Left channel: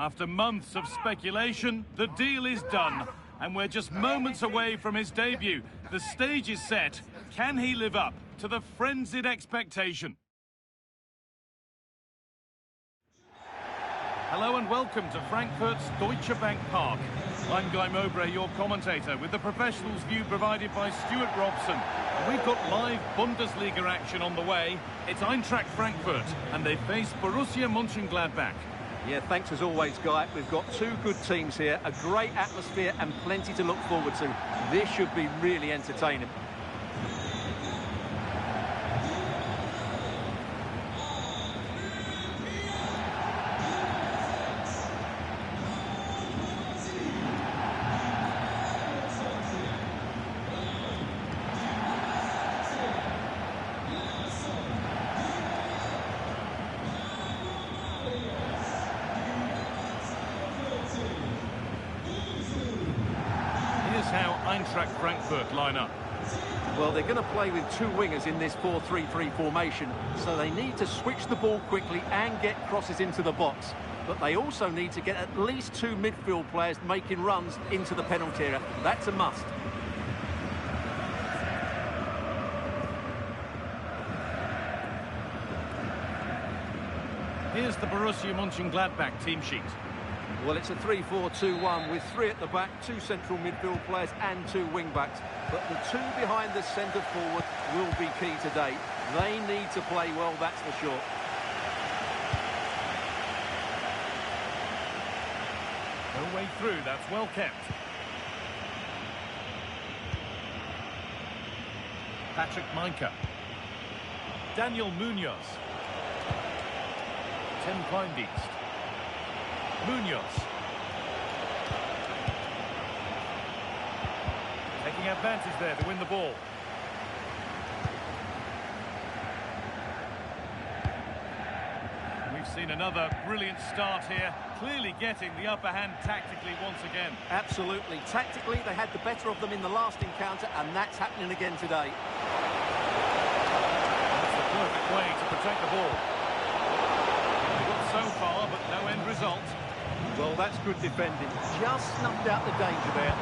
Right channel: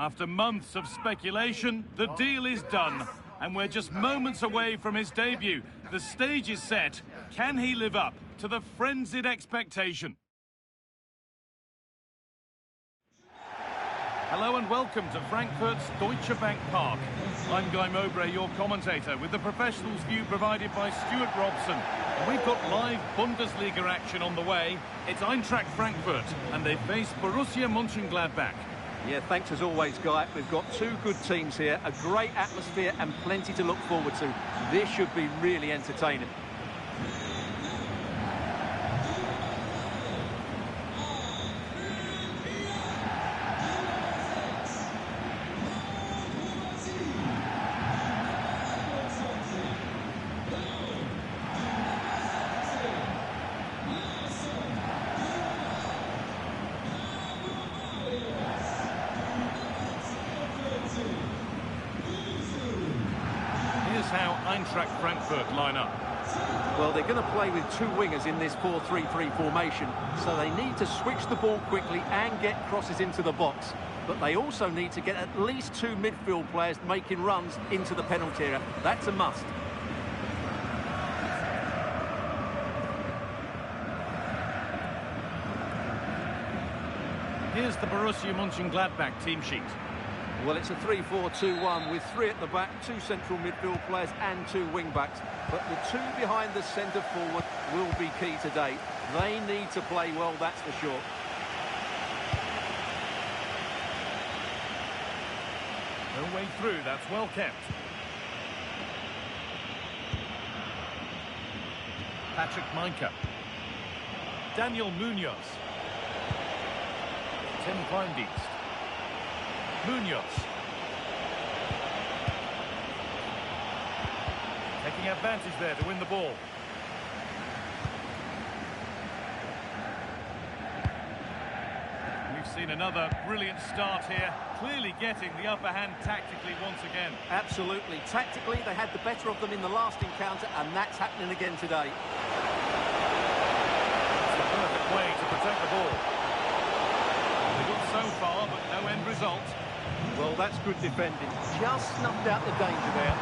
After months of speculation, the deal is done. And we're just moments away from his debut. The stage is set. Can he live up to the frenzied expectation? Hello and welcome to Frankfurt's Deutsche Bank Park. I'm Guy Mowbray, your commentator, with the professionals' view provided by Stuart Robson. And we've got live Bundesliga action on the way. It's Eintracht Frankfurt, and they face Borussia Mönchengladbach. Yeah, thanks as always, Guy. We've got two good teams here, a great atmosphere and plenty to look forward to. This should be really entertaining. Here's how Eintracht Frankfurt line up. Well, they're going to play with two wingers in this 4-3-3 formation, so they need to switch the ball quickly and get crosses into the box. But they also need to get at least two midfield players making runs into the penalty area. That's a must. Here's the Borussia Mönchengladbach team sheet. Well, it's a 3-4-2-1 with three at the back, two central midfield players and two wing-backs. But the two behind the centre forward will be key today. They need to play well, that's for sure. No way through, that's well kept. Patrick Meinke. Daniel Munoz. Tim Kleindienst. Munoz. Taking advantage there to win the ball. We've seen another brilliant start here, clearly getting the upper hand tactically once again. Absolutely. Tactically, they had the better of them in the last encounter, and that's happening again today. That's the perfect way to protect the ball. They got so far, but no end result. Well, that's good defending. Just snuffed out the danger there.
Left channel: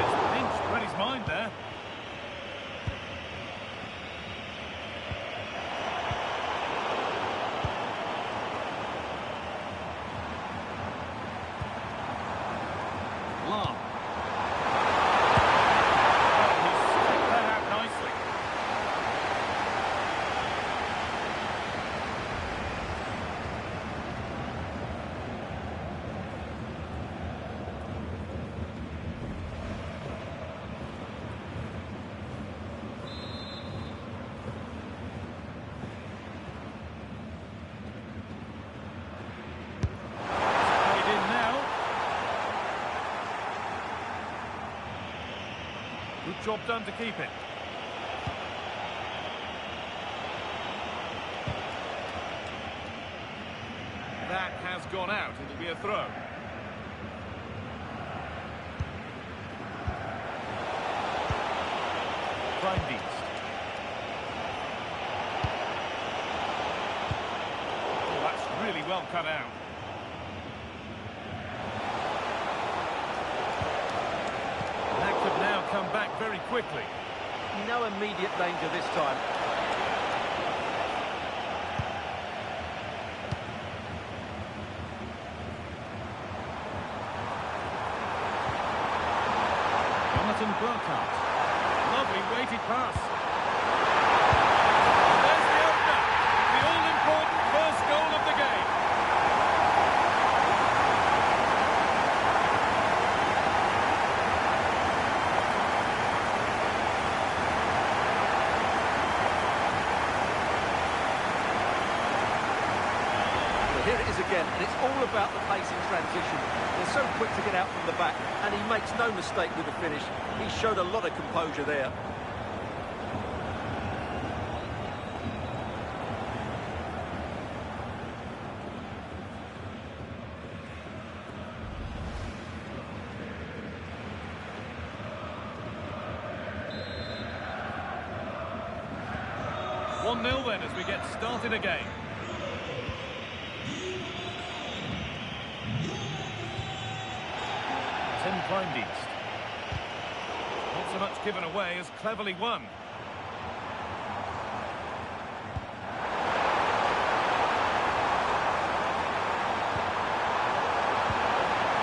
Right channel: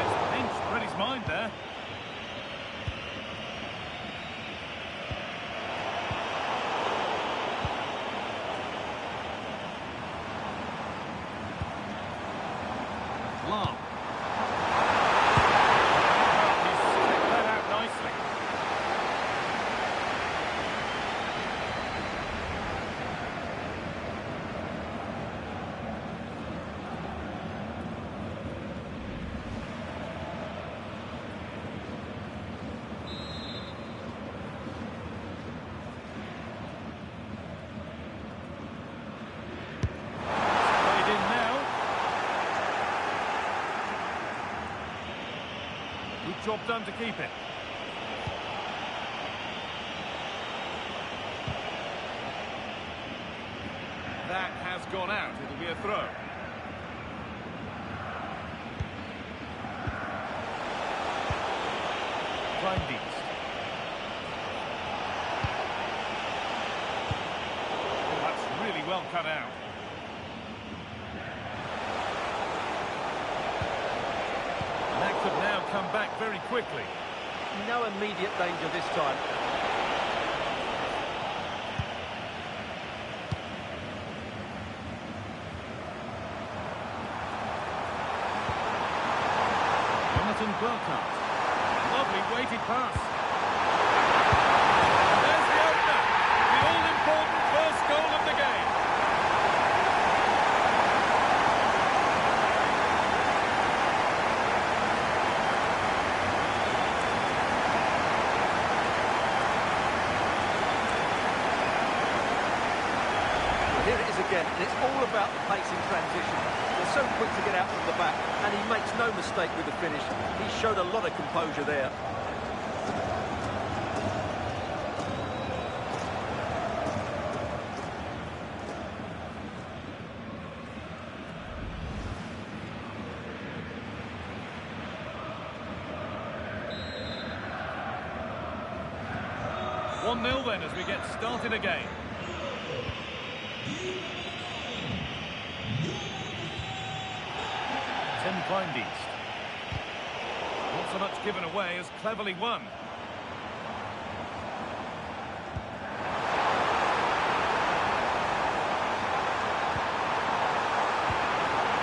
It's pinched, read his mind there. Lam. Good job done to keep it. That has gone out. It'll be a throw. Kleindienst. Oh, that's really well cut out. That could now come back very quickly. No immediate danger this time. Jonathan Burkhardt. Lovely weighted pass. And there's the opener. The all-important first goal of the game. Here it is again, and it's all about the pace in transition. They're so quick to get out from the back, and he makes no mistake with the finish. He showed a lot of composure there. 1-0 then as we get started again. Tim Kleindienst. Not so much given away as cleverly won.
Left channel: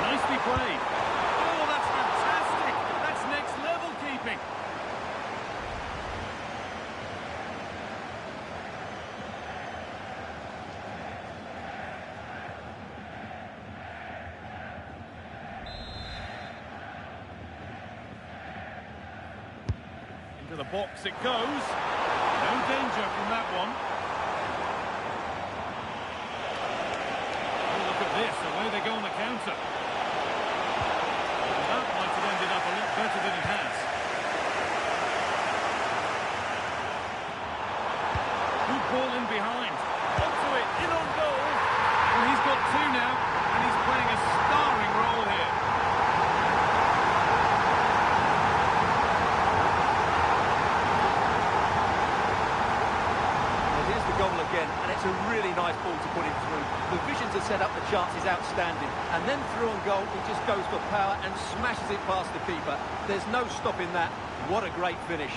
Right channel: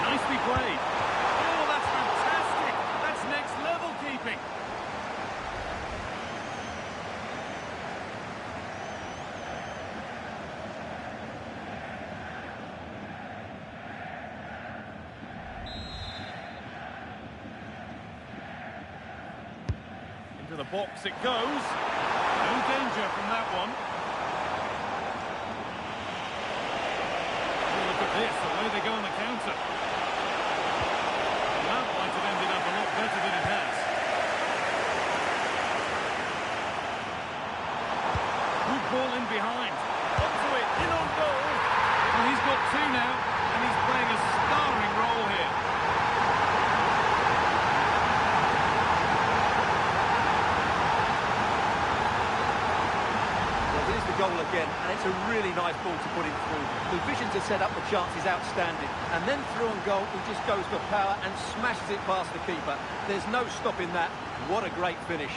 Nicely played. Oh, that's fantastic. That's next level keeping. Into the box it goes. No danger from that one. Oh, look at this. Away they go on the counter. That might have ended up a lot better than it has. Good ball in behind. Onto it, in on goal. Well, he's got two now, and he's playing a starring role here. Well, here's the goal again, and it's a really nice ball to put him through. The vision to set up the chance is outstanding, and then through on goal, he just goes for power and smashes it past the keeper. There's no stopping that. What a great finish.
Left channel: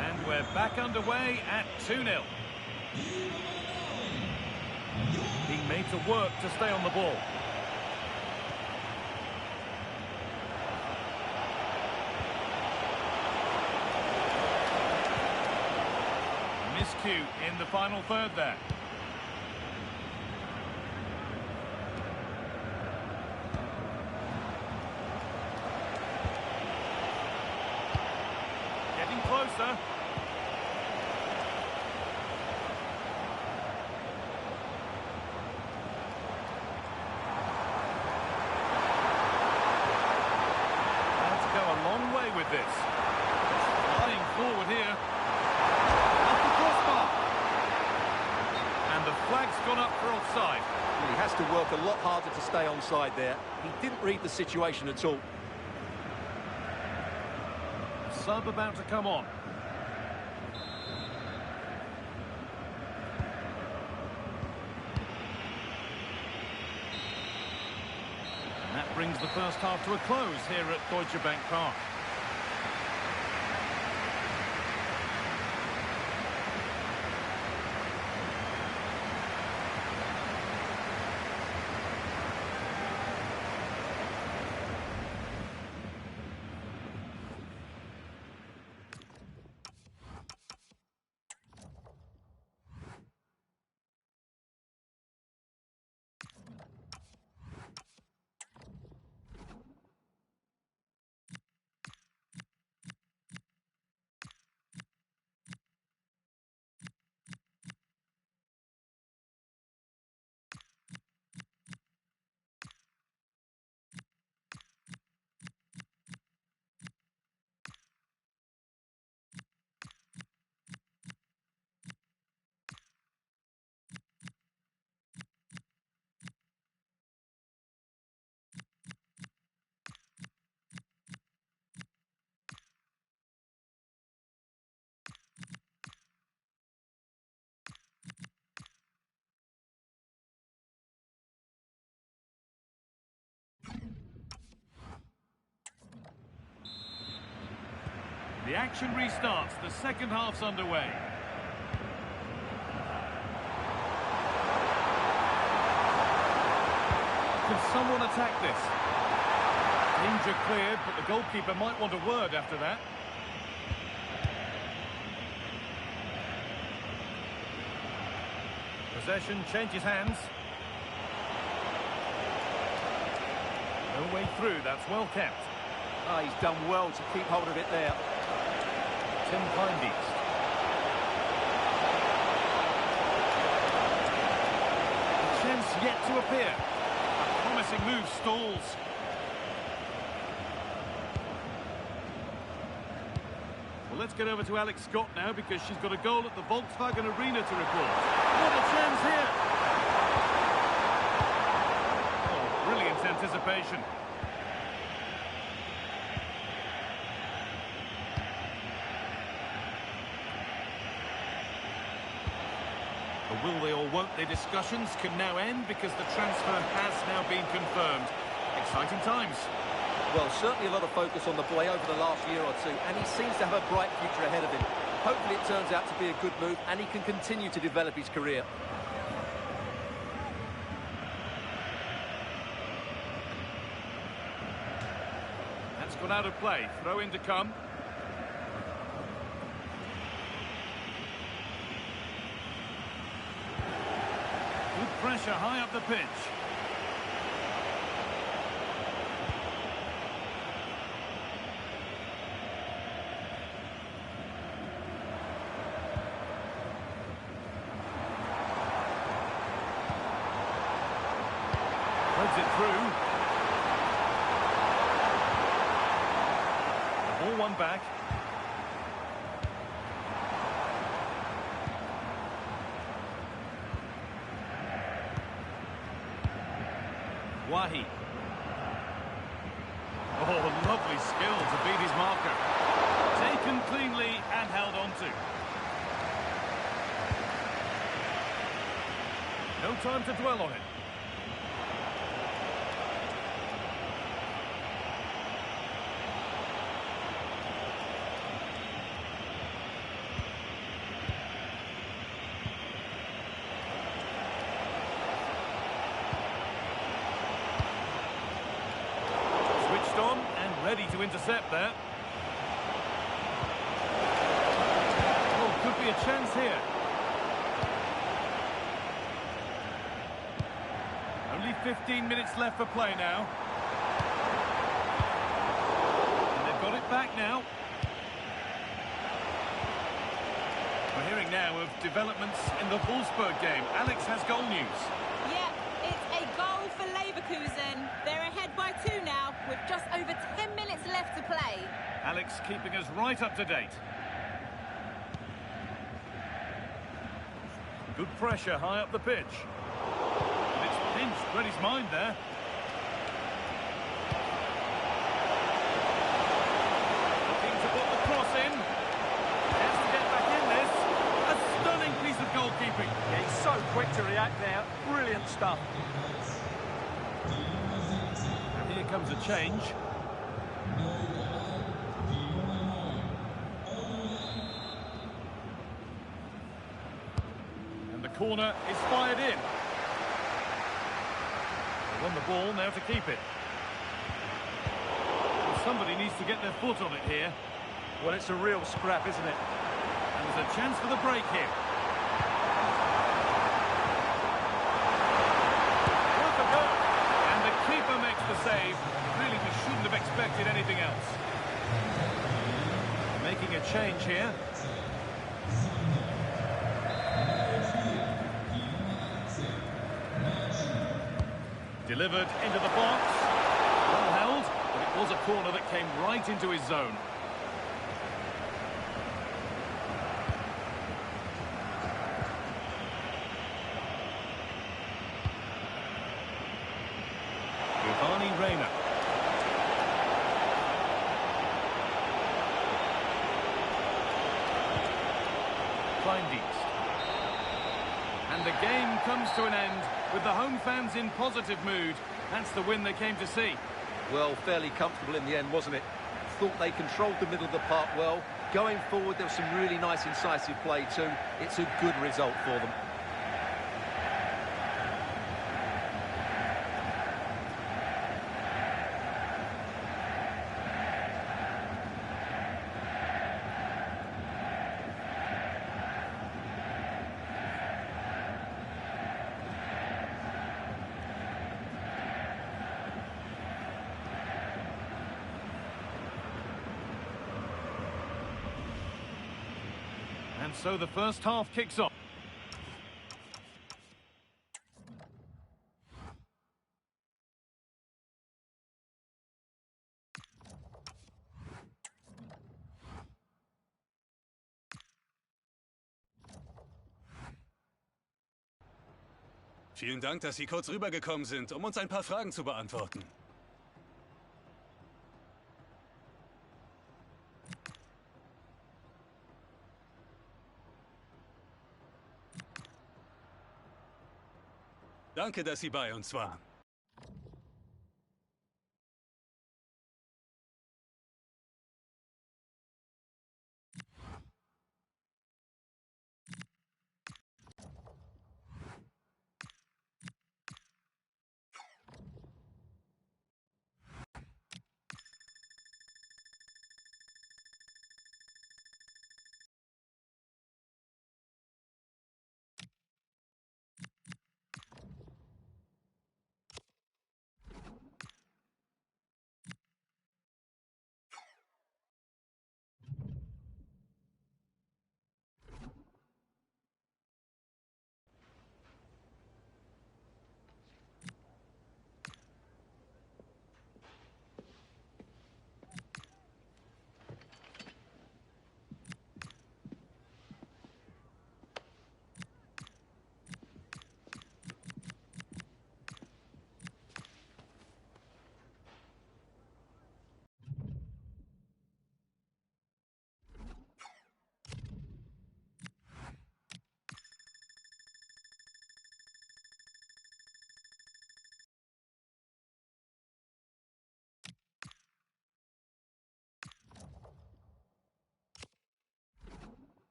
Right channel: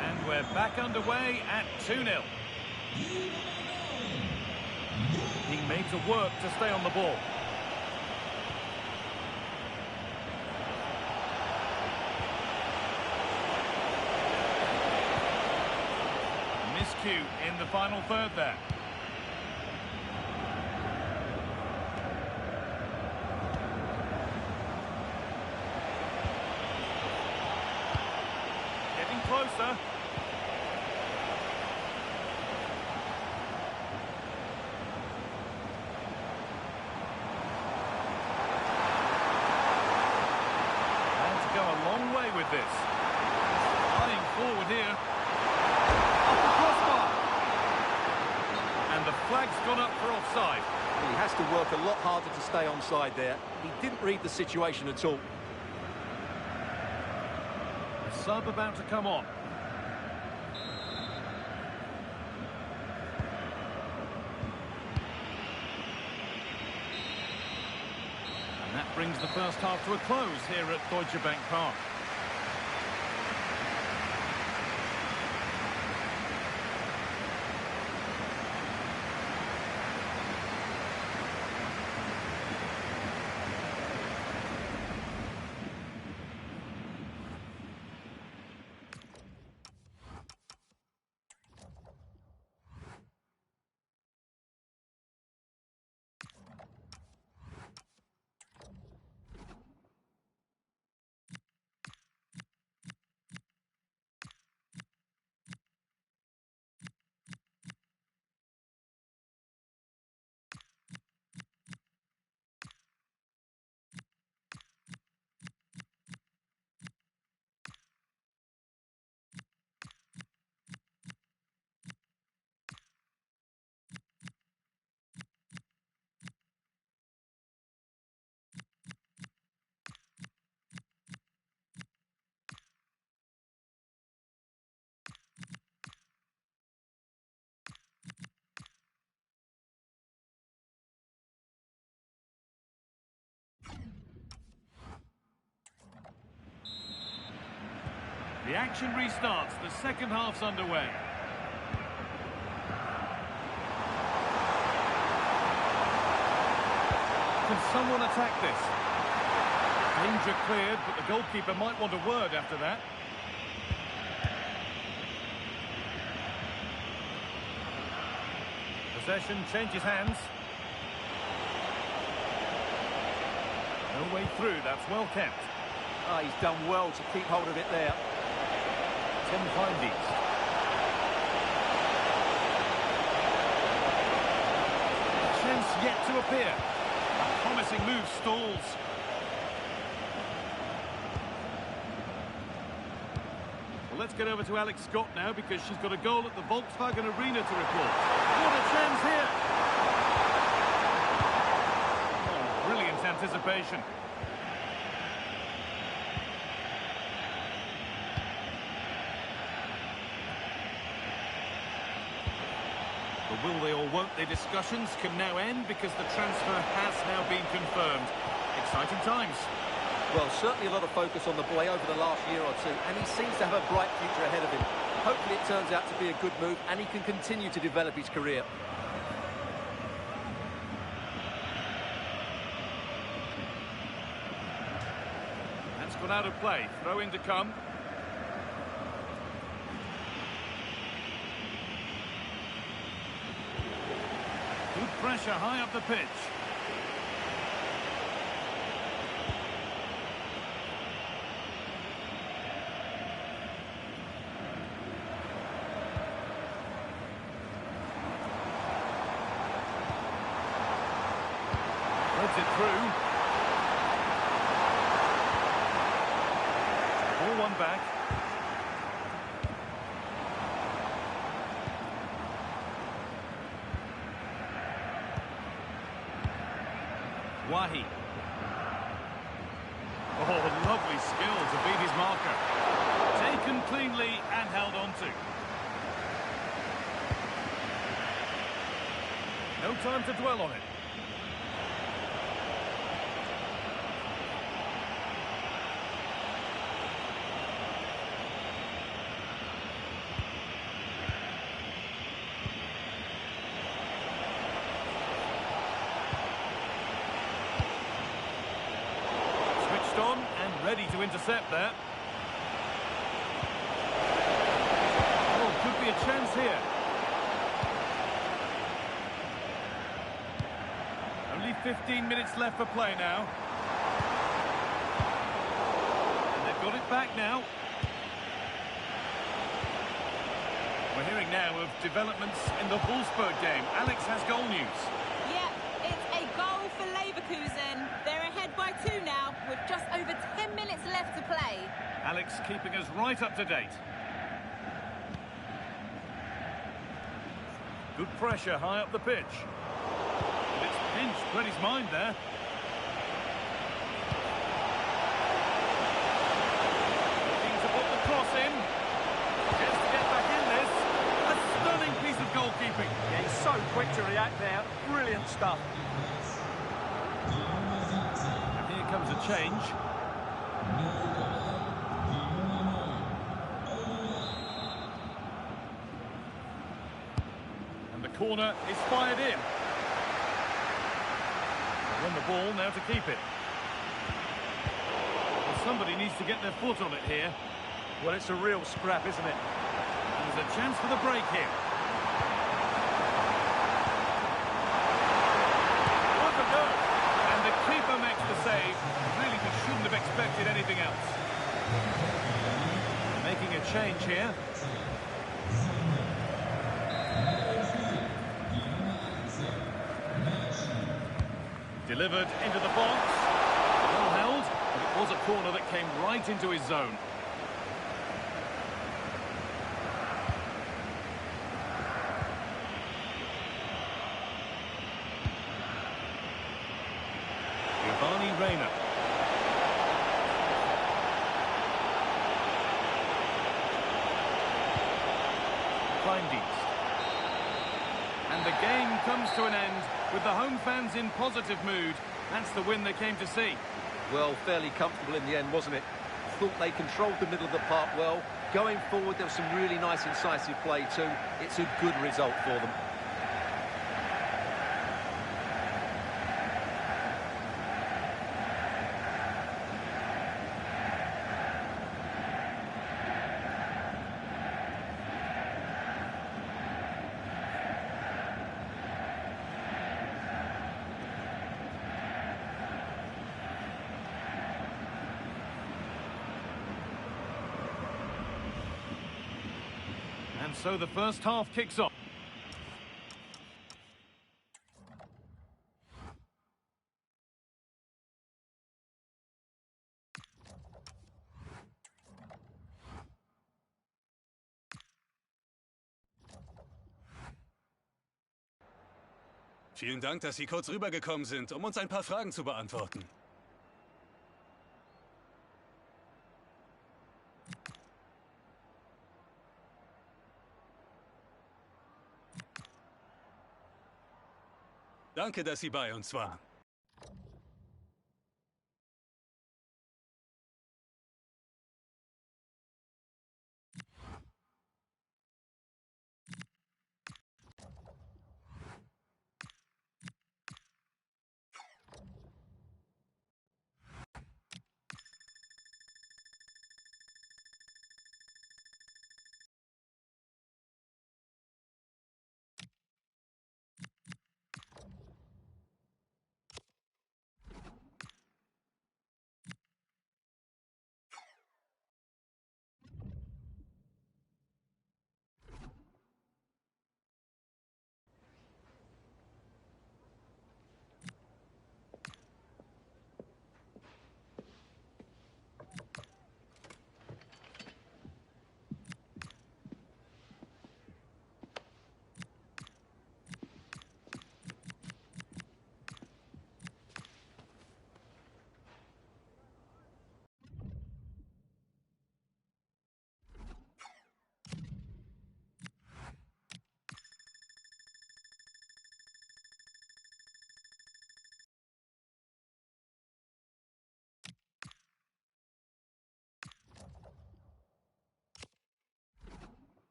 And we're back underway at 2-0. Being made to work to stay on the ball. Miscue in the final third there. Getting closer. Go a long way with this. Flying forward here. Off the crossbar. And the flag's gone up for offside. Well, he has to work a lot harder to stay onside there. He didn't read the situation at all. A sub about to come on. And that brings the first half to a close here at Deutsche Bank Park. The action restarts. The second half's underway. Can someone attack this? Danger cleared, but the goalkeeper might want a word after that. Possession changes hands. No way through, that's well kept. Ah, he's done well to keep hold of it there. Tim Kleindienst. A chance yet to appear. A promising move stalls. Well, let's get over to Alex Scott now because she's got a goal at the Volkswagen Arena to report. What a chance here! anticipation. The will they or won't they discussions can now end because the transfer has now been confirmed. Exciting times. Well, certainly a lot of focus on the boy over the last year or two, and he seems to have a bright future ahead of him. Hopefully it turns out to be a good move and he can continue to develop his career. That's gone out of play. Throw in to come. Good pressure high up the pitch. Threads it through. The ball won back. Wahi. Oh, lovely skill to beat his marker. Taken cleanly and held on to. No time to dwell on it. Switched on and ready to intercept there. Oh, could be a chance here. Only 15 minutes left for play now. And they've got it back now. We're hearing now of developments in the Wolfsburg game. Alex has goal news. Yeah, it's a goal for Leverkusen. They're ahead by 2 now, with just over 10 minutes left to play. Alex keeping us right up to date. Good pressure high up the pitch. And it's pinched Freddie's mind there. Looking to put the cross in. Chance to get back in this. A stunning piece of goalkeeping. Yeah, he's so quick to react there. Brilliant stuff. And here comes a change. And the corner is fired in. They won the ball, now to keep it. Well, somebody needs to get their foot on it here. Well, it's a real scrap, isn't it? And there's a chance for the break here. Worth a go. And the keeper makes the save. Really, we shouldn't have expected anything else. They're making a change here. Delivered into the box. Well held, but it was a corner that came right into his zone. Reina. Kleindienst. And the game comes to an end with the home fans in positive mood. That's the win they came to see. Well, fairly comfortable in the end, wasn't it? Thought they controlled the middle of the park well. Going forward, there was some really nice incisive play too. It's a good result for them. And so the first half kicks off. Vielen Dank, dass Sie kurz rübergekommen sind, um uns ein paar Fragen zu beantworten. Danke, dass Sie bei uns waren.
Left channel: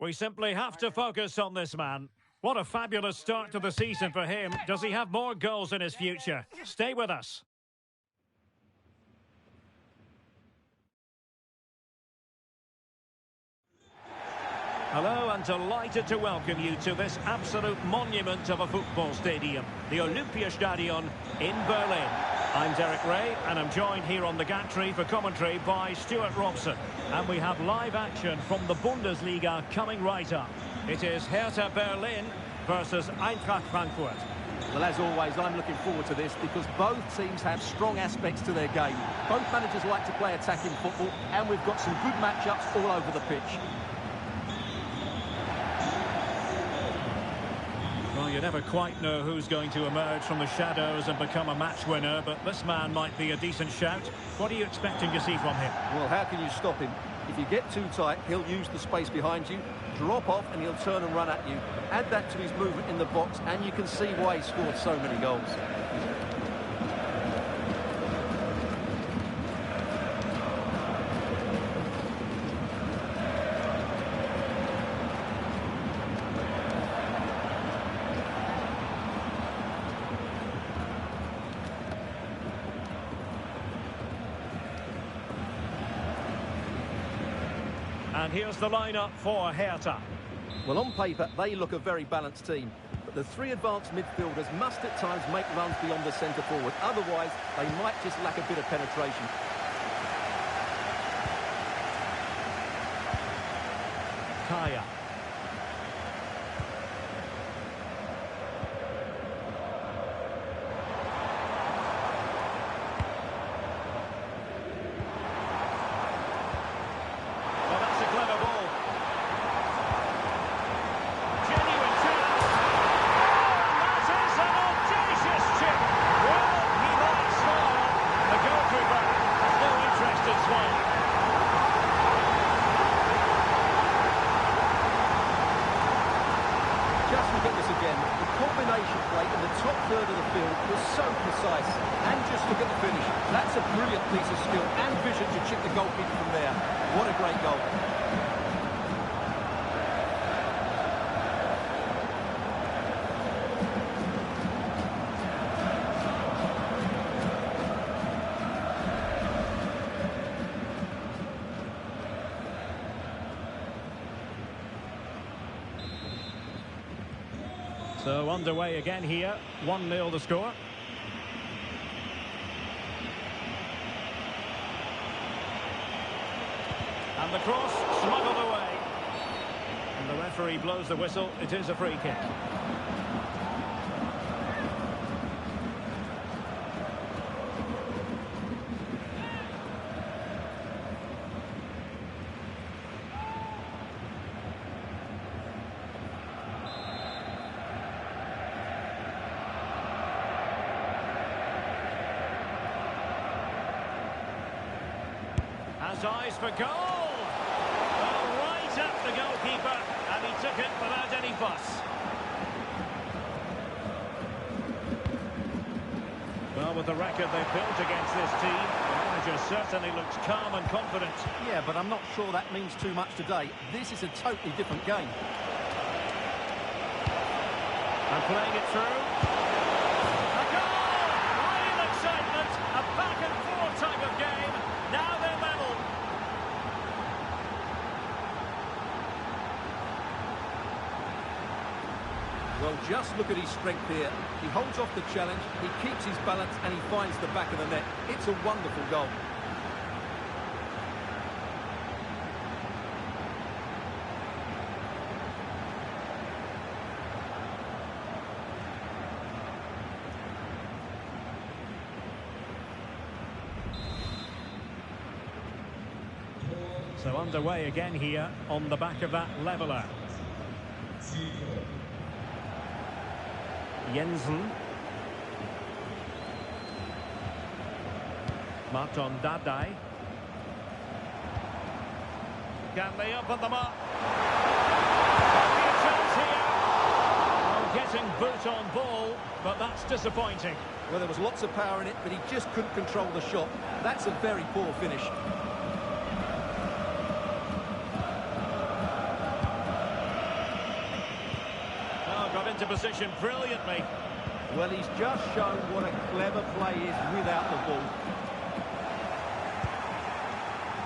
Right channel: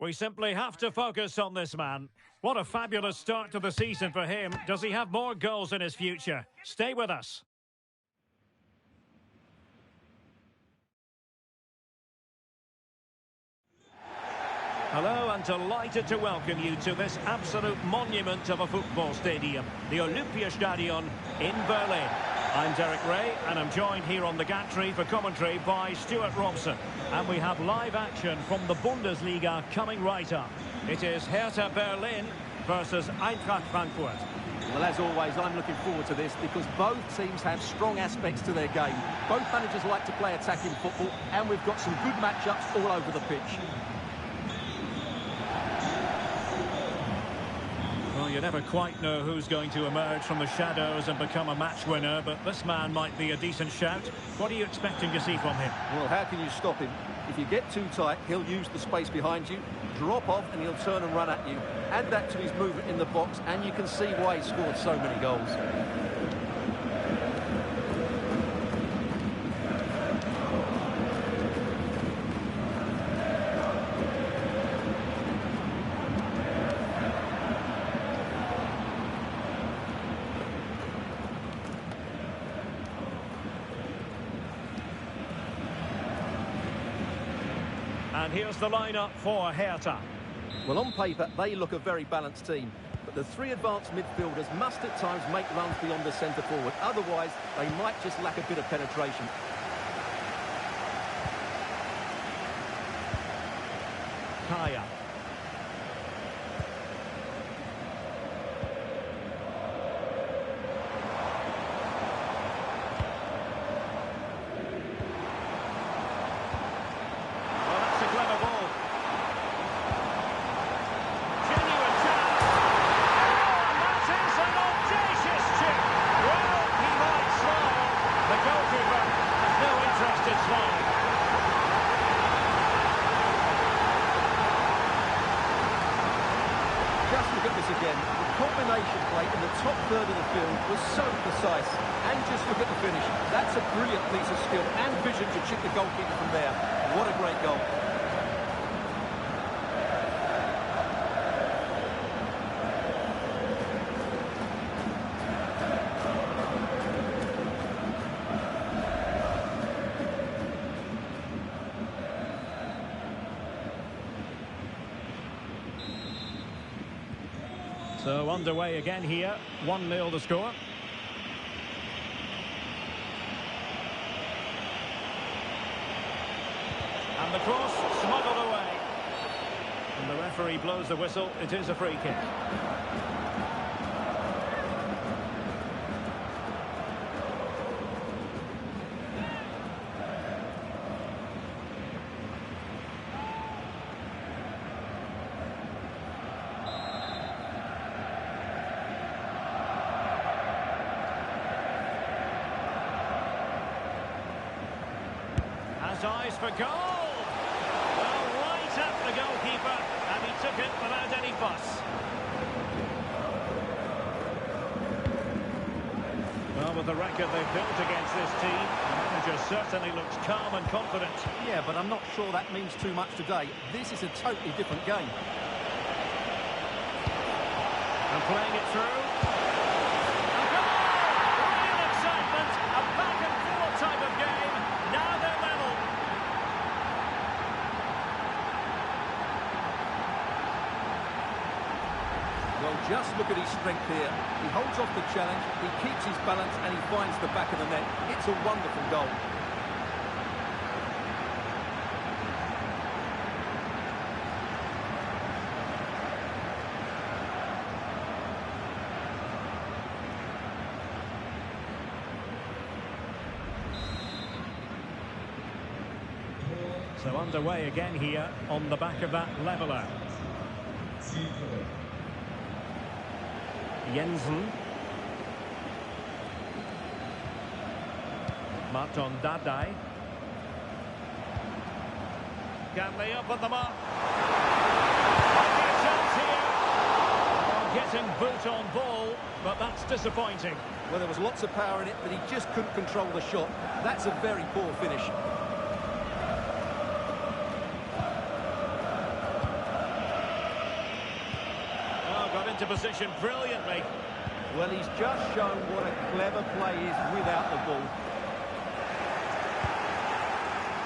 We simply have to focus on this man. What a fabulous start to the season for him. Does he have more goals in his future? Stay with us. Hello, and delighted to welcome you to this absolute monument of a football stadium, the Olympiastadion in Berlin. I'm Derek Ray, and I'm joined here on the gantry for commentary by Stuart Robson. And we have live action from the Bundesliga coming right up. It is Hertha Berlin versus Eintracht Frankfurt. Well, as always, I'm looking forward to this because both teams have strong aspects to their game. Both managers like to play attacking football, and we've got some good matchups all over the pitch. Well, you never quite know who's going to emerge from the shadows and become a match winner, but this man might be a decent shout. What are you expecting to see from him? Well, how can you stop him? If you get too tight, he'll use the space behind you, drop off, and he'll turn and run at you. Add that to his movement in the box, and you can see why he scored so many goals. And here's the lineup for Hertha. Well, on paper, they look a very balanced team. But the three advanced midfielders must at times make runs beyond the centre forward. Otherwise, they might just lack a bit of penetration. Kaya. Clever ball. Genuine chance. Oh, and that is an audacious chip. Well, he might smile. The goalkeeper has no interest in smiling. Just look at this again. The combination play in the top third of the field was so precise. And just look at the finish. That's a brilliant piece of skill and vision to chip the goalkeeper from there. What a great goal. So underway again here, 1-0 the score. And the cross smuggled away. And the referee blows the whistle, it is a free kick. Has eyes for goal. Well, right at the goalkeeper, and he took it without any fuss. Well, with the record they've built against this team, the manager certainly looks calm and confident. Yeah, but I'm not sure that means too much today. This is a totally different game. And playing it through. A goal! Real excitement. A back-and-forth type of game. Now they're level. Well, just look at his strength here. He holds off the challenge, he keeps his balance, and he finds the back of the net. It's a wonderful goal. So underway again here on the back of that leveller. Jensen. Martin Dardai. Can they up on the mark? Might be a chance here. Oh, getting boot on ball, but that's disappointing. Well, there was lots of power in it, but he just couldn't control the shot. That's a very poor finish. Oh, got into position brilliantly. Well, he's just shown what a clever play is without the ball.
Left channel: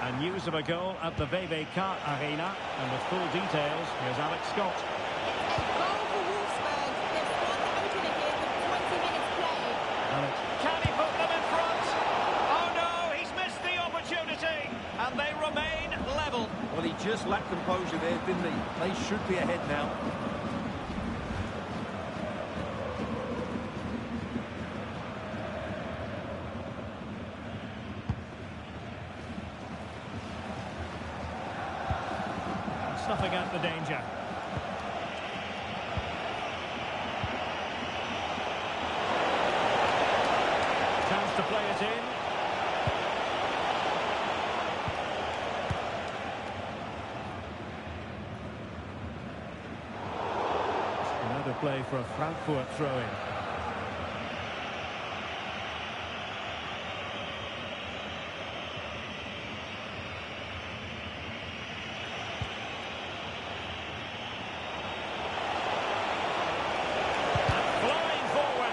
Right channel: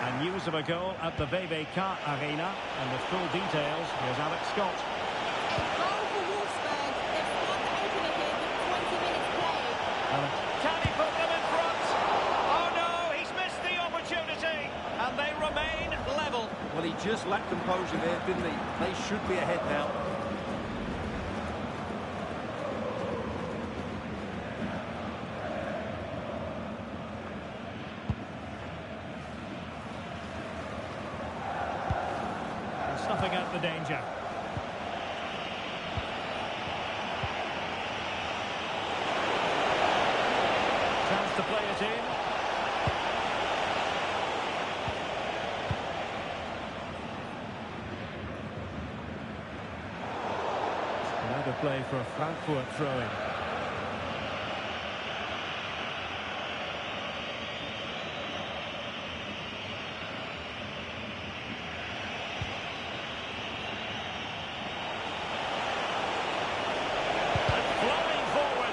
And news of a goal at the Poka Arena. And with full details, here's Alex Scott. It's a goal for Wolfsburg. They've scored the opener here with 20 minutes played. Alex. Can he put them in front? Oh no, he's missed the opportunity. And they remain level. Well, he just lacked composure there, didn't he? They should be ahead now. Snuffing out the danger. Chance to play it in. Another play for a Frankfurt throw-in.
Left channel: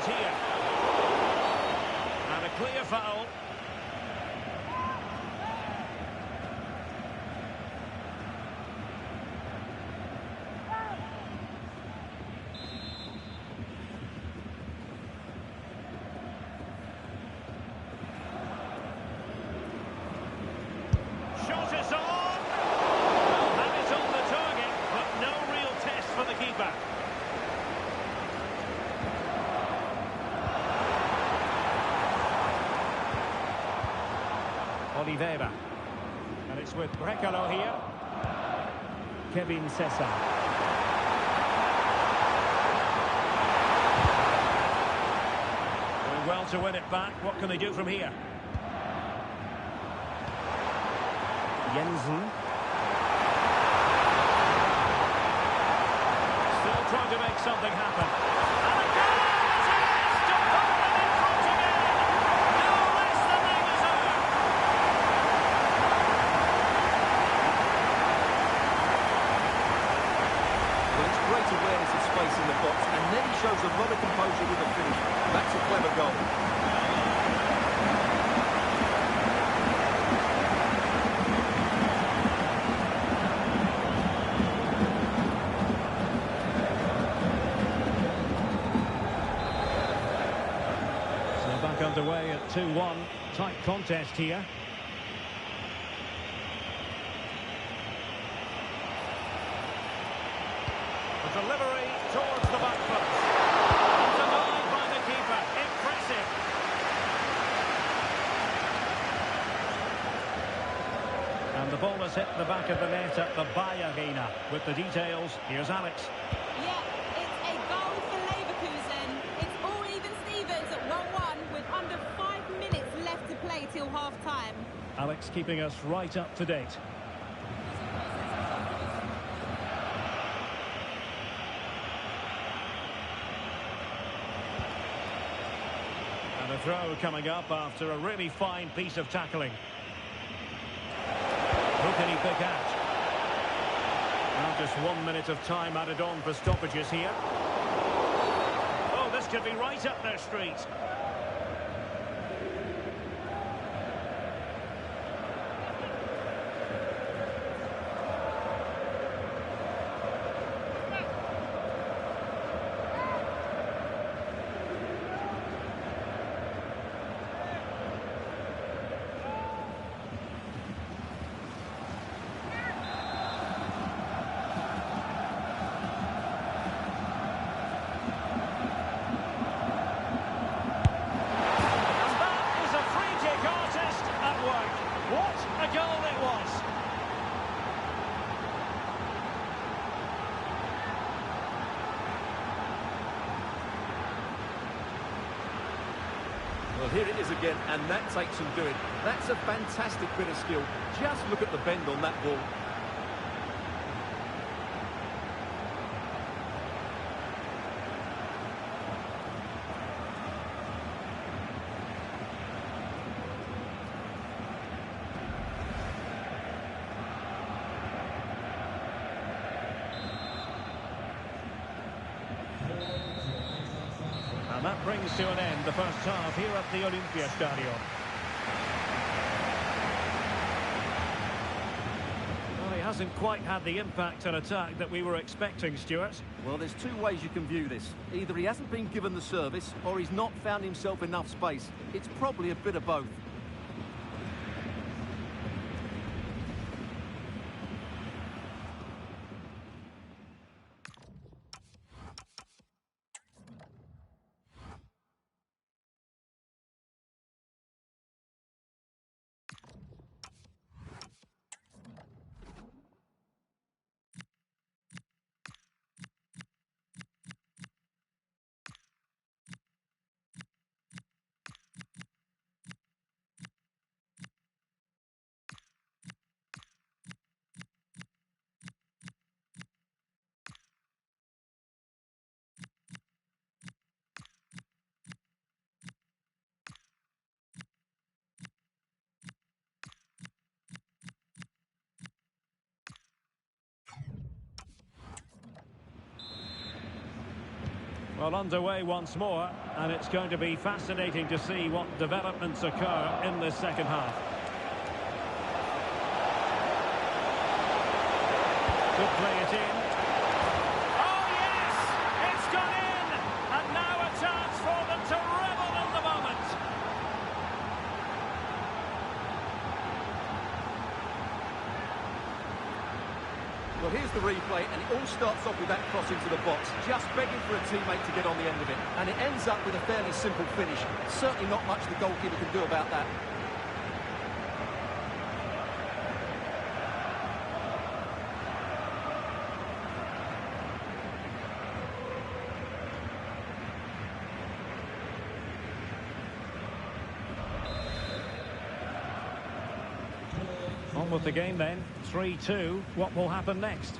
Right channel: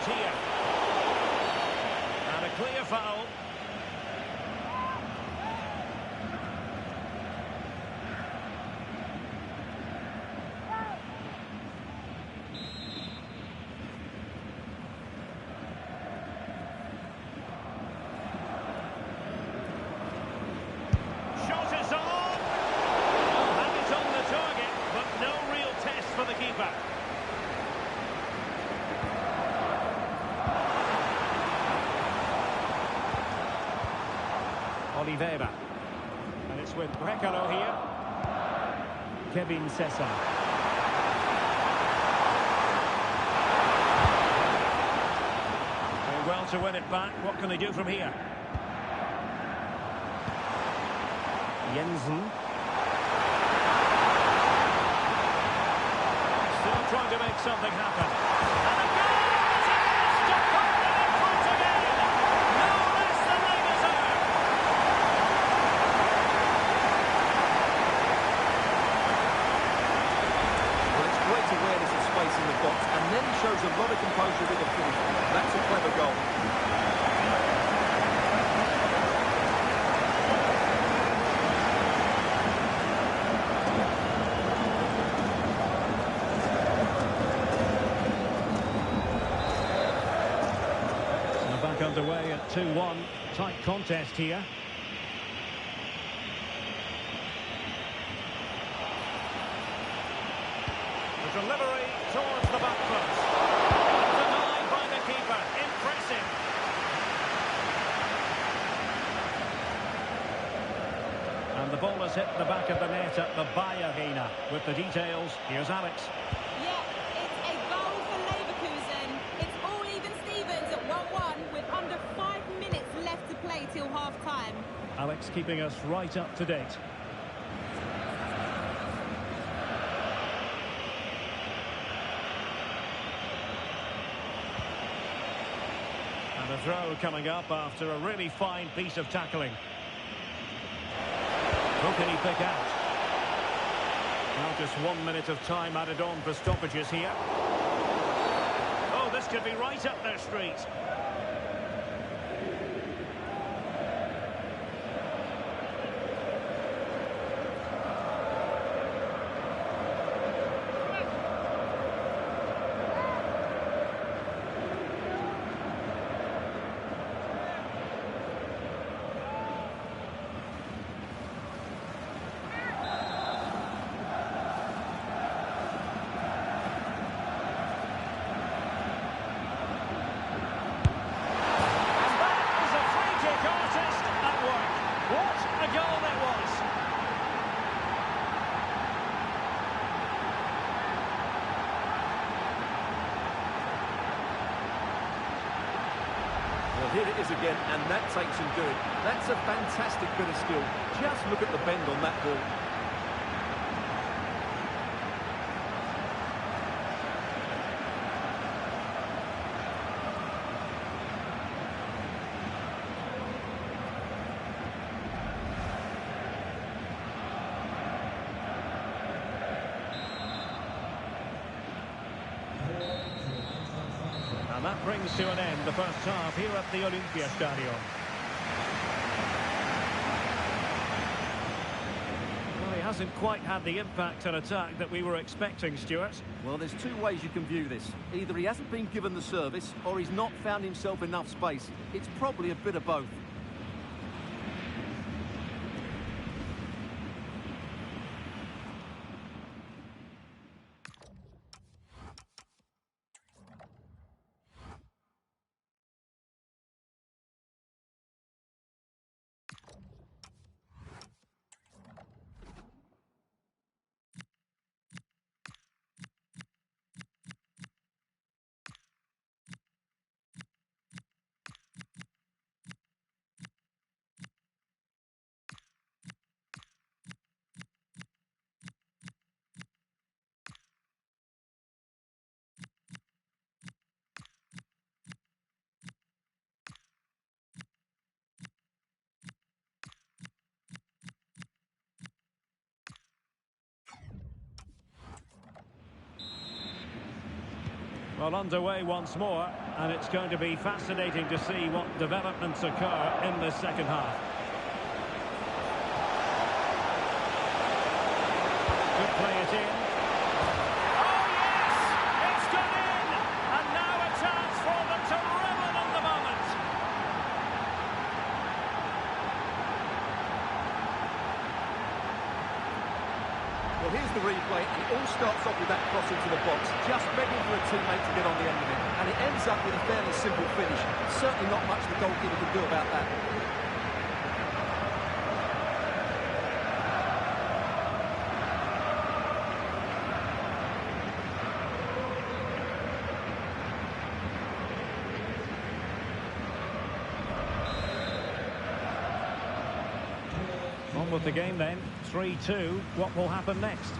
Here. And a clear foul. Shot is on. Well, have it on the target, but no real test for the keeper. Oliveira. And it's with Brekalo here. Kevin Cesar. Doing well to win it back. What can they do from here? Jensen. Still trying to make something happen. And a goal! It is to put them in front again! No less than they deserve! Well, it's great awareness of space in the box, and then he shows a lot of composure with the finish. That's a clever goal. So back underway at 2-1. Tight contest here. The delivery towards the back post. And denied by the keeper. Impressive. And the ball has hit the back of the net at the Bayer Arena. With the details, here's Alex. Yeah, it's a goal for Leverkusen. It's all even Stevens at 1-1 with under 5 minutes left to play till half-time. Alex keeping us right up to date. And a throw coming up after a really fine piece of tackling. Who can he pick out? Well, just 1 minute of time added on for stoppages here. Oh, this could be right up their street. What a goal it was! Well, here it is again, and that takes some doing. That's a fantastic bit of skill. Just look at the bend on that ball. And that brings to an end the first half here at the Olympiastadion. Well, he hasn't quite had the impact and attack that we were expecting, Stuart. Well, there's two ways you can view this. Either he hasn't been given the service, or he's not found himself enough space. It's probably a bit of both. Well, underway once more, and it's going to be fascinating to see what developments occur in this second half. Could play it in. Oh, yes! It's gone in! And now a chance for them to revel in the moment. Well, here's the replay, and it all starts off with that cross into the box, just begging for a teammate to get on the end of it. And it ends up with a fairly simple finish. Certainly not much the goalkeeper can do about that. On with the game then, 3-2. What will happen next?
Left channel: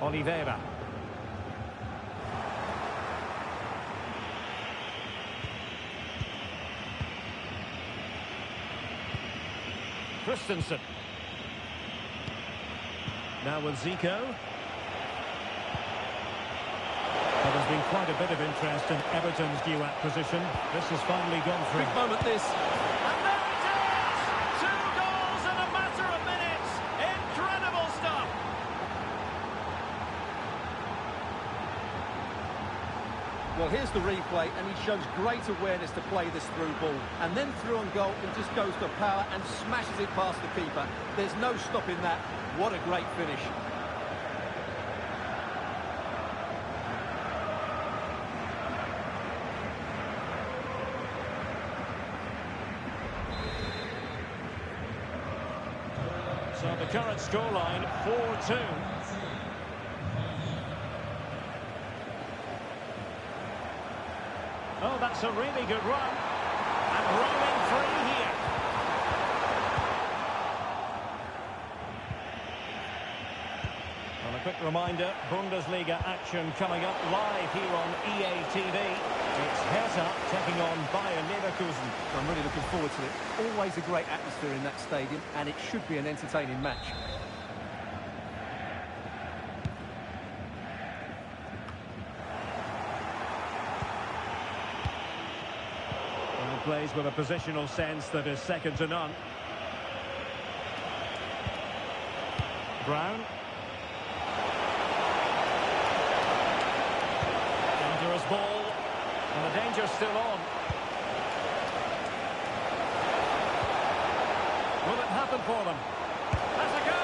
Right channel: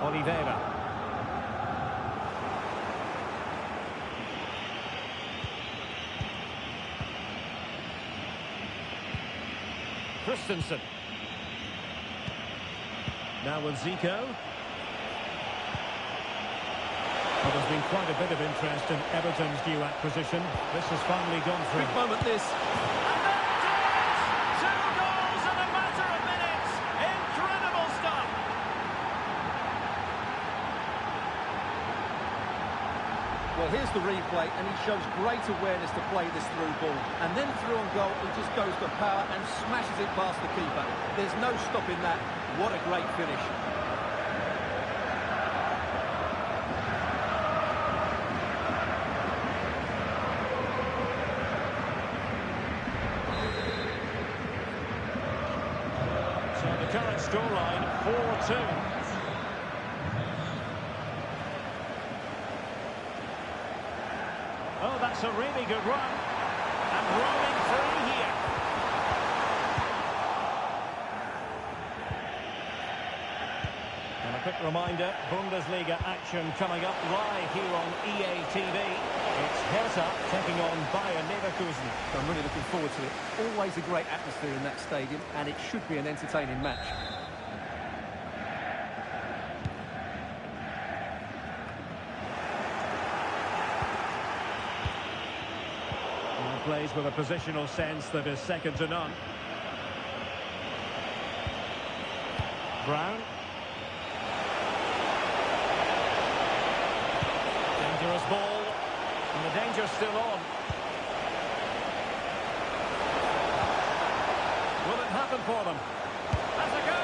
Oliveira. Christensen. Now with Zico. Well, there's been quite a bit of interest in Everton's new acquisition. This has finally gone through. Big moment this. And there it is! 2 goals in a matter of minutes. Incredible stuff. Well, here's the replay, and he shows great awareness to play this through ball. And then through on goal, he just goes for power and smashes it past the keeper. There's no stopping that. What a great finish. So the current scoreline, 4-2. Oh, that's a really good run. And roaming free here. And a quick reminder, Bundesliga action coming up live here on EA TV. It's Hertha taking on Bayern Leverkusen. I'm really looking forward to it. Always a great atmosphere in that stadium, and it should be an entertaining match. Well, plays with a positional sense that is second to none. Brown. Dangerous ball. And the danger's still on. Will it happen for them? Has a go!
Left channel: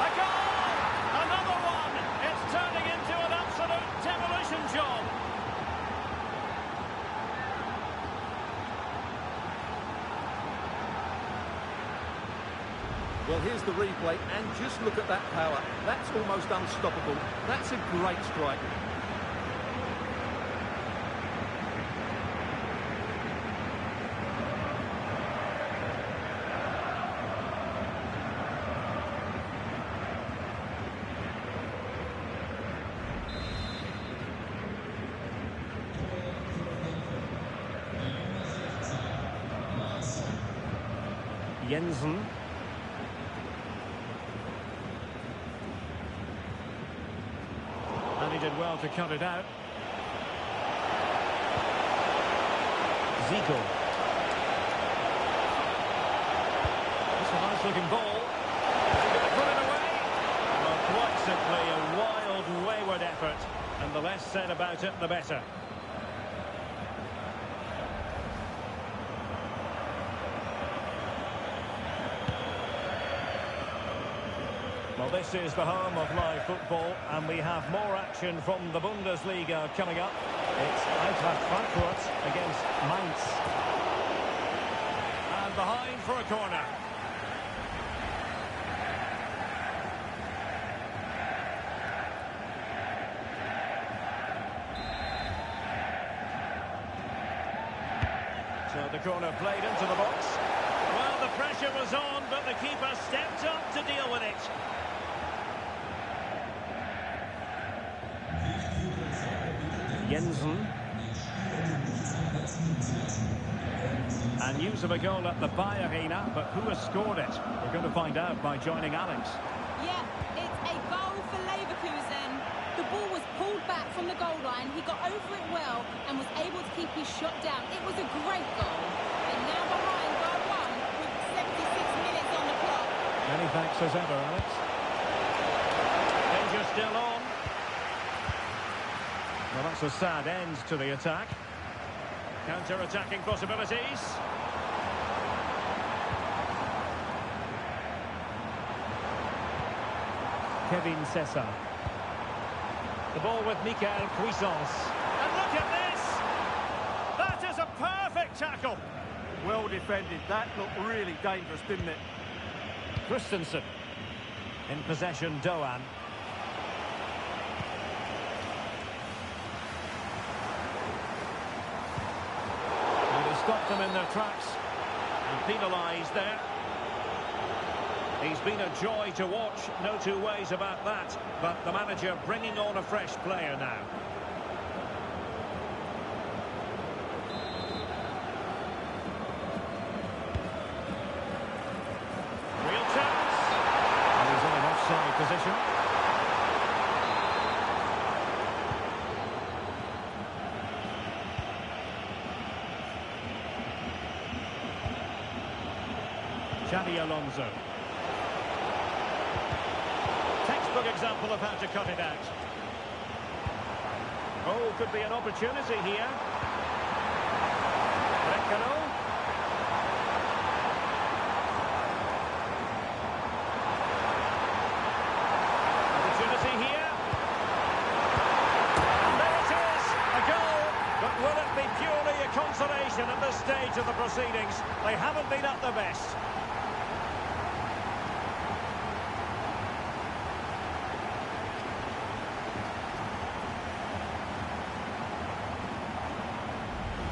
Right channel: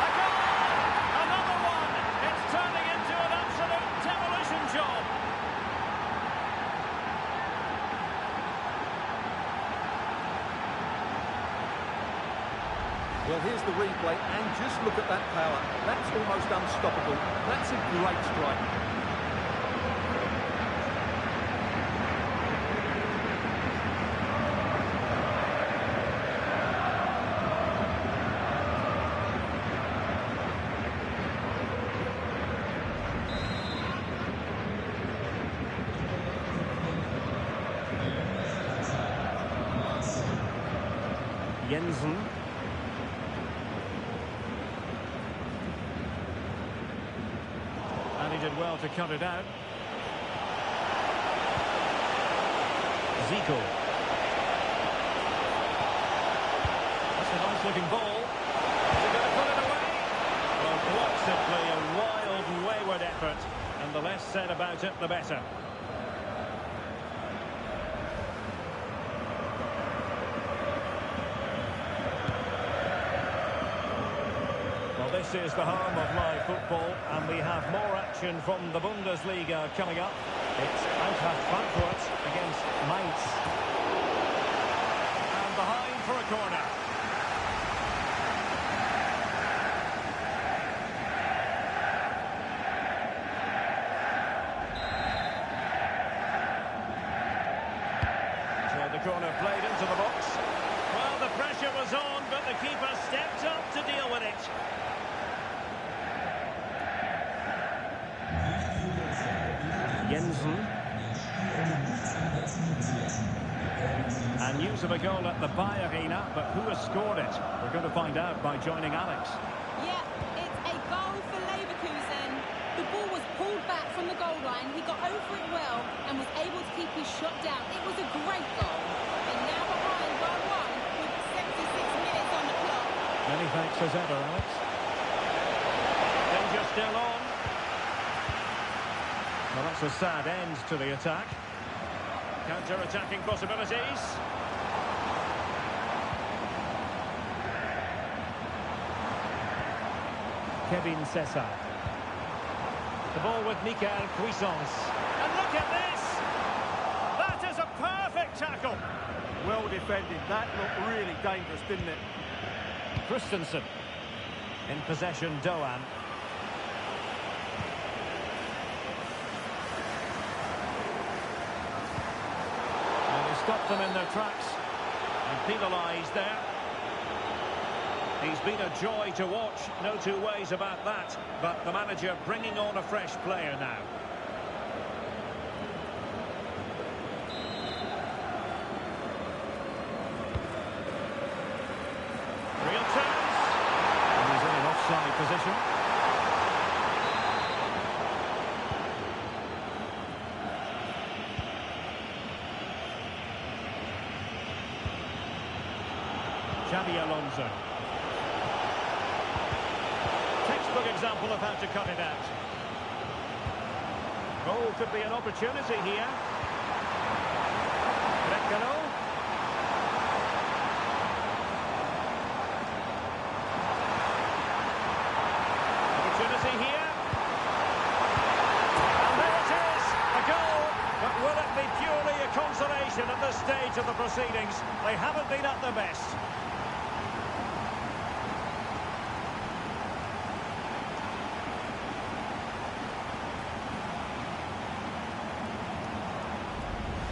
A goal! Another one! It's turning into an absolute demolition job. Well, here's the replay, and just look at that power. That's almost unstoppable. That's a great strike. Jensen. And he did well to cut it out. Zico. That's a nice-looking ball. Is he going to put it away? Well, quite simply a wild, wayward effort. And the less said about it, the better. Well, this is the home of live football, and we have more action from the Bundesliga coming up. It's Antrachт Frankfurt against Mainz. And behind for a corner. So the corner played into the box. Well, the pressure was on, but the keeper stepped up to deal with it. Jensen. And news of a goal at the Bay Arena, but who has scored it? We're going to find out by joining Alex. Yeah, it's a goal for Leverkusen. The ball was pulled back from the goal line. He got over it well and was able to keep his shot down. It was a great goal. They're now behind by 1 with 76 minutes on the clock. Many thanks as ever, Alex. Danger still on. Well, that's a sad end to the attack. Counter-attacking possibilities. Kevin Cesar. The ball with Michael Cuisance. And look at this! That is a perfect tackle! Well defended. That looked really dangerous, didn't it? Christensen. In possession, Doan. And he stopped them in their tracks. And penalised there. He's been a joy to watch, no two ways about that. But the manager bringing on a fresh player now. Real chance. And he's in an offside position. Xabi Alonso. Textbook example of how to cut it out. Oh, could be an opportunity here. Brecalo. Opportunity here. And there it is, a goal. But will it be purely a consolation at this stage of the proceedings? They haven't been at their best.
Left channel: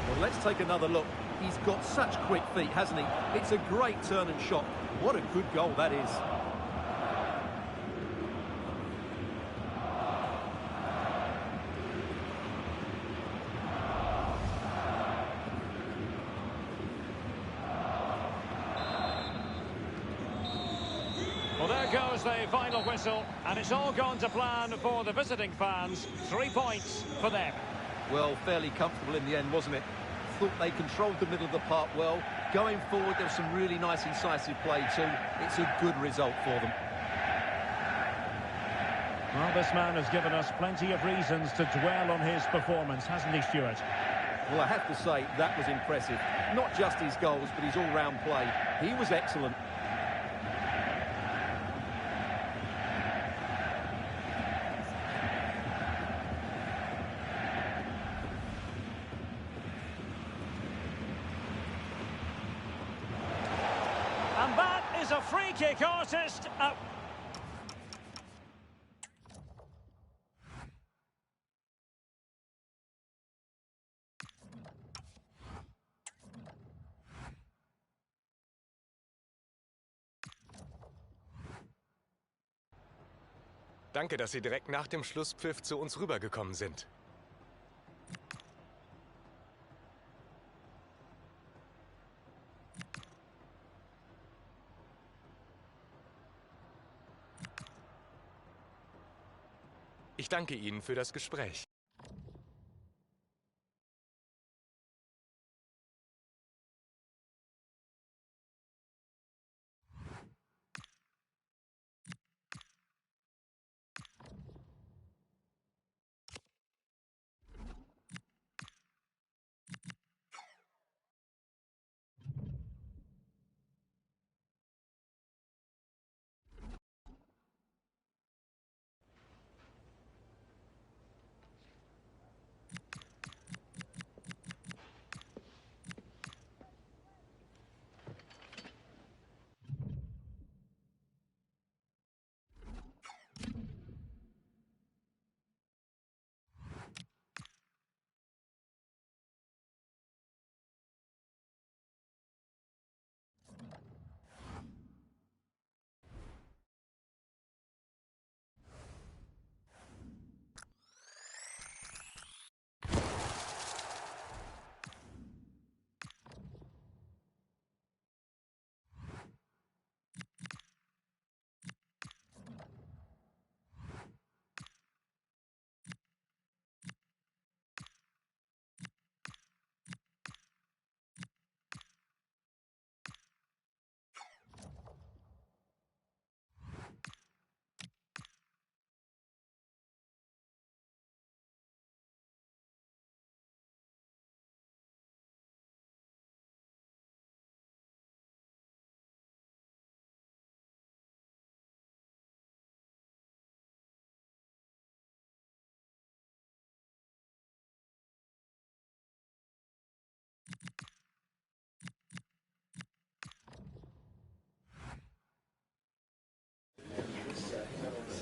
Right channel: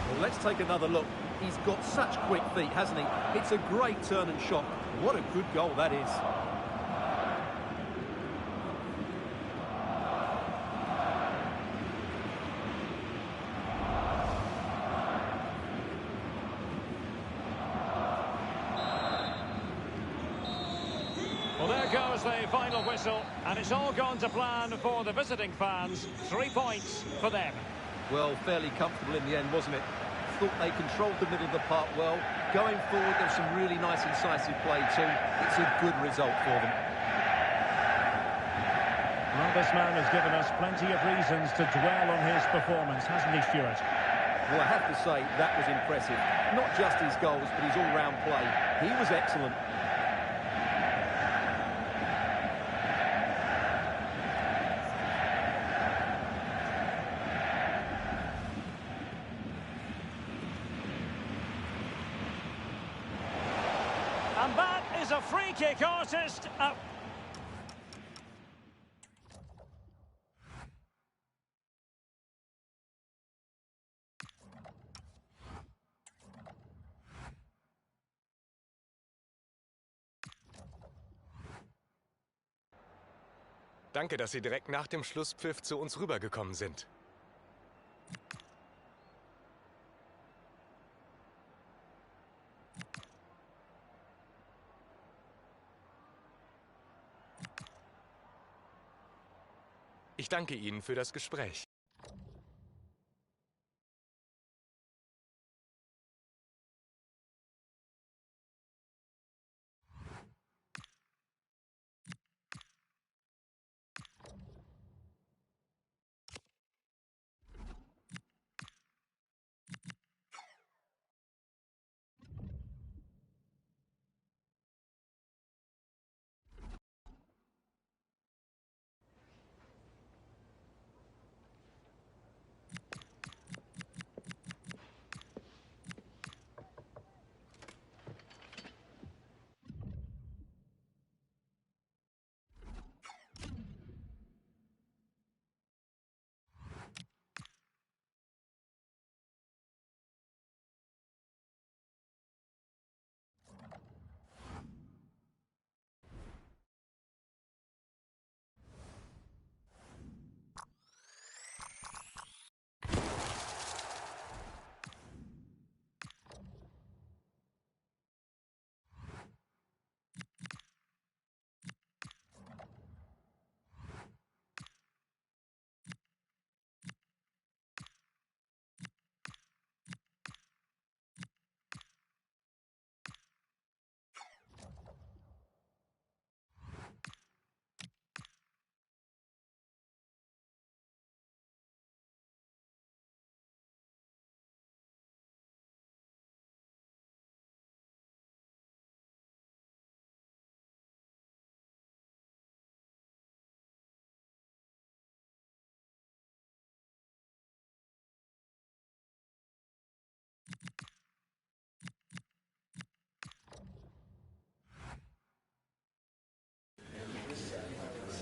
Well, let's take another look. He's got such quick feet, hasn't he? It's a great turn and shot. What a good goal that is. Well, there goes the final whistle, and it's all gone to plan for the visiting fans. 3 points for them. Well, fairly comfortable in the end, wasn't it? Thought they controlled the middle of the park well. Going forward, there was some really nice, incisive play too. It's a good result for them. Well, this man has given us plenty of reasons to dwell on his performance, hasn't he, Stuart? Well, I have to say, that was impressive. Not just his goals, but his all-round play. He was excellent. And that is a free kick artist. Danke, dass Sie direkt nach dem Schlusspfiff zu uns rübergekommen sind. Ich Ich danke Ihnen für das Gespräch.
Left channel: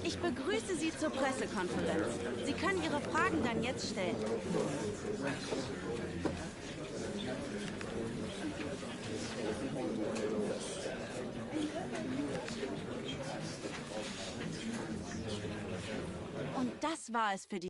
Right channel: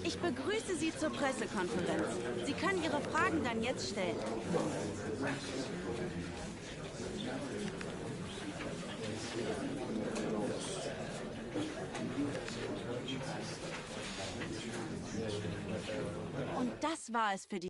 Ich begrüße Sie zur Pressekonferenz. Sie können Ihre Fragen dann jetzt stellen. Und das war es für die...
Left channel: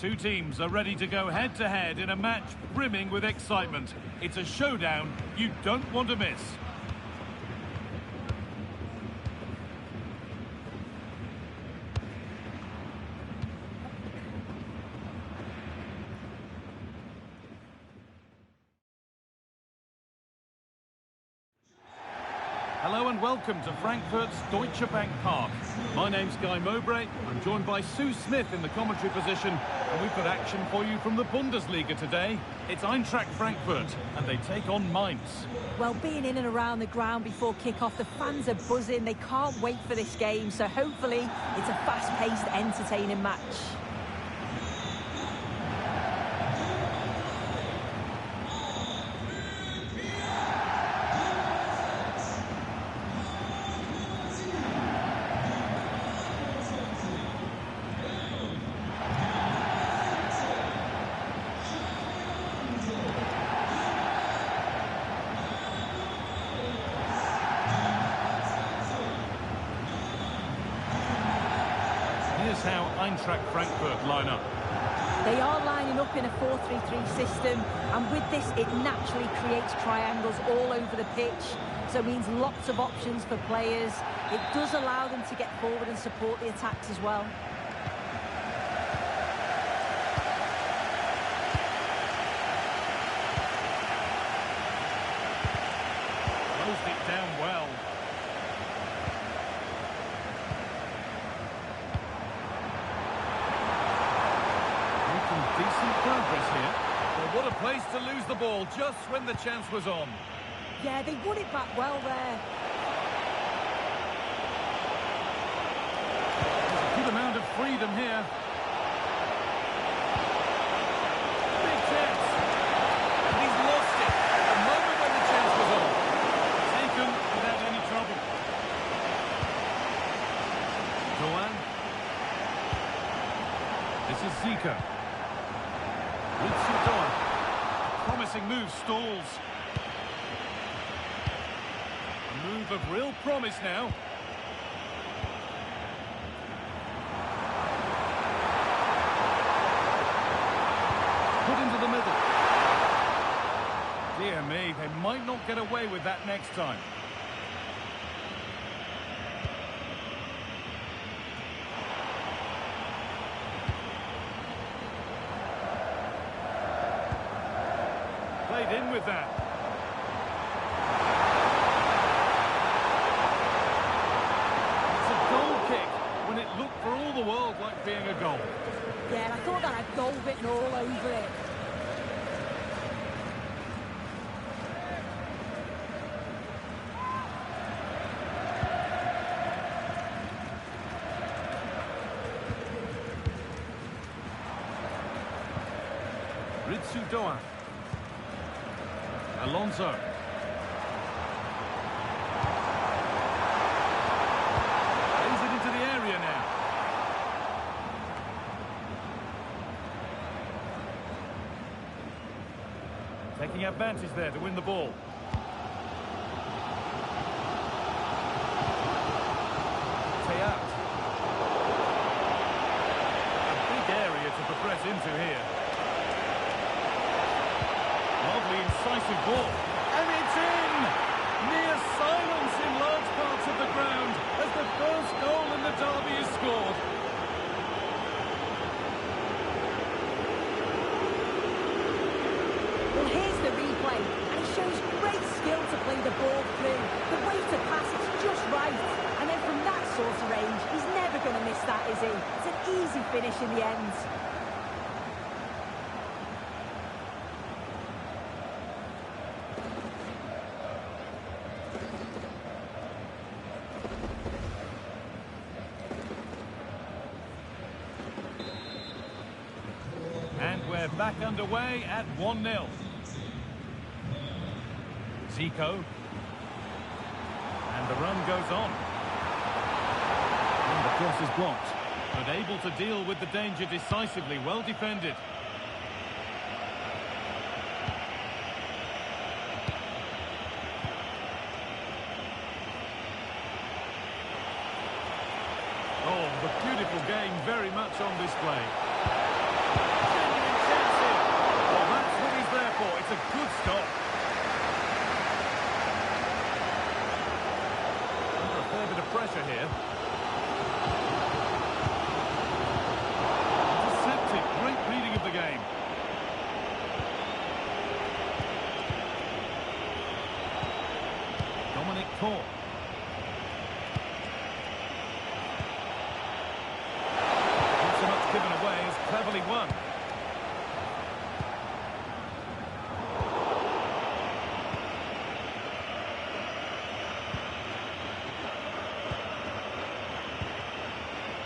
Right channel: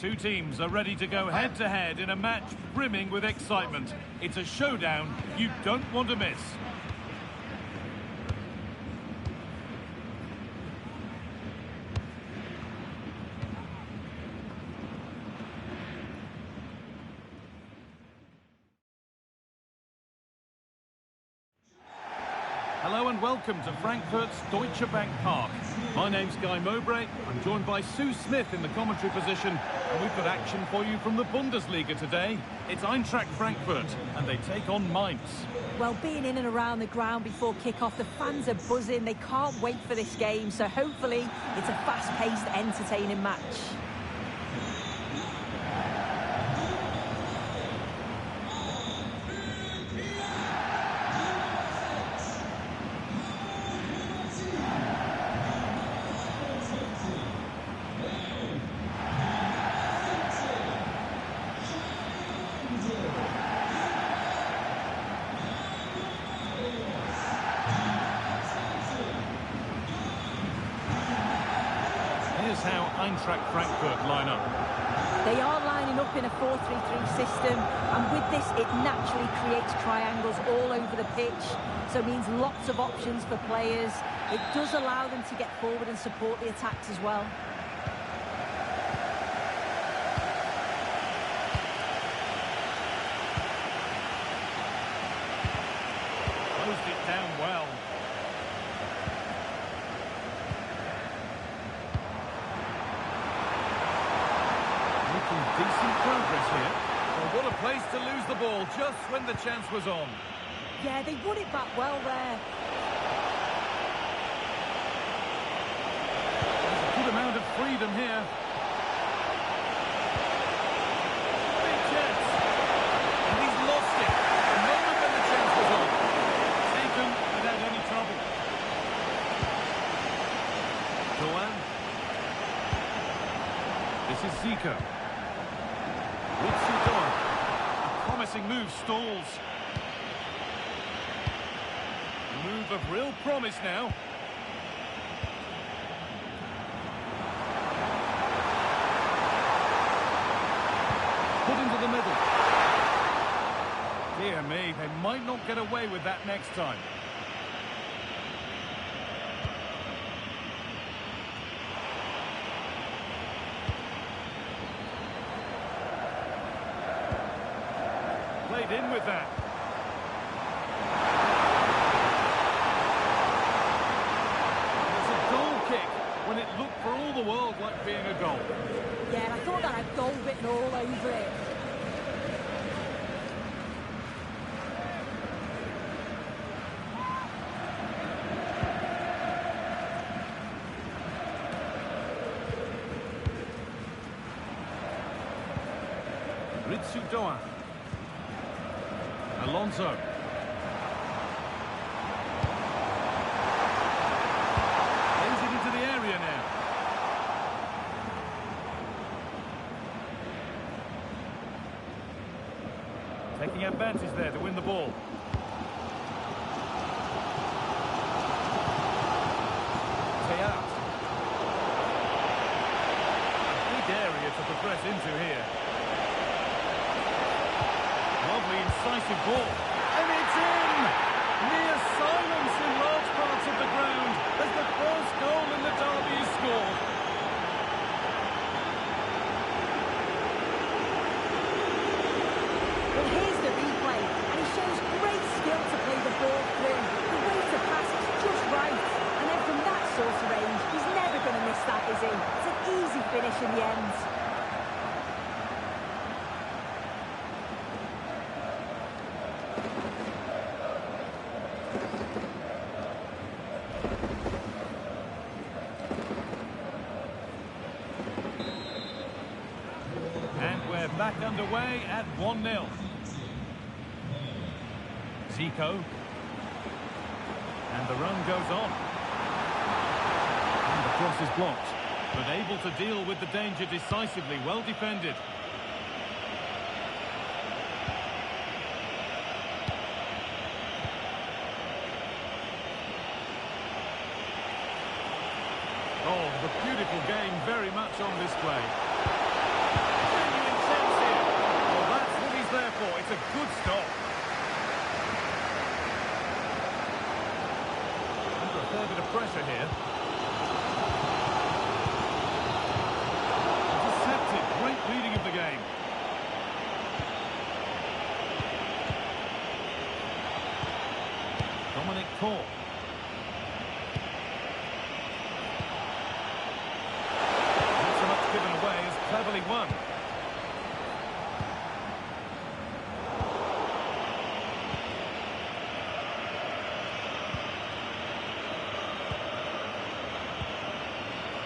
Two teams are ready to go head-to-head in a match brimming with excitement. It's a showdown you don't want to miss. Hello and welcome to Frankfurt's Deutsche Bank Park. My name's Guy Mowbray. I'm joined by Sue Smith in the commentary position, and we've got action for you from the Bundesliga today. It's Eintracht Frankfurt, and they take on Mainz. Well, being in and around the ground before kick-off, the fans are buzzing. They can't wait for this game, so hopefully it's a fast-paced, entertaining match. is how Eintracht Frankfurt line up. They are lining up in a 4-3-3 system, and with this it naturally creates triangles all over the pitch, so it means lots of options for players. It does allow them to get forward and support the attacks as well. Closed it down well. Making decent progress here. Well, what a place to lose the ball just when the chance was on. Yeah, they won it back well there. There's a good amount of freedom here. Big chance. And he's lost it at the moment when the chance was on. Taken without any trouble. Doan. This is Zico. Ritsu Doan. A promising move stalls. A move of real promise now. Put into the middle. Dear me, they might not get away with that next time. Played in with that. It's a goal kick when it looked for all the world like being a goal. Yeah, and I thought that had goal written all over it. Ritsu Doan. Alonso. Plays it into the area now. Taking advantage there to win the ball. Teat. A big area to progress into here. Lovely, incisive ball. And it's in! Near silence in large parts of the ground as the first goal in the derby is scored. Well, here's the replay, and he shows great skill to play the ball through. The way to pass is just right. And then from that sort of range, he's never going to miss that, is he? It's an easy finish in the end. And we're back underway at 1-0. Zico. And the run goes on. And the cross is blocked, but able to deal with the danger decisively. Well defended. Oh, the beautiful game very much on display. Genuine chance here. Well, that's what he's there for. It's a good stop. Under a fair bit of pressure here. Intercepted. Great reading of the game. Dominic Thor. Not so much given away as cleverly won.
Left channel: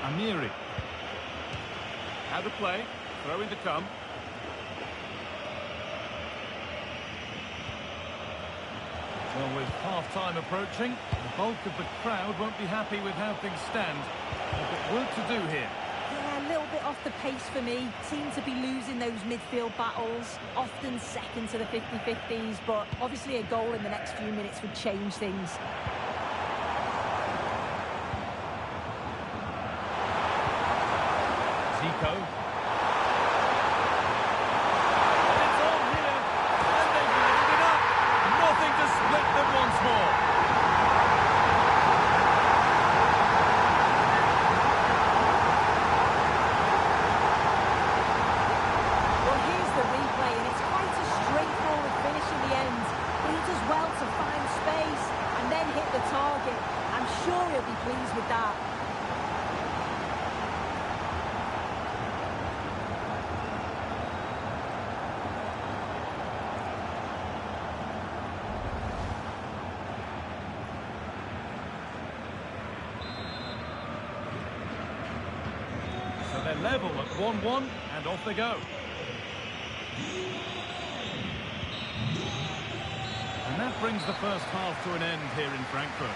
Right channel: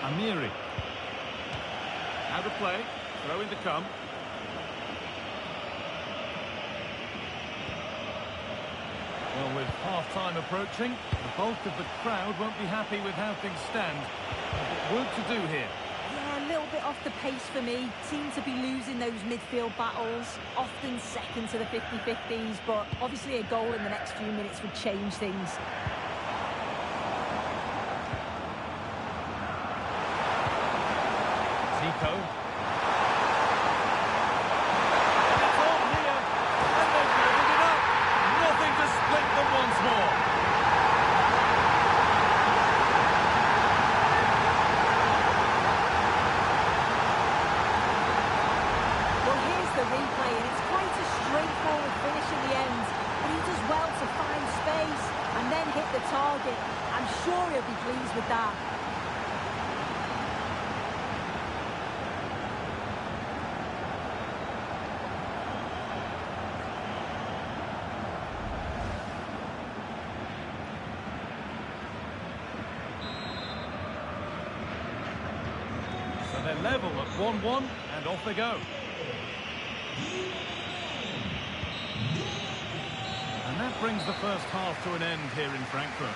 Amiri. How to play. Throw in to come. Well, with half-time approaching, the bulk of the crowd won't be happy with how things stand. They've got work to do here. Yeah, a little bit off the pace for me. Seem to be losing those midfield battles. Often second to the 50-50s, but obviously a goal in the next few minutes would change things. Zico. It's on here, and they've leveled it up. Nothing to split them once more. Well, here's the replay, and it's quite a straightforward finish in the end. But he does well to find space and then hit the target. I'm sure he'll be pleased with that. So they're level at 1-1, and off they go. And that brings the first half to an end here in Frankfurt.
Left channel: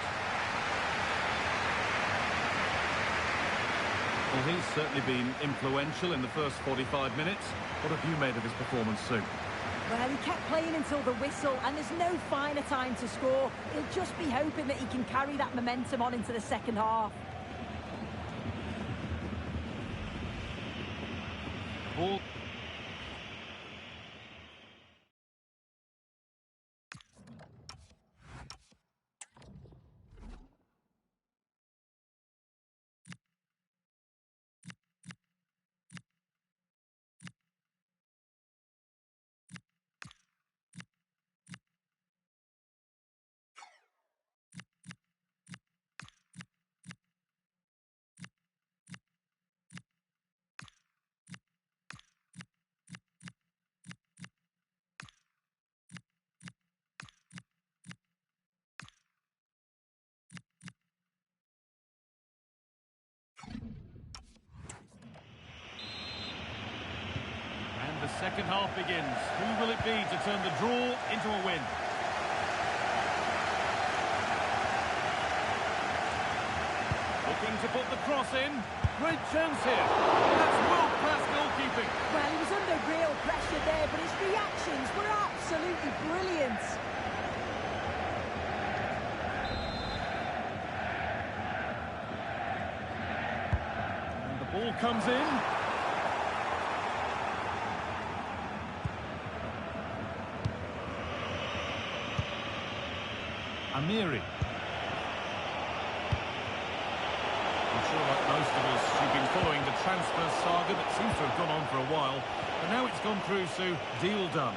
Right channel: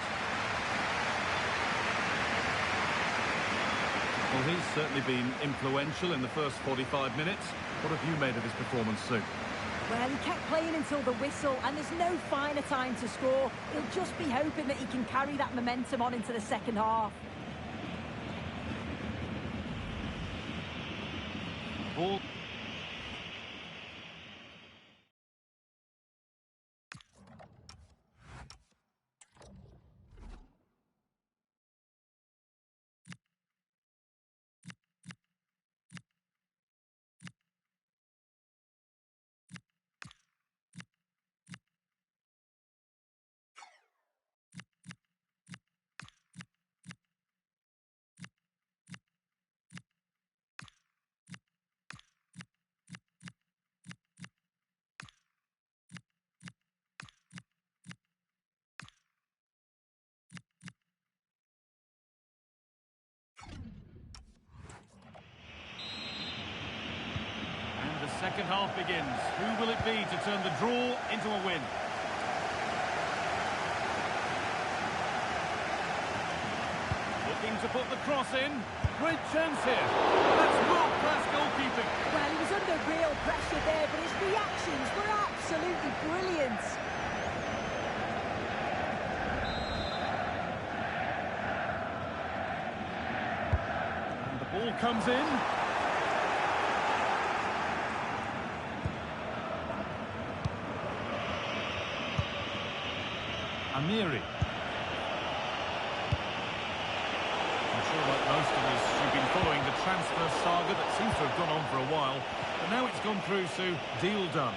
Well, he's certainly been influential in the first 45 minutes. What have you made of his performance, Sue? Well, he kept playing until the whistle, and there's no finer time to score. He'll just be hoping that he can carry that momentum on into the second half. Ball. The second half begins. Who will it be to turn the draw into a win? Looking to put the cross in. Great chance here. That's world-class goalkeeping. Well, he was under real pressure there, but his reactions were absolutely brilliant. And the ball comes in. Amiri. I'm sure, like most of us, you've been following the transfer saga that seems to have gone on for a while. But now it's gone through, Sue. Deal done.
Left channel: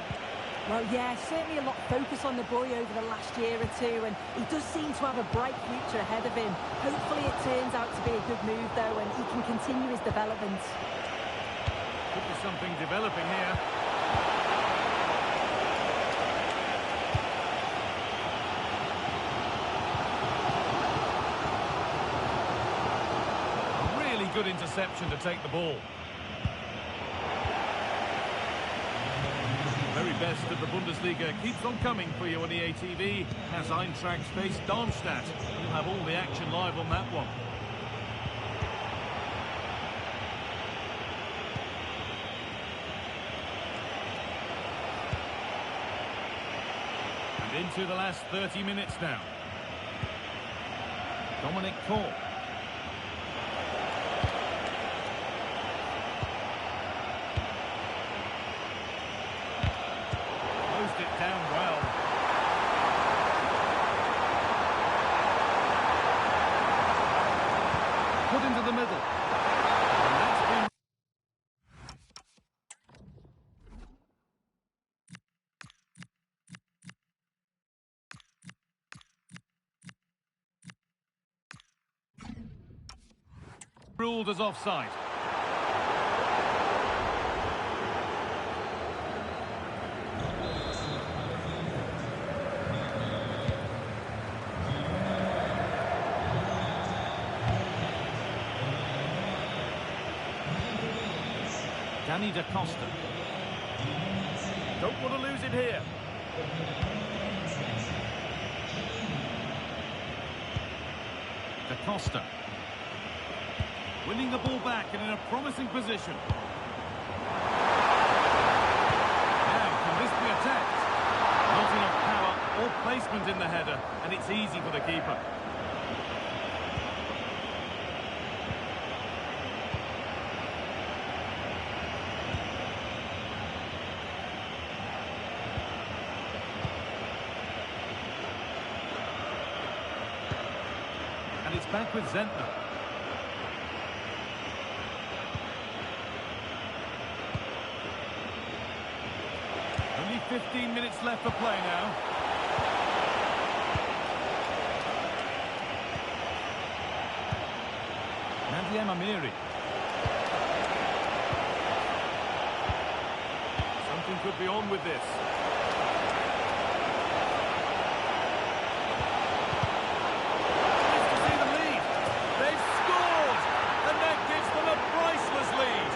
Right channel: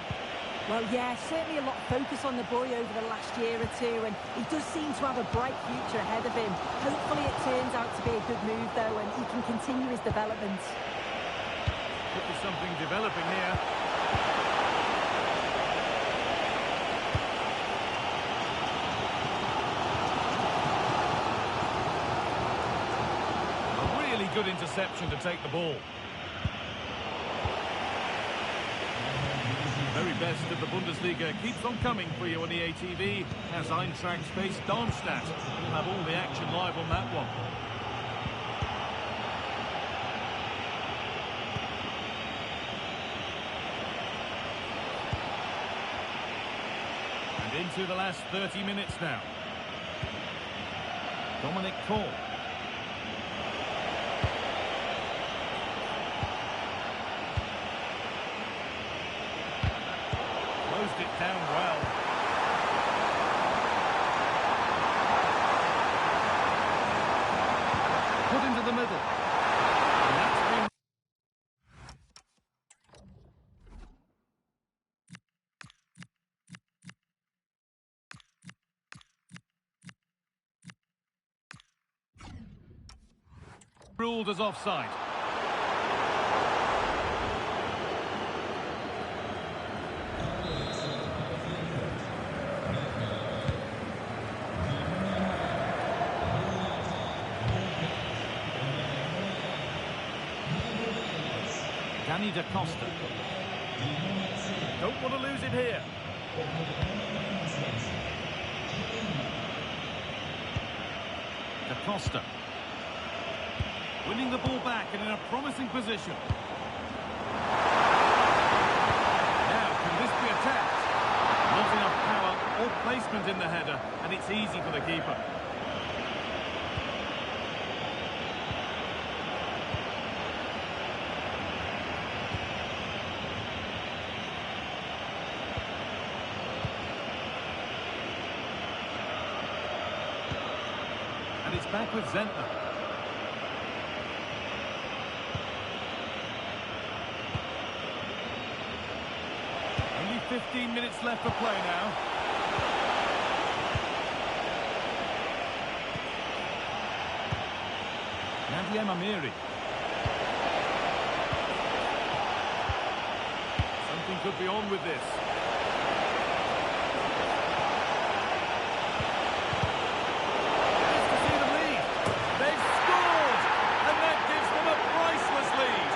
Well, yeah, certainly a lot of focus on the boy over the last year or two, and he does seem to have a bright future ahead of him. Hopefully it turns out to be a good move, though, and he can continue his development. Could be something developing here. Really good interception to take the ball. The very best of the Bundesliga keeps on coming for you on EA TV as Eintracht face Darmstadt. We'll have all the action live on that one. And into the last 30 minutes now. Dominic Kohl. Closed it down well. Put into the middle. And that's been... ruled as offside. Danny da Costa. Don't want to lose it here. Da Costa. Winning the ball back and in a promising position. Now, can this be attacked? Not enough power or placement in the header, and it's easy for the keeper. And it's back with Zentner. Only 15 minutes left for play now. Nadia Mamiri. Something could be on with this. Nice to see them lead. They've scored, and that gives them a priceless lead.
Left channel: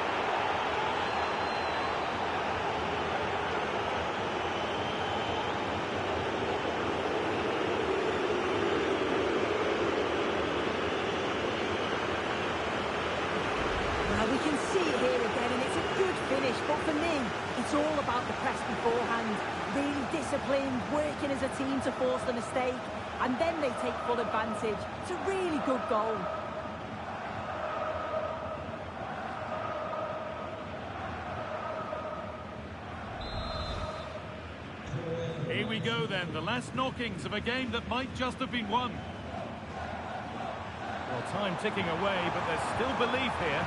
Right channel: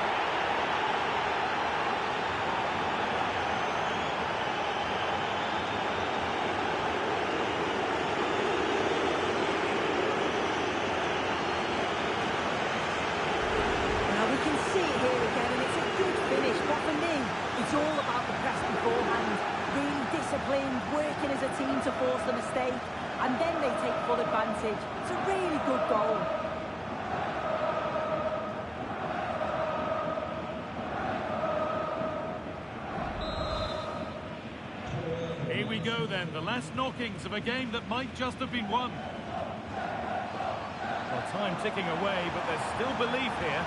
Well, we can see it here again, and it's a good finish, but for me, it's all about the press beforehand. Really disciplined, working as a team to force the mistake, and then they take full advantage. It's a really good goal. Here we go then, the last knockings of a game that might just have been won. Well, time ticking away, but there's still belief here.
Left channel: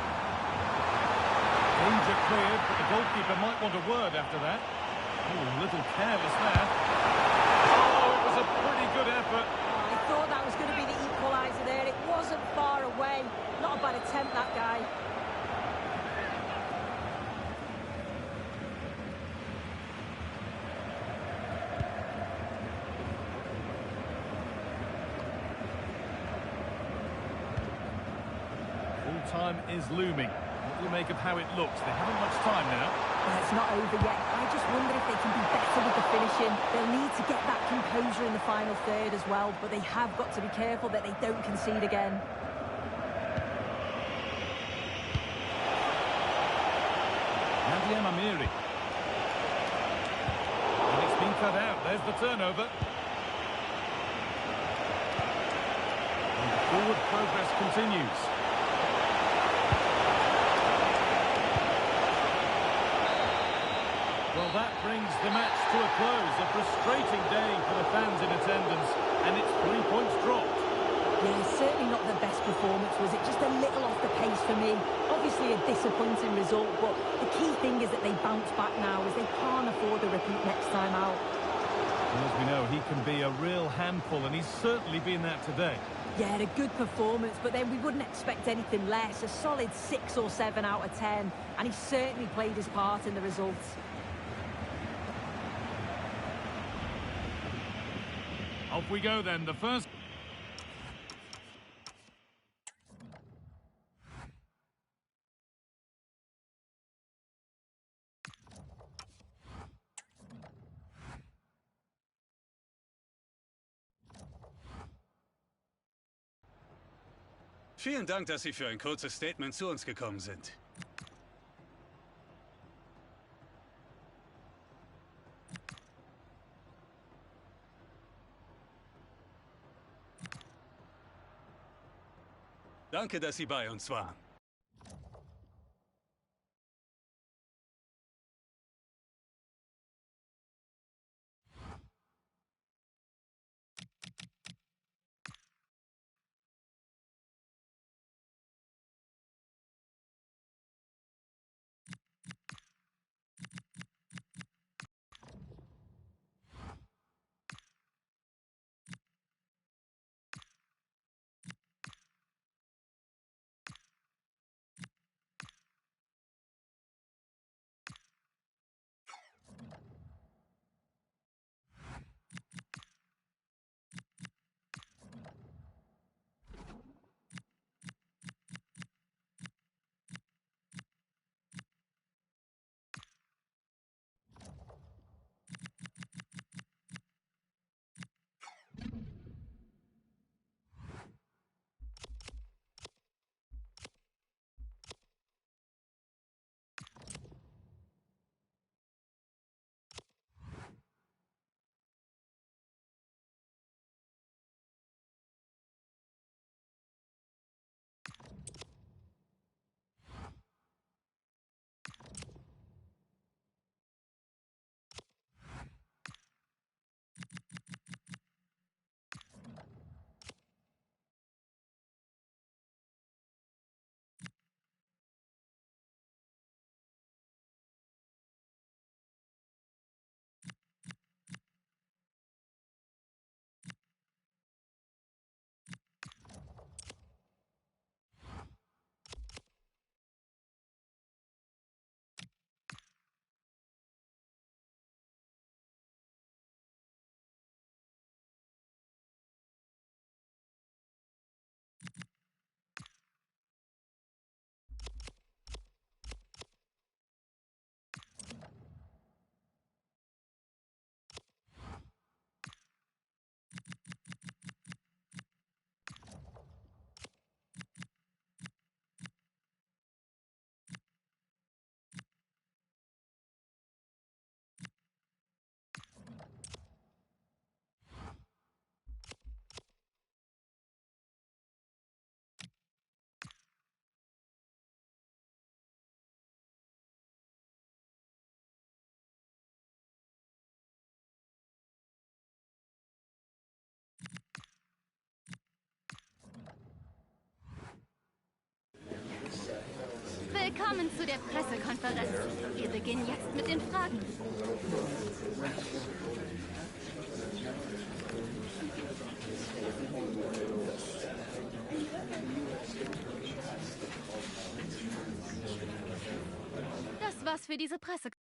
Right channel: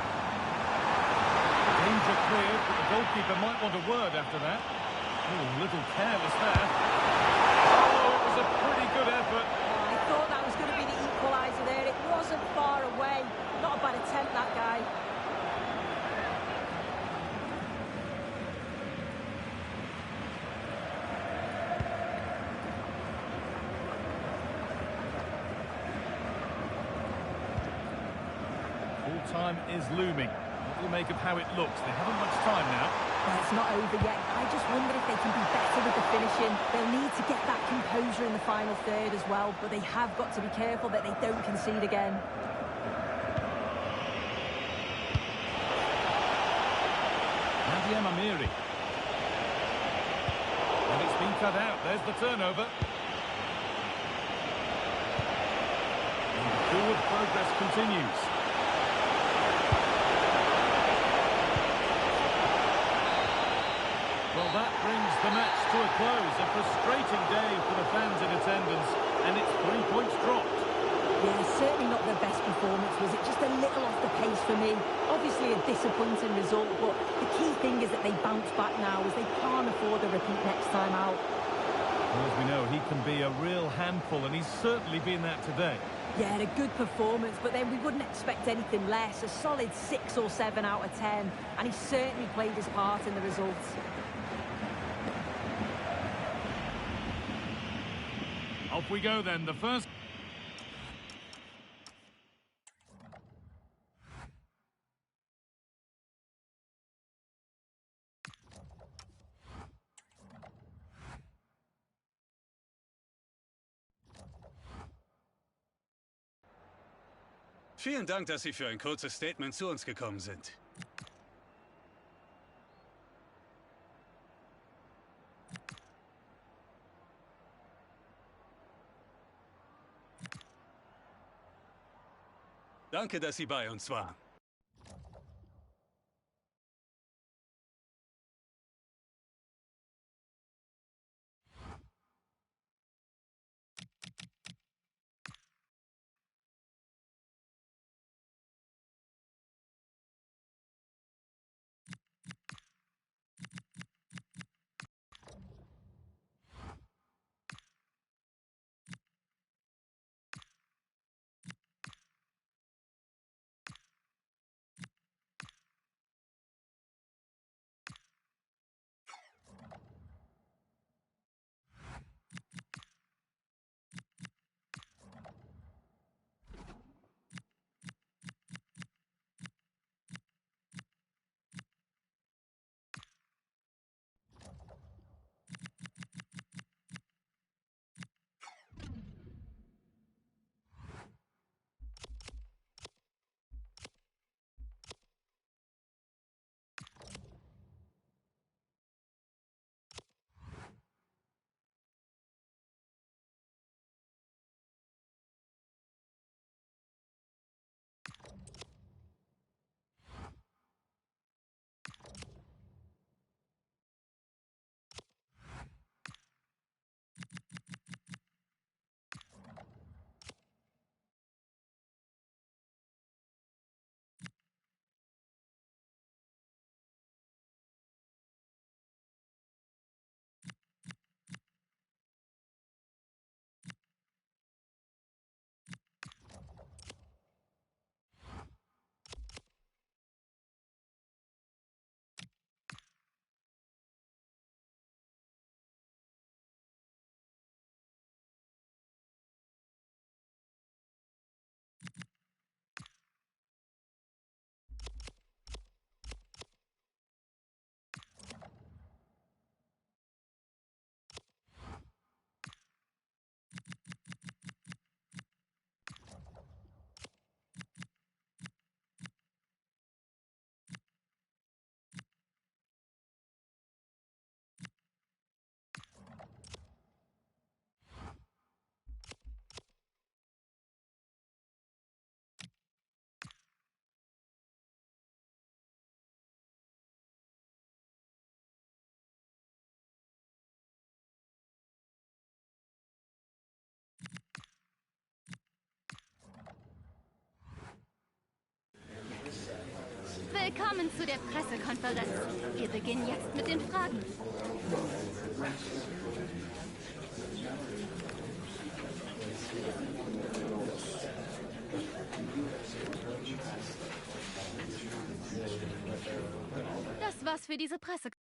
Danger cleared, but the goalkeeper might want a word after that. Oh, a little careless there. Oh, it was a pretty good effort. Oh, I thought that was going to be the equaliser there. It wasn't far away. Not a bad attempt, that guy. Full time is looming. What do you make of how it looks? They haven't much time now. Well, it's not over yet. I just wonder if they can be better with the finishing. They'll need to get that composure in the final third as well, but they have got to be careful that they don't concede again. Nadia Mamiri. And it's been cut out. There's the turnover. And the forward progress continues. Well, that brings the match to a close. A frustrating day for the fans in attendance, and it's 3 points dropped. Yeah, certainly not the best performance, was it? Just a little off the pace for me. Obviously a disappointing result, but the key thing is that they bounce back now, as they can't afford a repeat next time out. Well, as we know, he can be a real handful, and he's certainly been that today. Yeah, a good performance, but then we wouldn't expect anything less. A solid 6 or 7 out of 10, and he certainly played his part in the results. Off we go then. The first... Vielen Dank, dass Sie für ein kurzes Statement zu uns gekommen sind. Danke, dass Sie bei uns waren. Willkommen zu der Pressekonferenz. Wir beginnen jetzt mit den Fragen. Das war's für diese Pressekonferenz.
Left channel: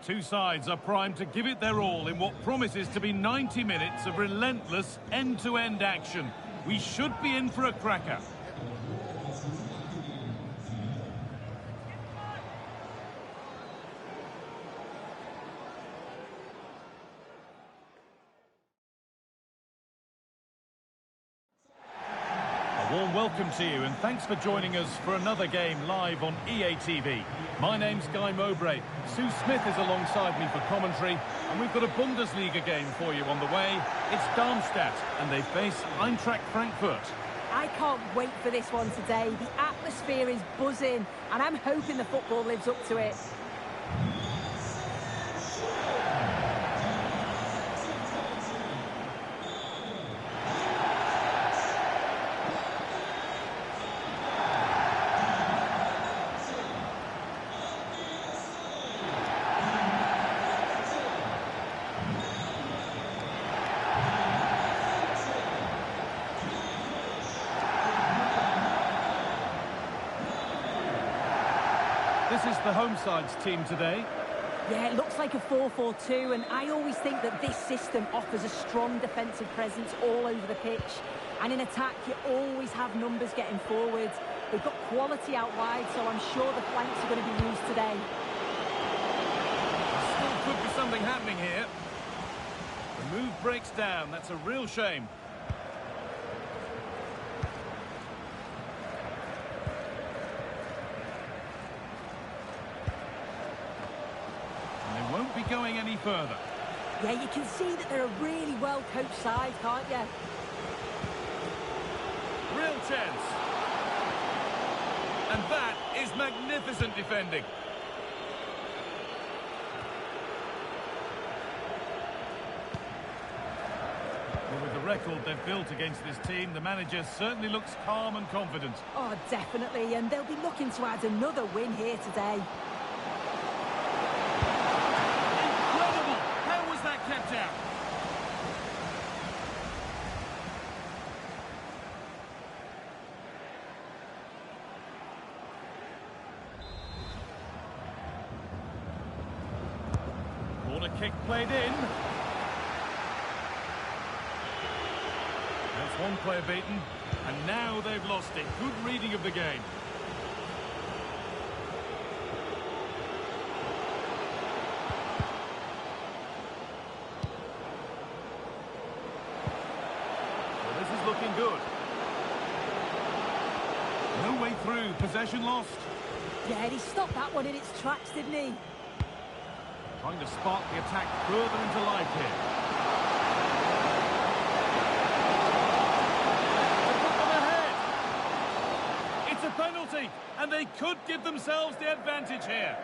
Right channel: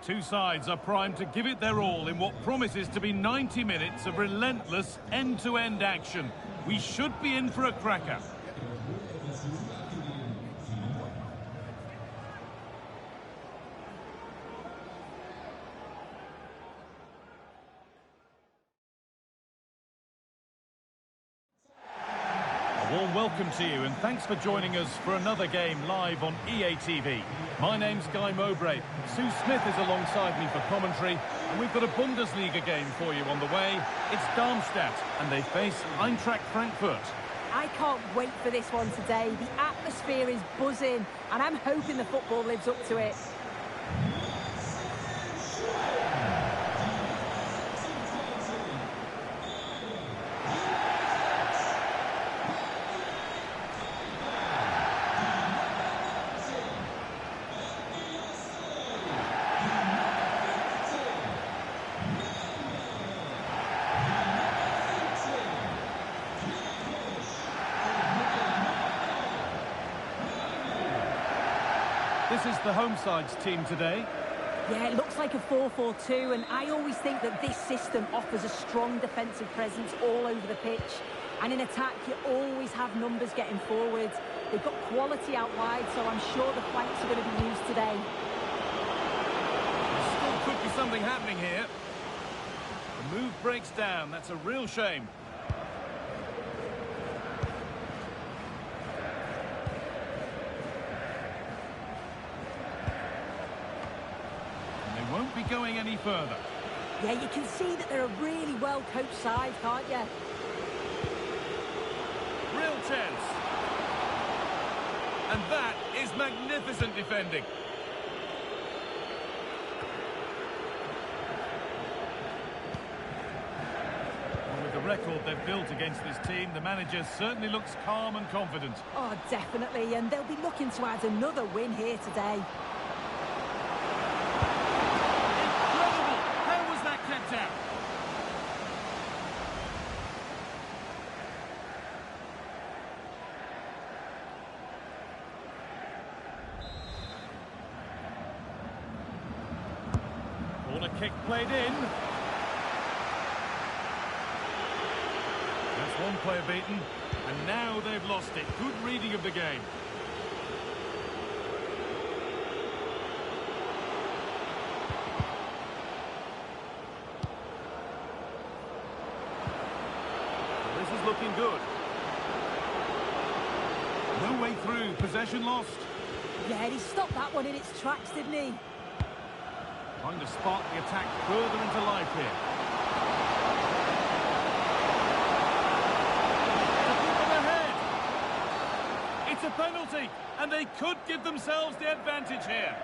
Two sides are primed to give it their all in what promises to be 90 minutes of relentless end-to-end action. We should be in for a cracker. A warm welcome to you and thanks for joining us for another game live on EA TV. My name's Guy Mowbray. Sue Smith is alongside me for commentary and we've got a Bundesliga game for you on the way. It's Darmstadt and they face Eintracht Frankfurt. I can't wait for this one today. The atmosphere is buzzing and I'm hoping the football lives up to it. This is the home side's team today. Yeah, it looks like a 4-4-2, and I always think that this system offers a strong defensive presence all over the pitch. And in attack, you always have numbers getting forward. They've got quality out wide, so I'm sure the flanks are going to be used today. There still could be something happening here. The move breaks down. That's a real shame. Won't be going any further. Yeah, you can see that they're a really well-coached side, can't you? Real chance. And that is magnificent defending. Well, with the record they've built against this team, the manager certainly looks calm and confident. Oh, definitely, and they'll be looking to add another win here today. Kept out. Corner kick played in. That's one player beaten, and now they've lost it. Good reading of the game. This is looking good. No way through. Possession lost. Yeah, he stopped that one in its tracks, didn't he? Trying to spark the attack further into life here. To put them ahead. It's a penalty, and they could give themselves the advantage here.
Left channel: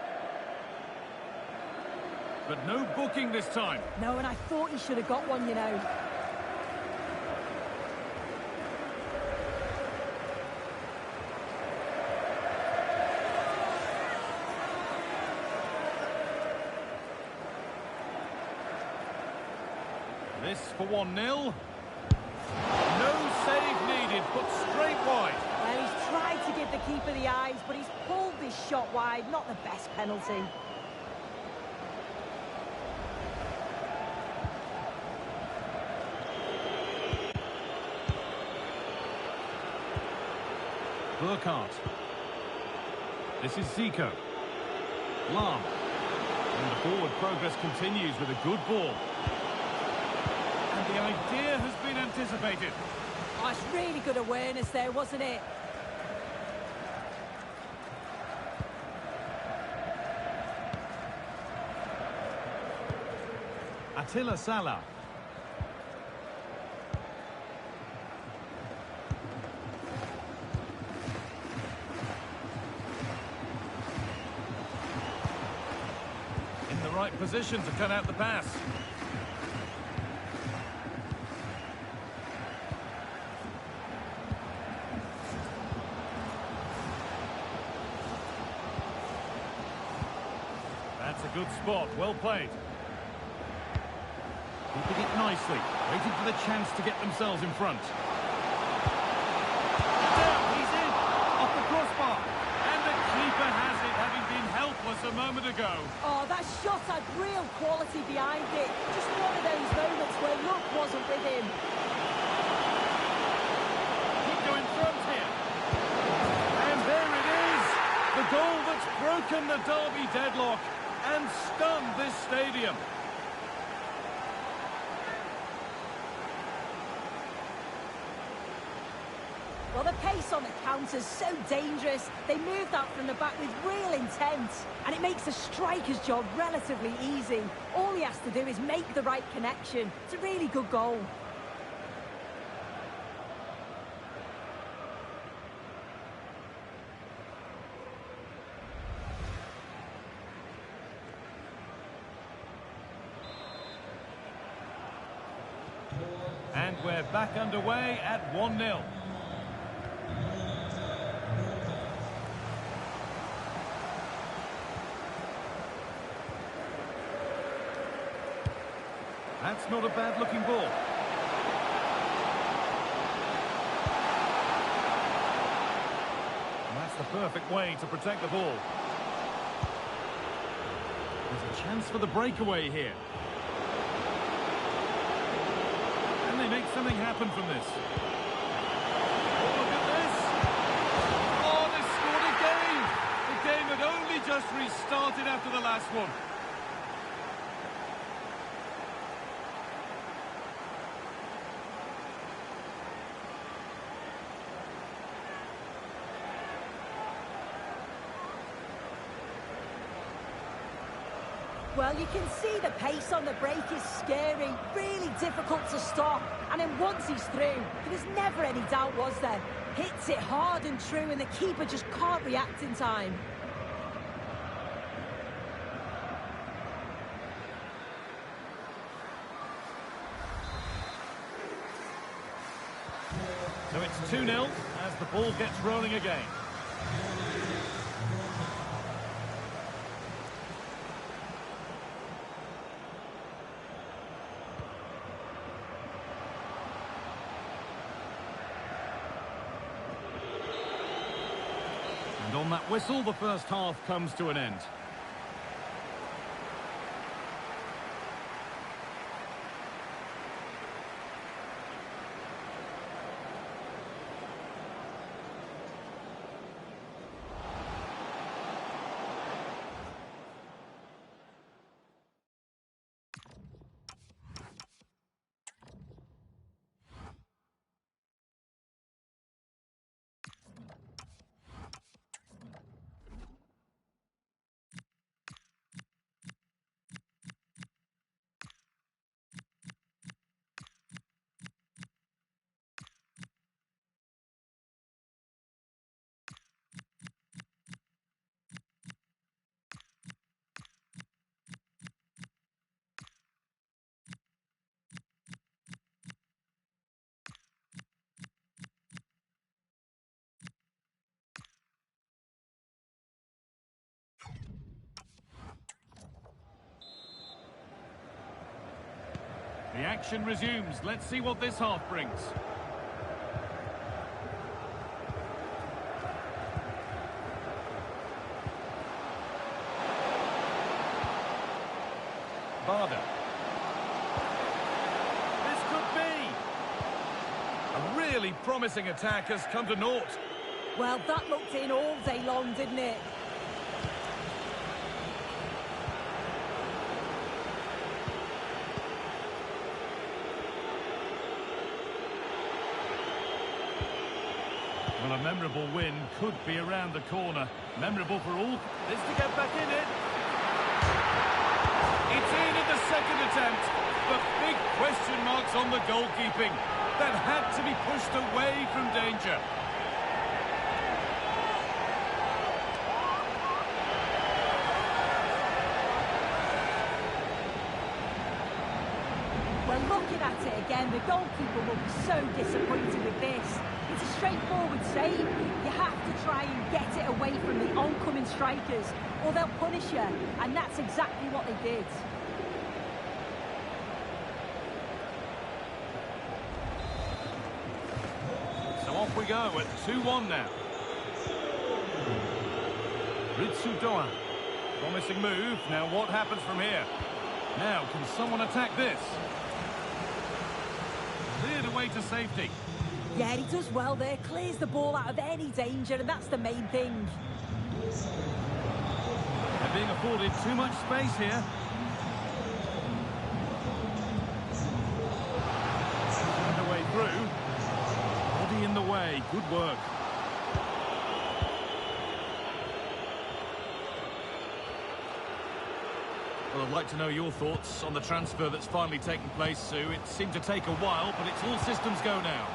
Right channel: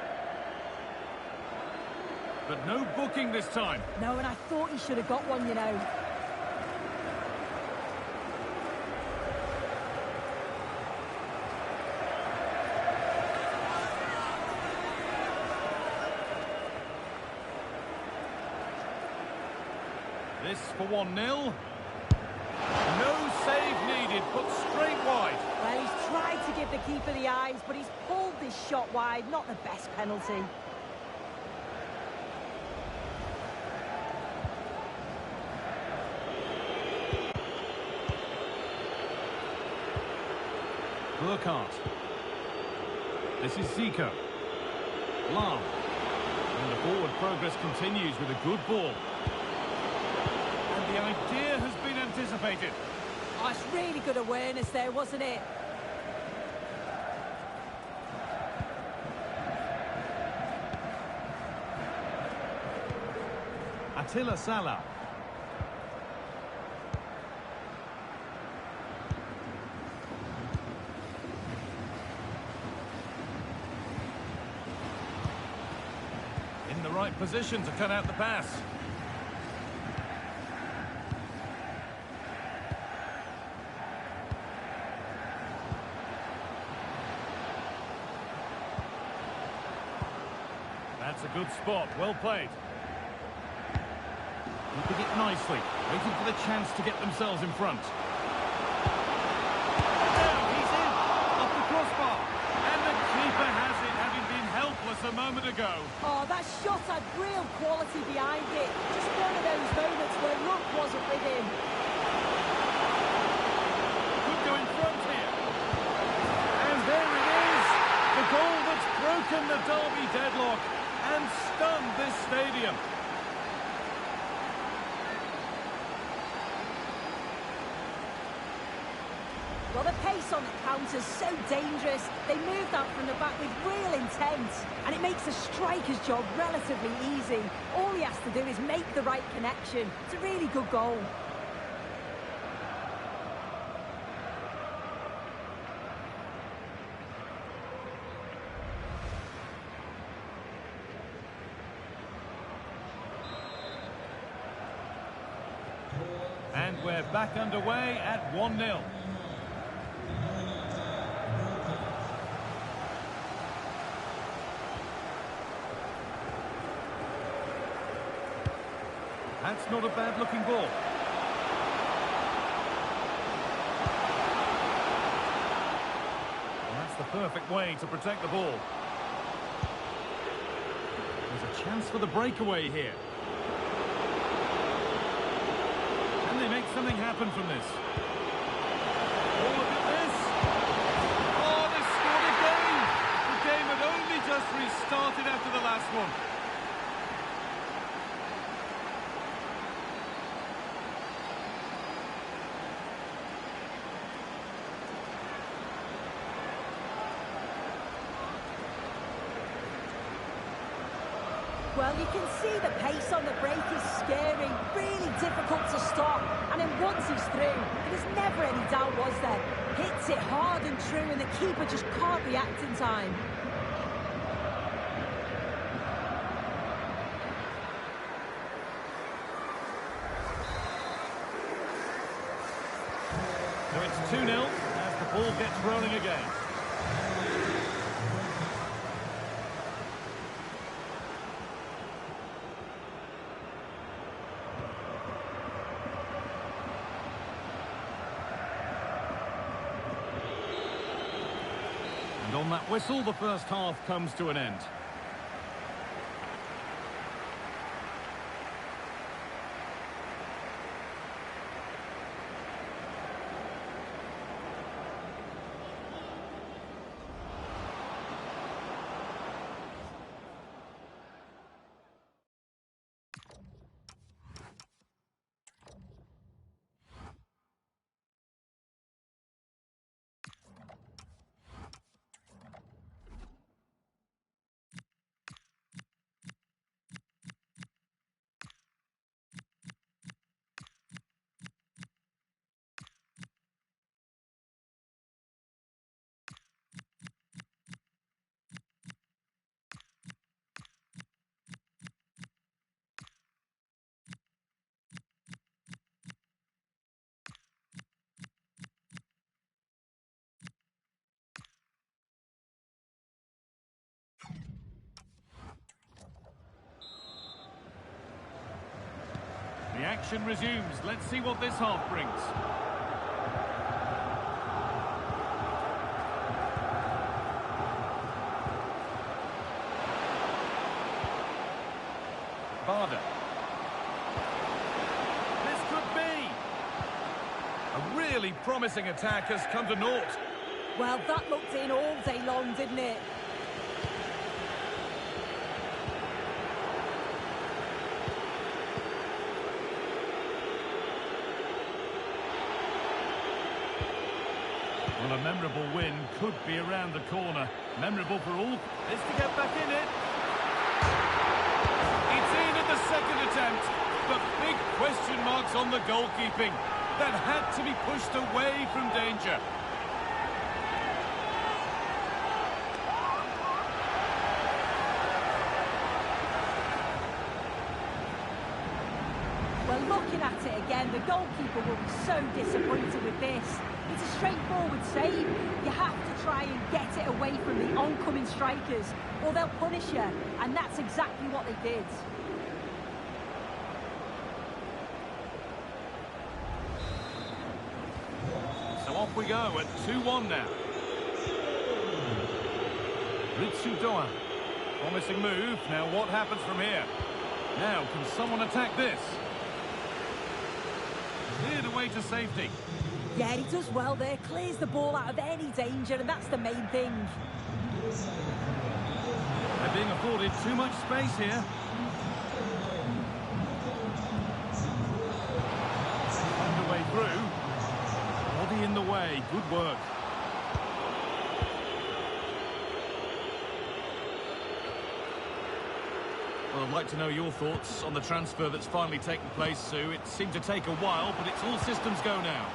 But no booking this time. No, and I thought he should have got one, you know. This for 1-0. No save needed, but straight wide. Well, he's tried to give the keeper the eyes, but he's pulled this shot wide. Not the best penalty. Burkhardt. This is Zico. Lam. And the forward progress continues with a good ball. And the idea has been anticipated. Oh, it's really good awareness there, wasn't it? Attila Salah. In the right position to cut out the pass. That's a good spot, well played. Keeping it nicely, waiting for the chance to get themselves in front. Down, he's in, off the crossbar. And the keeper has it, having been helpless a moment ago. Oh, that shot had real quality behind it. Just one of those moments where luck wasn't with him. Could go in front here. And there it is. The goal that's broken the derby deadlock and stunned this stadium. Well, the pace on the counter's so dangerous. They moved out from the back with real intent. And it makes the striker's job relatively easy. All he has to do is make the right connection. It's a really good goal. And we're back underway at 1-0. That's not a bad-looking ball. And that's the perfect way to protect the ball. There's a chance for the breakaway here. And they make something happen from this. Oh, look at this. Oh, they scored again. The game had only just restarted after the last one. Well, you can see the pace on the break is scary, really difficult to stop. And then once he's through, there was never any doubt, was there? Hits it hard and true, and the keeper just can't react in time. So it's 2-0 as the ball gets rolling again. And on that whistle, the first half comes to an end. The action resumes. Let's see what this half brings. Barder. This could be. A really promising attack has come to naught. Well, that looked in all day long, didn't it? Well, a memorable win could be around the corner. Memorable for all. This to get back in it. It's in at the second attempt, but big question marks on the goalkeeping. That had to be pushed away from danger. Well, looking at it again, the goalkeeper will be so disappointed with this. It's a straightforward save. You have to try and get it away from the oncoming strikers, or they'll punish you, and that's exactly what they did. So off we go at 2-1 now. Ritsu-Doan. Promising move. Now what happens from here? Now, can someone attack this? Cleared away to safety. Yeah, he does well there. Clears the ball out of any danger, and that's the main thing. They're being afforded too much space here. They found a way through. Body in the way. Good work. Well, I'd like to know your thoughts on the transfer that's finally taken place, Sue. It seemed to take a while, but it's all systems go now.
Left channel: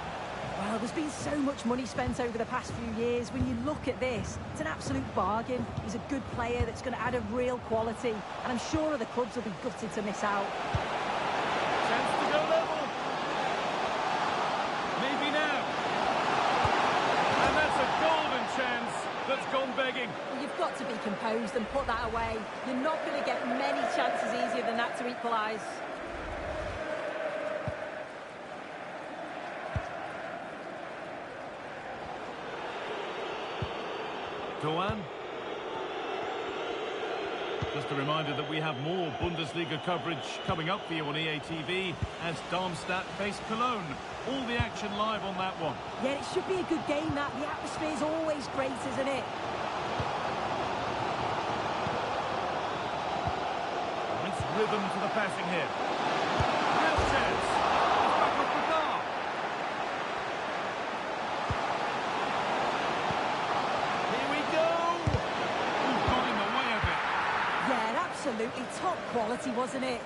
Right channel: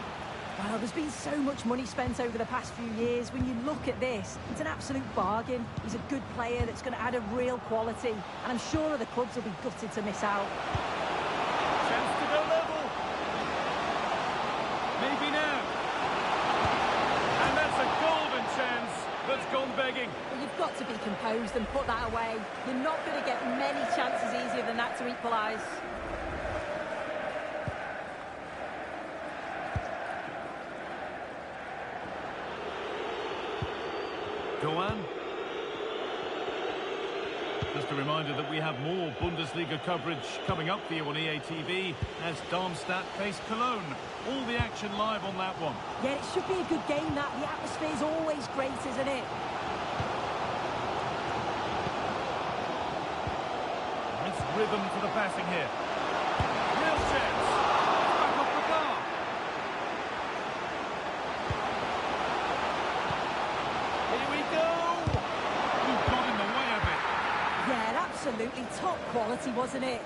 Well, there's been so much money spent over the past few years. When you look at this, it's an absolute bargain. He's a good player that's going to add a real quality, and I'm sure other clubs will be gutted to miss out. Chance to go level. Maybe now. And that's a golden chance that's gone begging. Well, you've got to be composed and put that away. You're not going to get many chances easier than that to equalise. Doan. Just a reminder that we have more Bundesliga coverage coming up for you on EA TV as Darmstadt face Cologne. All the action live on that one. Yeah, it should be a good game, that. The atmosphere's always great, isn't it? Nice rhythm to the passing here. Real chance. It's back off Poka. Here we go. Ooh, got in the way of it. Yeah, absolutely top quality, wasn't it?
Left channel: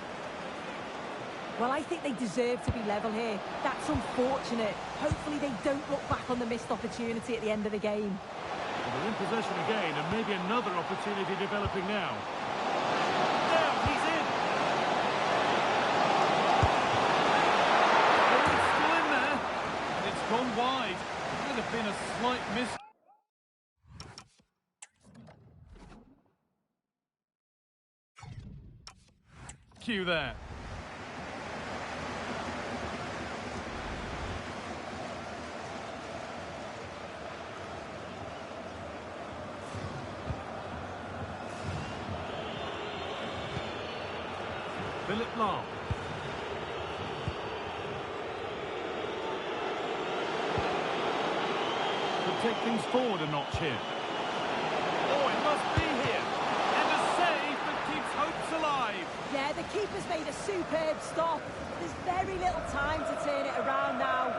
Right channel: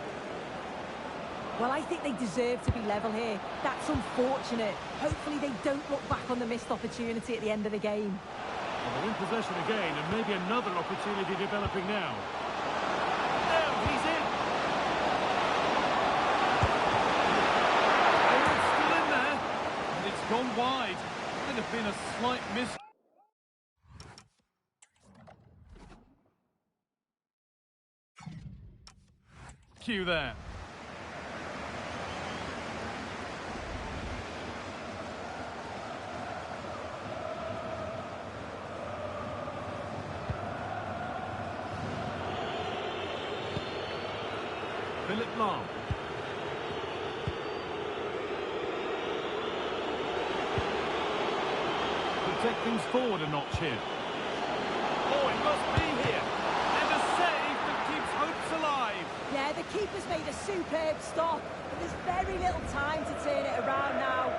Well, I think they deserve to be level here. That's unfortunate. Hopefully they don't look back on the missed opportunity at the end of the game. Well, they're in possession again, and maybe another opportunity developing now. Now, he's in. Oh, it's still in there, and it's gone wide. Might have been a slight miss. Cue that. Philip Lahm. Could take things forward a notch here. Oh, it must be here. And a save that keeps hopes alive. Yeah, the keeper's made a superb stop, but there's very little time to turn it around now.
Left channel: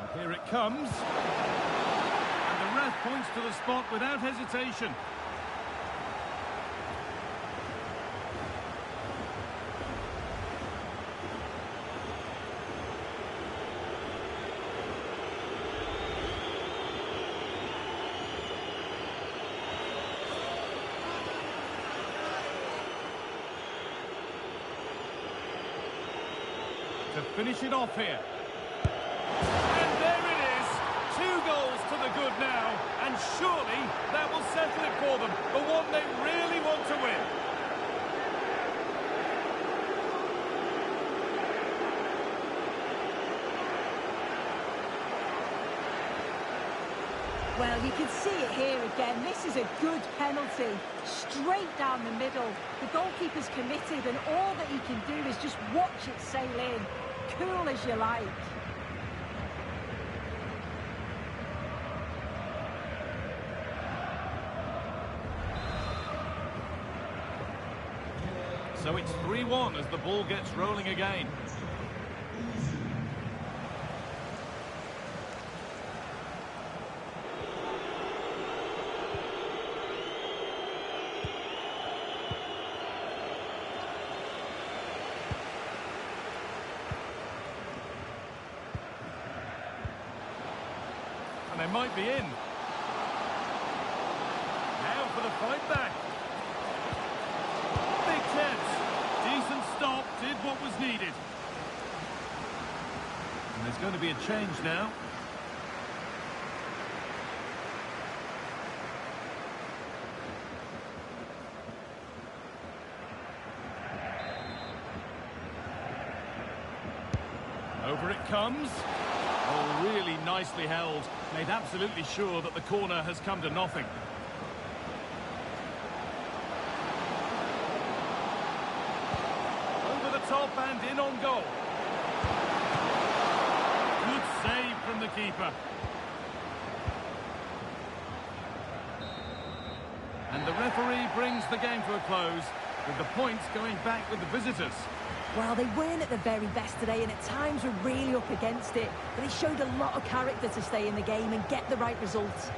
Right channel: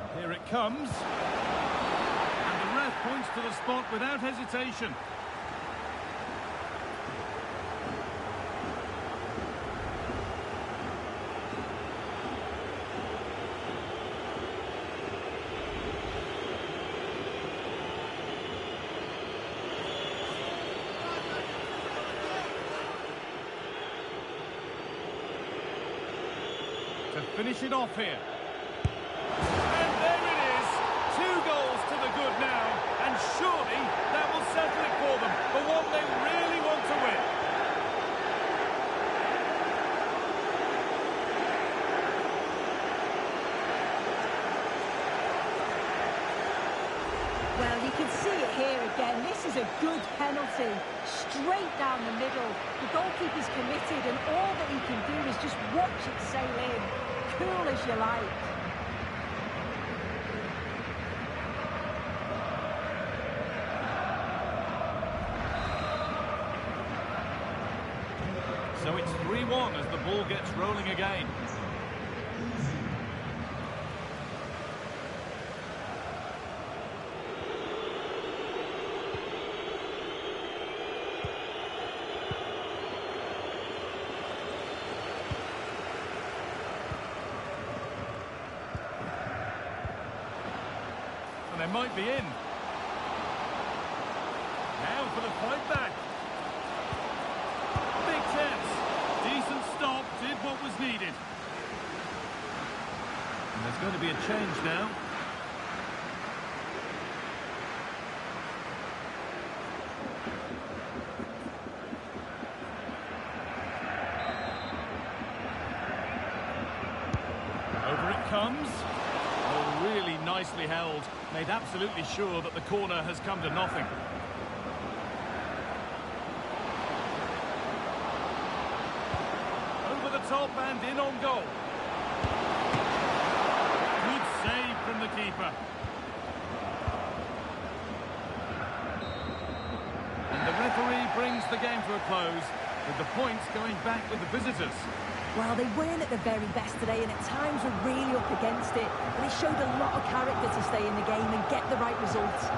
And here it comes. And the ref points to the spot without hesitation. To finish it off here. And there it is. 2 goals. goals to the good now, and surely that will settle it for them, the one they really want to win. Well, you can see it here again. This is a good penalty. Straight down the middle. The goalkeeper's committed, and all that he can do is just watch it sail in. Cool as you like. So it's 3-1 as the ball gets rolling again. And they might be in. Now for the fight back. Big chance. Decent stop, did what was needed. And there's going to be a change now. Over it comes. Oh, really nicely held. Made absolutely sure that the corner has come to nothing. Over the top and in on goal. Good save from the keeper. And the referee brings the game to a close, with the points going back with the visitors. Well, they weren't at the very best today, and at times were really up against it. But they showed a lot of character to stay in the game and get the right results.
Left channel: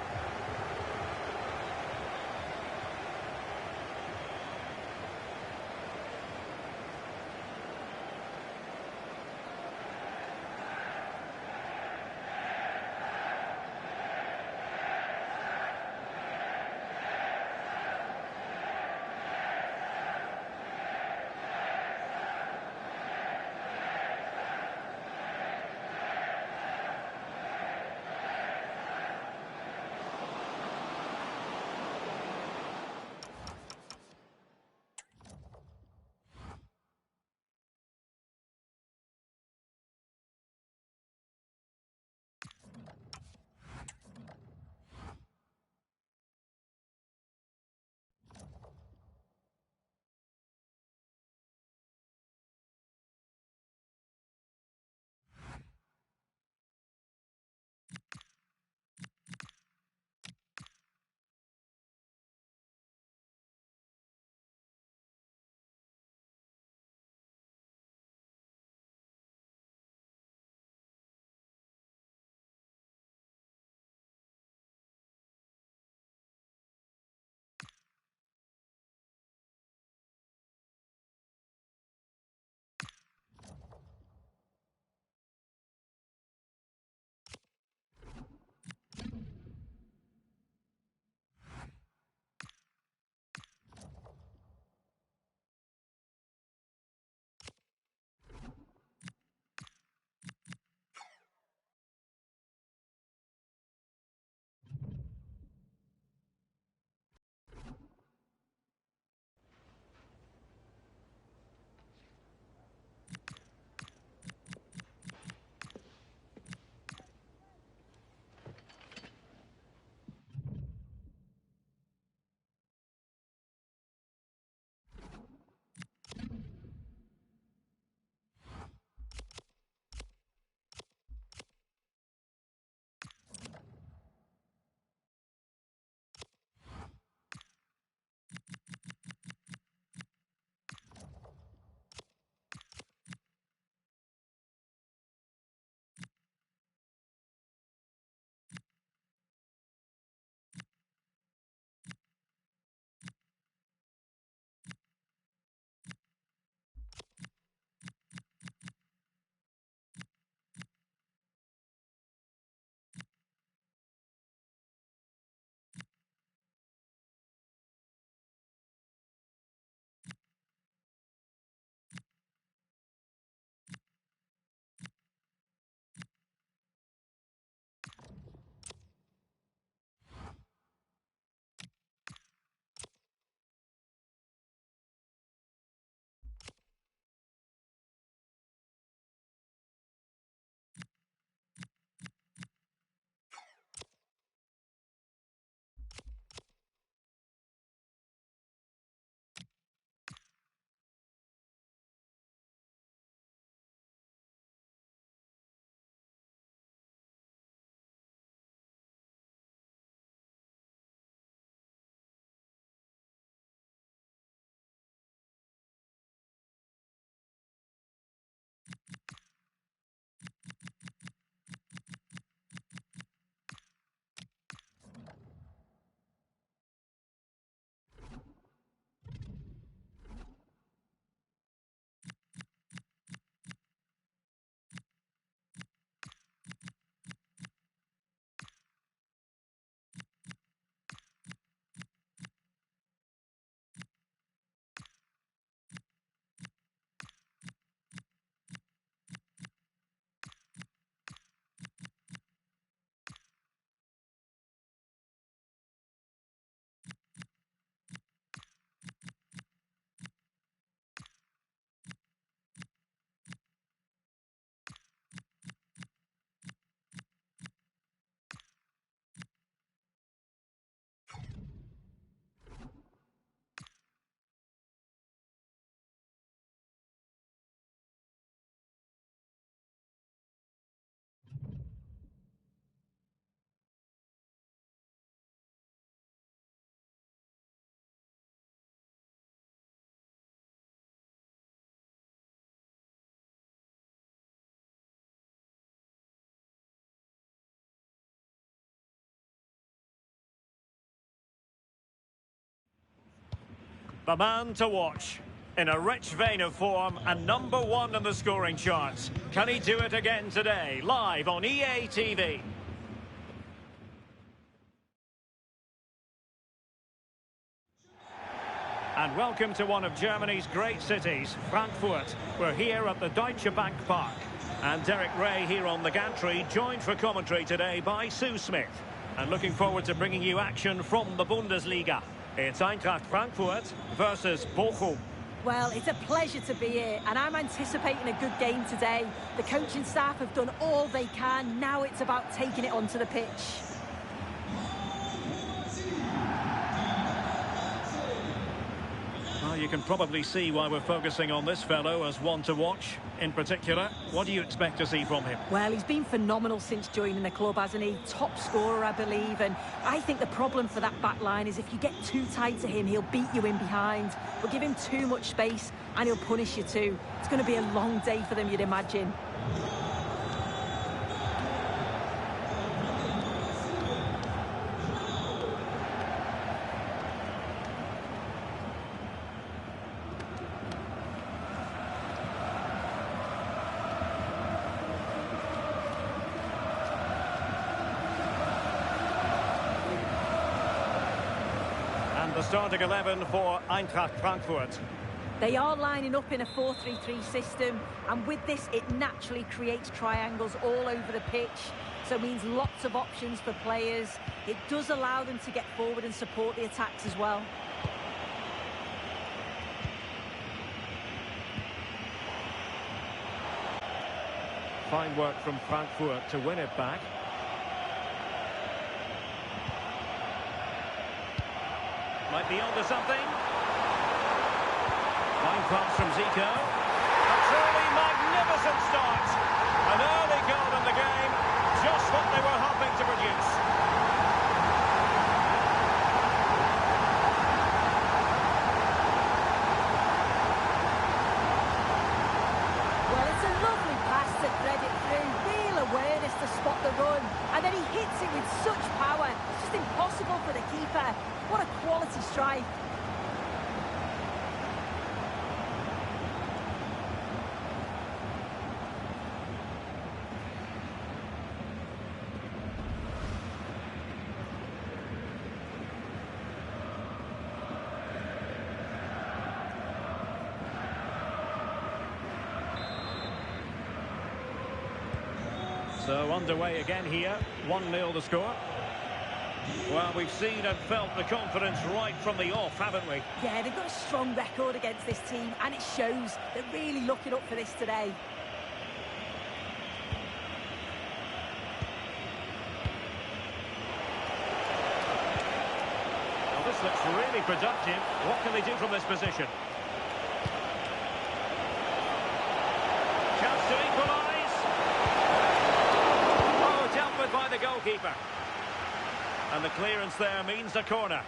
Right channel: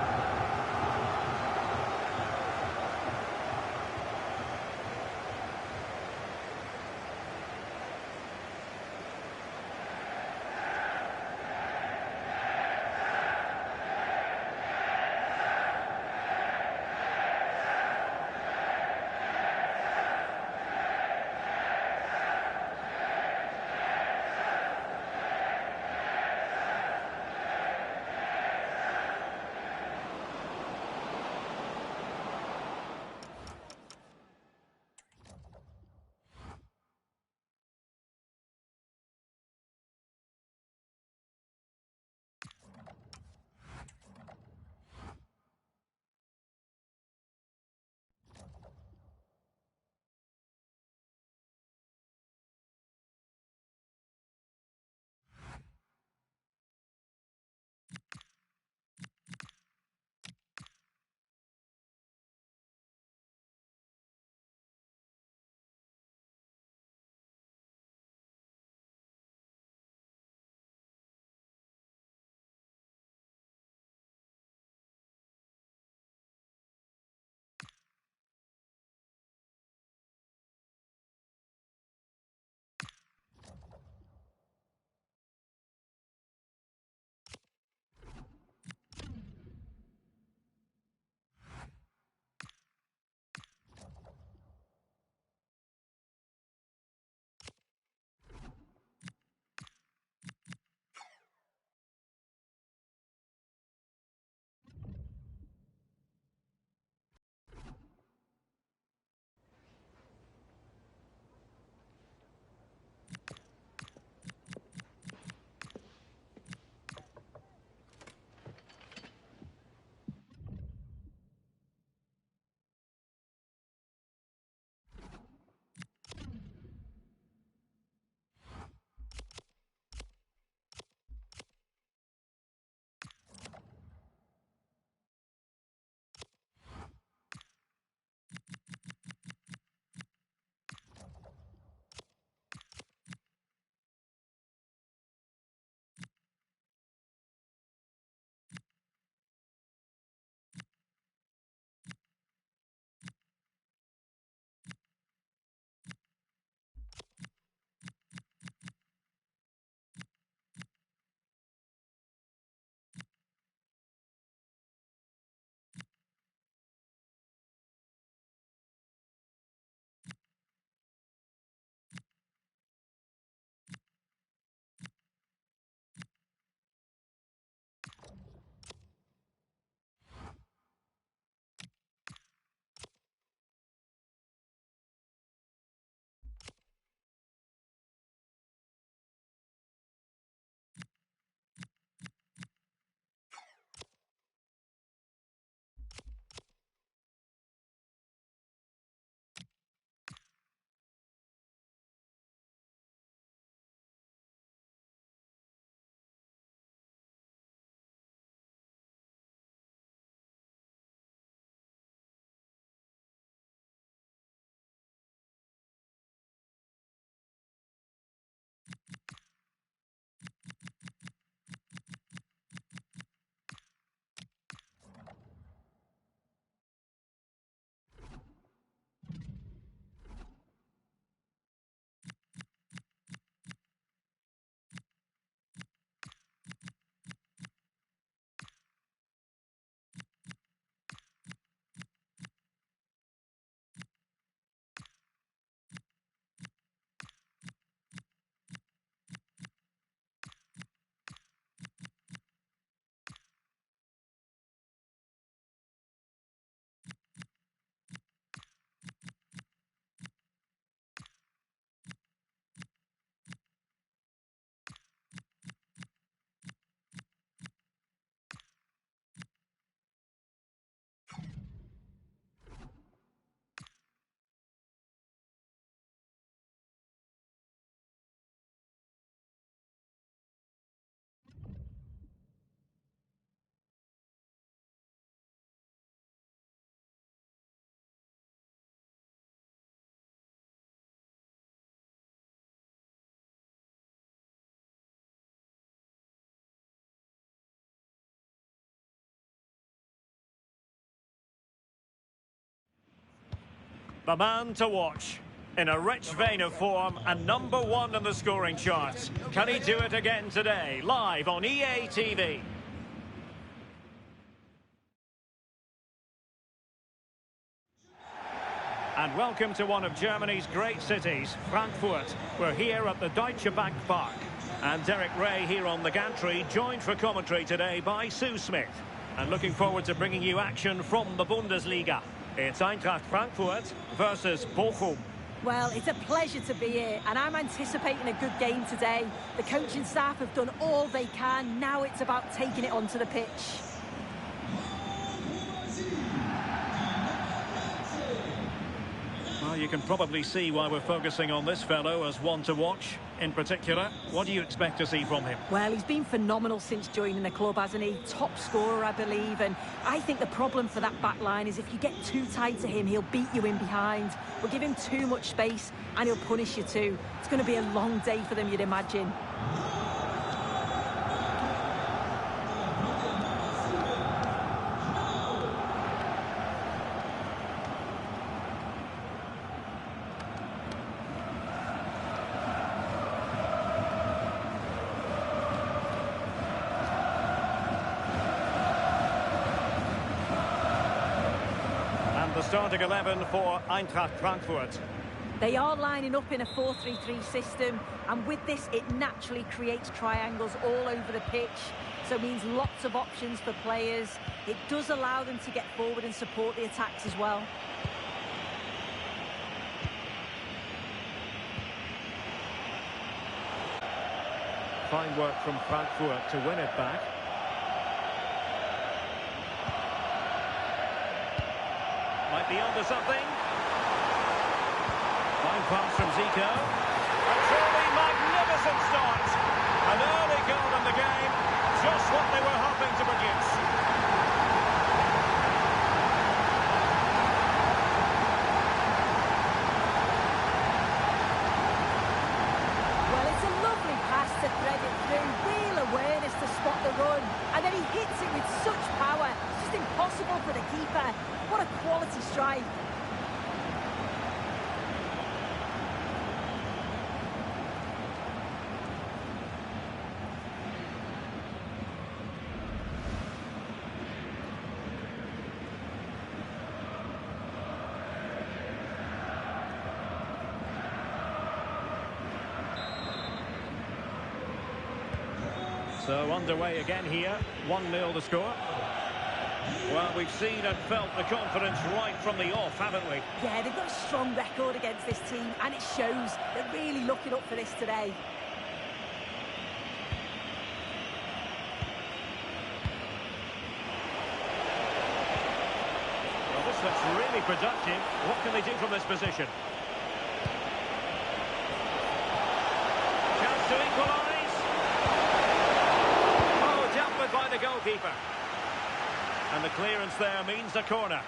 The man to watch. In a rich vein of form and #1 in the scoring charts. Can he do it again today? Live on EA TV. And welcome to one of Germany's great cities, Frankfurt. We're here at the Deutsche Bank Park. And Derek Ray here on the gantry, joined for commentary today by Sue Smith. And looking forward to bringing you action from the Bundesliga. It's Eintracht Frankfurt versus Bochum. Well, it's a pleasure to be here, and I'm anticipating a good game today. The coaching staff have done all they can. Now it's about taking it onto the pitch. Well, you can probably see why we're focusing on this fellow as one to watch. In particular, what do you expect to see from him? Well, he's been phenomenal since joining the club, hasn't he? Top scorer, I believe, and I think the problem for that back line is if you get too tight to him, he'll beat you in behind. But give him too much space and he'll punish you too. It's going to be a long day for them, you'd imagine. The starting 11 for Eintracht Frankfurt. They are lining up in a 4-3-3 system, and with this it naturally creates triangles all over the pitch, so it means lots of options for players. It does allow them to get forward and support the attacks as well. Fine work from Frankfurt to win it back. Might be onto something. Fine pass from Zico. A truly magnificent start. An early goal in the game. Just what they were hoping to produce. Well, it's a lovely pass to thread it through. Real awareness to spot the run. And then he hits it with such power. It's just impossible for the keeper. What a quality strike. So underway again here. 1-0 to score. Well, we've seen and felt the confidence right from the off, haven't we? Yeah, they've got a strong record against this team, and it shows. They're really looking up for this today. Well, this looks really productive. What can they do from this position? Chance to equalise. Oh, dealt with by the goalkeeper. And the clearance there means a corner.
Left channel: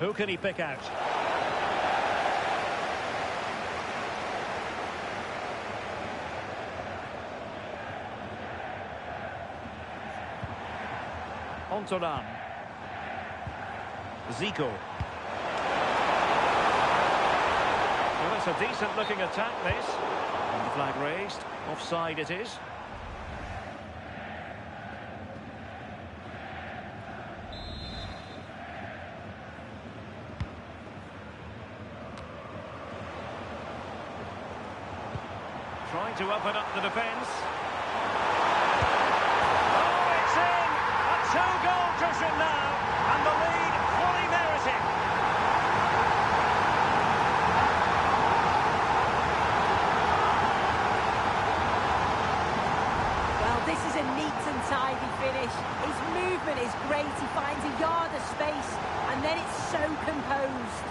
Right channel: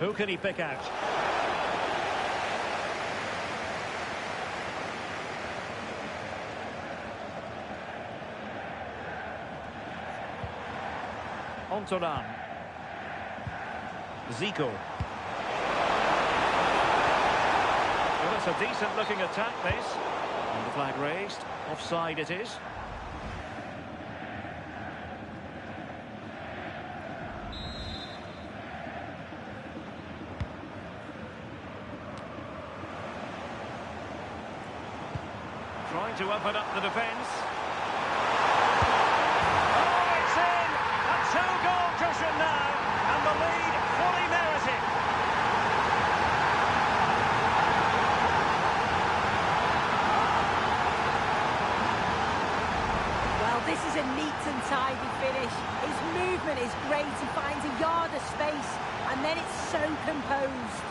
Who can he pick out? Ontoran. Zico. Well, it's a decent-looking attack, this. And the flag raised. Offside it is. Trying to open up the defence. Oh, it's in! A two-goal cushion now, and the lead fully merited. Well, this is a neat and tidy finish. His movement is great. He finds a yard of space, and then it's so composed.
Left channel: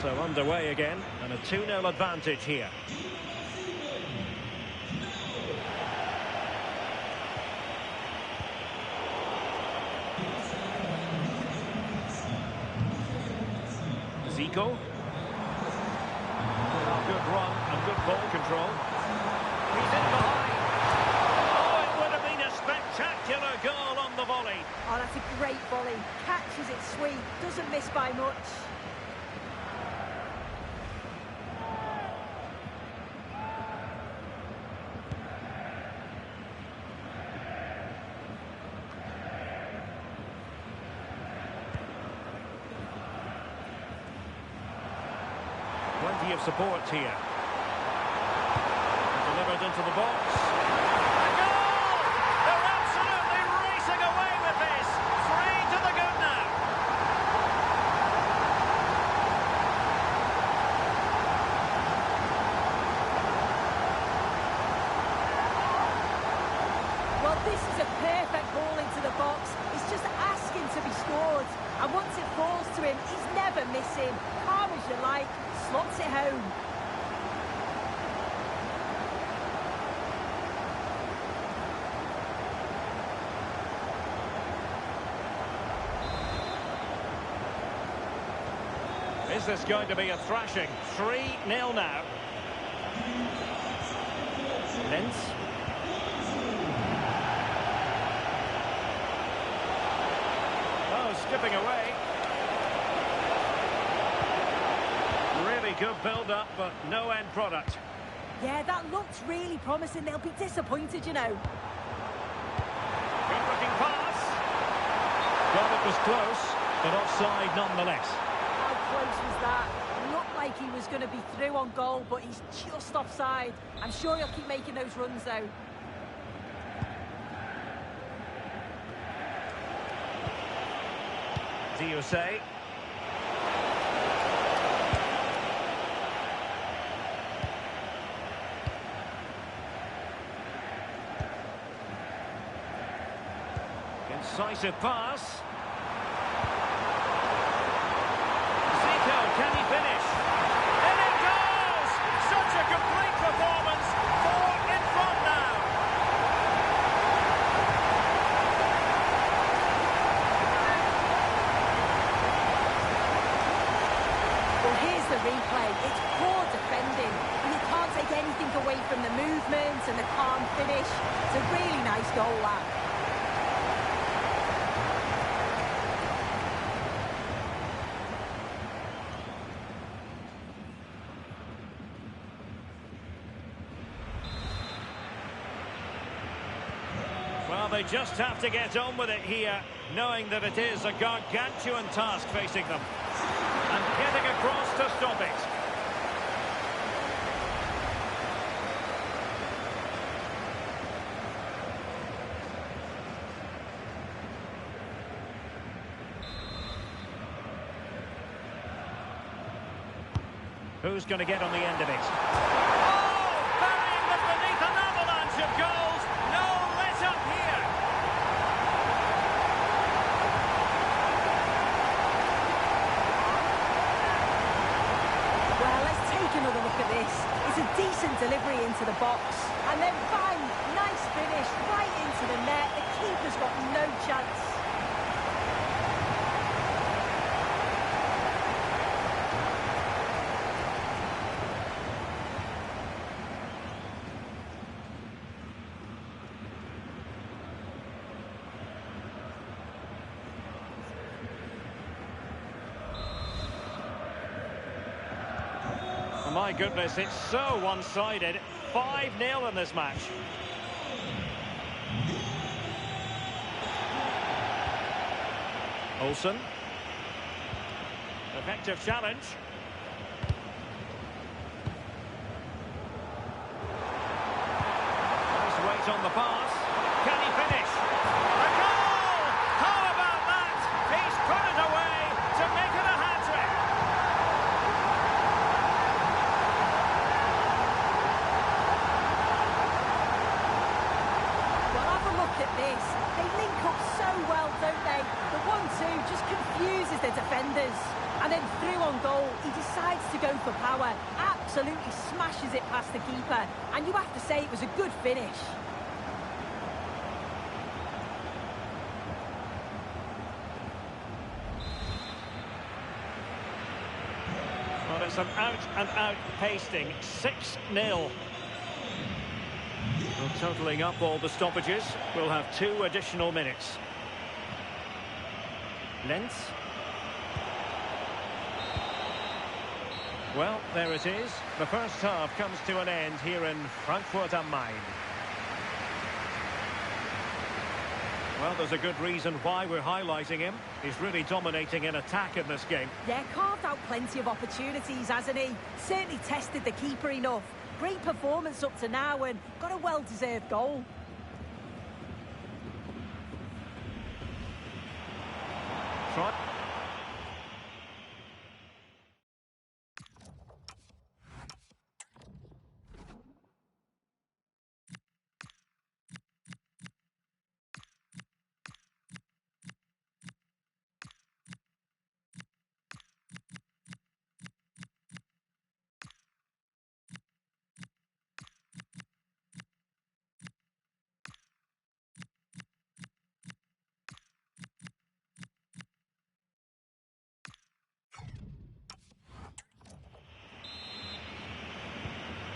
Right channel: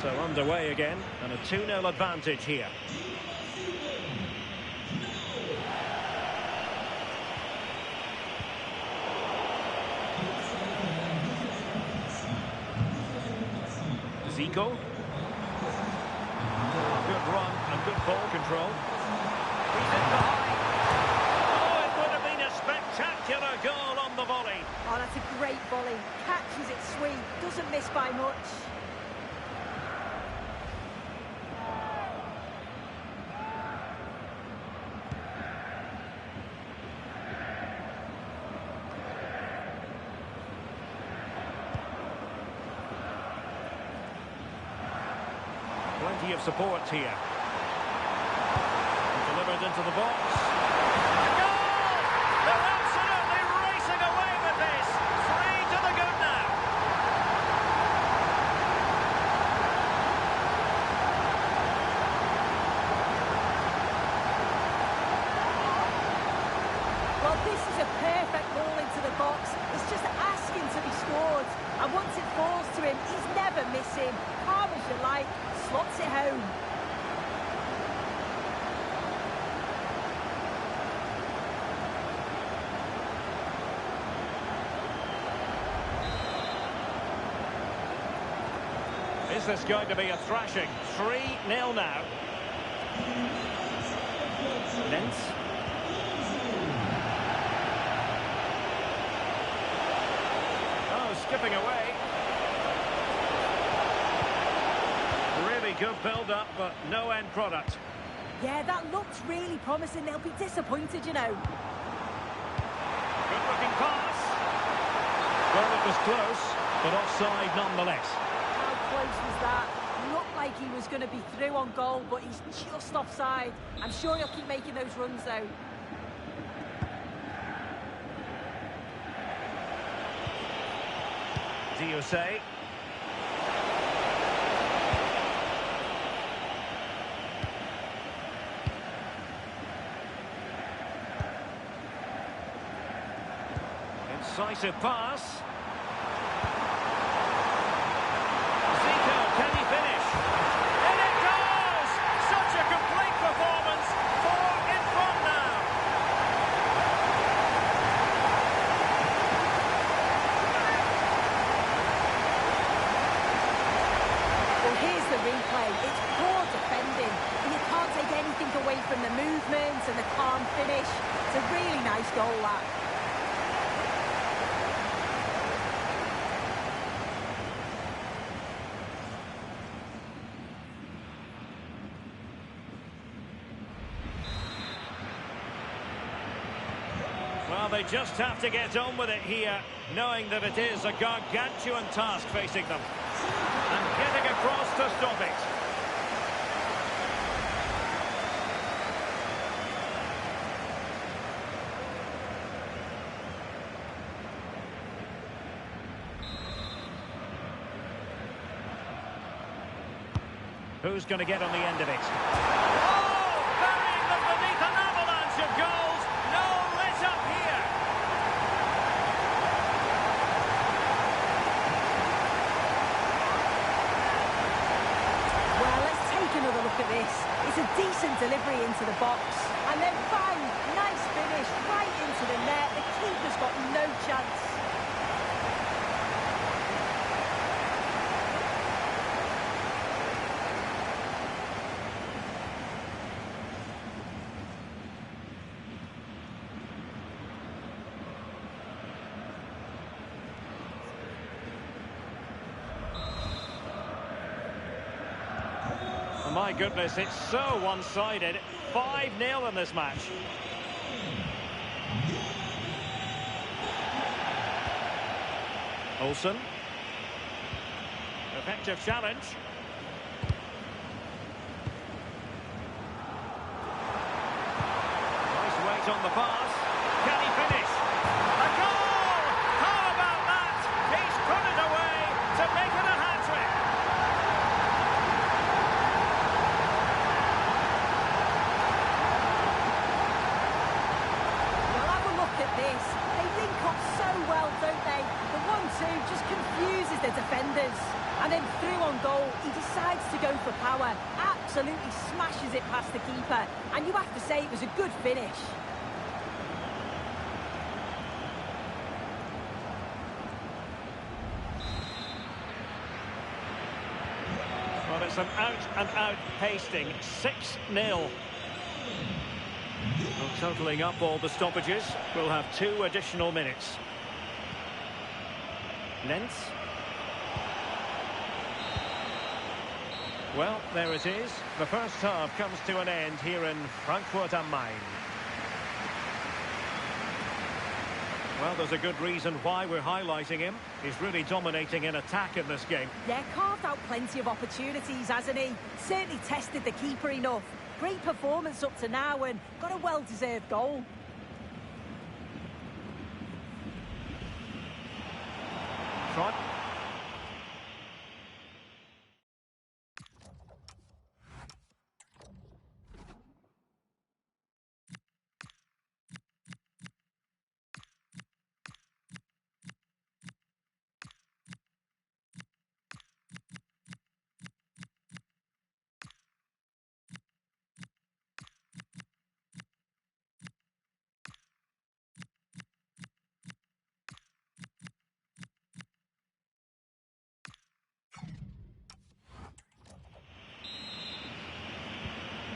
So underway again, and a 2-0 advantage here. Zico. Oh, good run and good ball control. He's in behind. Oh, it would have been a spectacular goal on the volley. Oh, that's a great volley. Catches it sweet, doesn't miss by much. Plenty of support here. Delivered into the box. A goal! They're absolutely racing away with this. 3 to the good now. Well, this is a perfect ball into the box. It's just asking to be scored. And once it falls to him, he's never missing. Calm as you like, slots it home. Is this going to be a thrashing? 3-0 now. Lentz. Oh, skipping away. Really good build-up, but no end product. Yeah, that looked really promising. They'll be disappointed, you know. Good-looking pass. Well, it was close, but offside nonetheless. How close was that? Looked like he was going to be through on goal, but he's just offside. I'm sure he'll keep making those runs, though. Diosay. Incisive pass. Zico, can he finish? In it goes! Such a complete performance. 4 in front now. Well, here's the replay. It's poor defending, but you can't take anything away from the movement and the calm finish. It's a really nice goal, that. Well, they just have to get on with it here, knowing that it is a gargantuan task facing them. And getting across to stop it. Who's going to get on the end of it? Oh, burying them beneath an avalanche of goals. No let up here. Well, let's take another look at this. It's a decent delivery into the box. And then bang, nice finish right into the net. The keeper's got no chance. My goodness, it's so one-sided. 5-0 in this match. Olsen. Effective challenge. Nice weight on the pass. Can he finish? A goal! How about that? He's put it away to make it a hat-trick. Look at this. They link up so well, don't they? The 1-2 just confuses the defenders. And then through on goal, he decides to go for power. Absolutely smashes it past the keeper. And you have to say it was a good finish. Well, it's an out-and-out pasting, 6-0. Well, totalling up all the stoppages, we'll have 2 additional minutes. Lentz. Well, there it is. The first half comes to an end here in Frankfurt am Main. Well, there's a good reason why we're highlighting him. He's really dominating in attack in this game. Yeah, carved out plenty of opportunities, hasn't he? Certainly tested the keeper enough. Great performance up to now and got a well-deserved goal. Trot.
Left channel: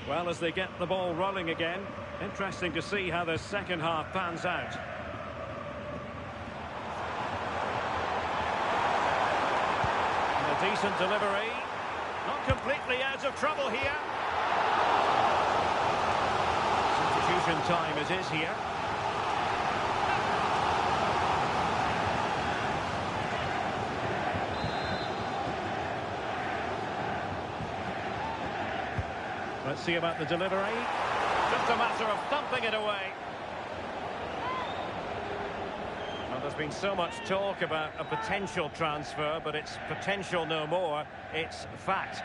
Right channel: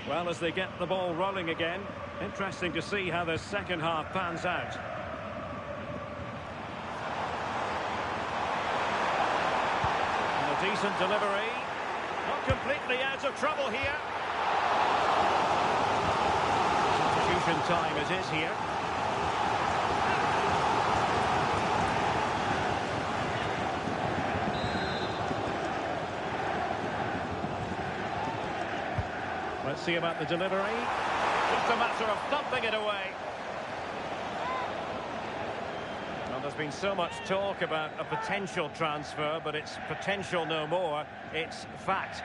Well, as they get the ball rolling again, interesting to see how the second half pans out. And a decent delivery. Not completely out of trouble here. Substitution time it is here. Let's see about the delivery. Just a matter of thumping it away. Well, there's been so much talk about a potential transfer, but it's potential no more. It's fact.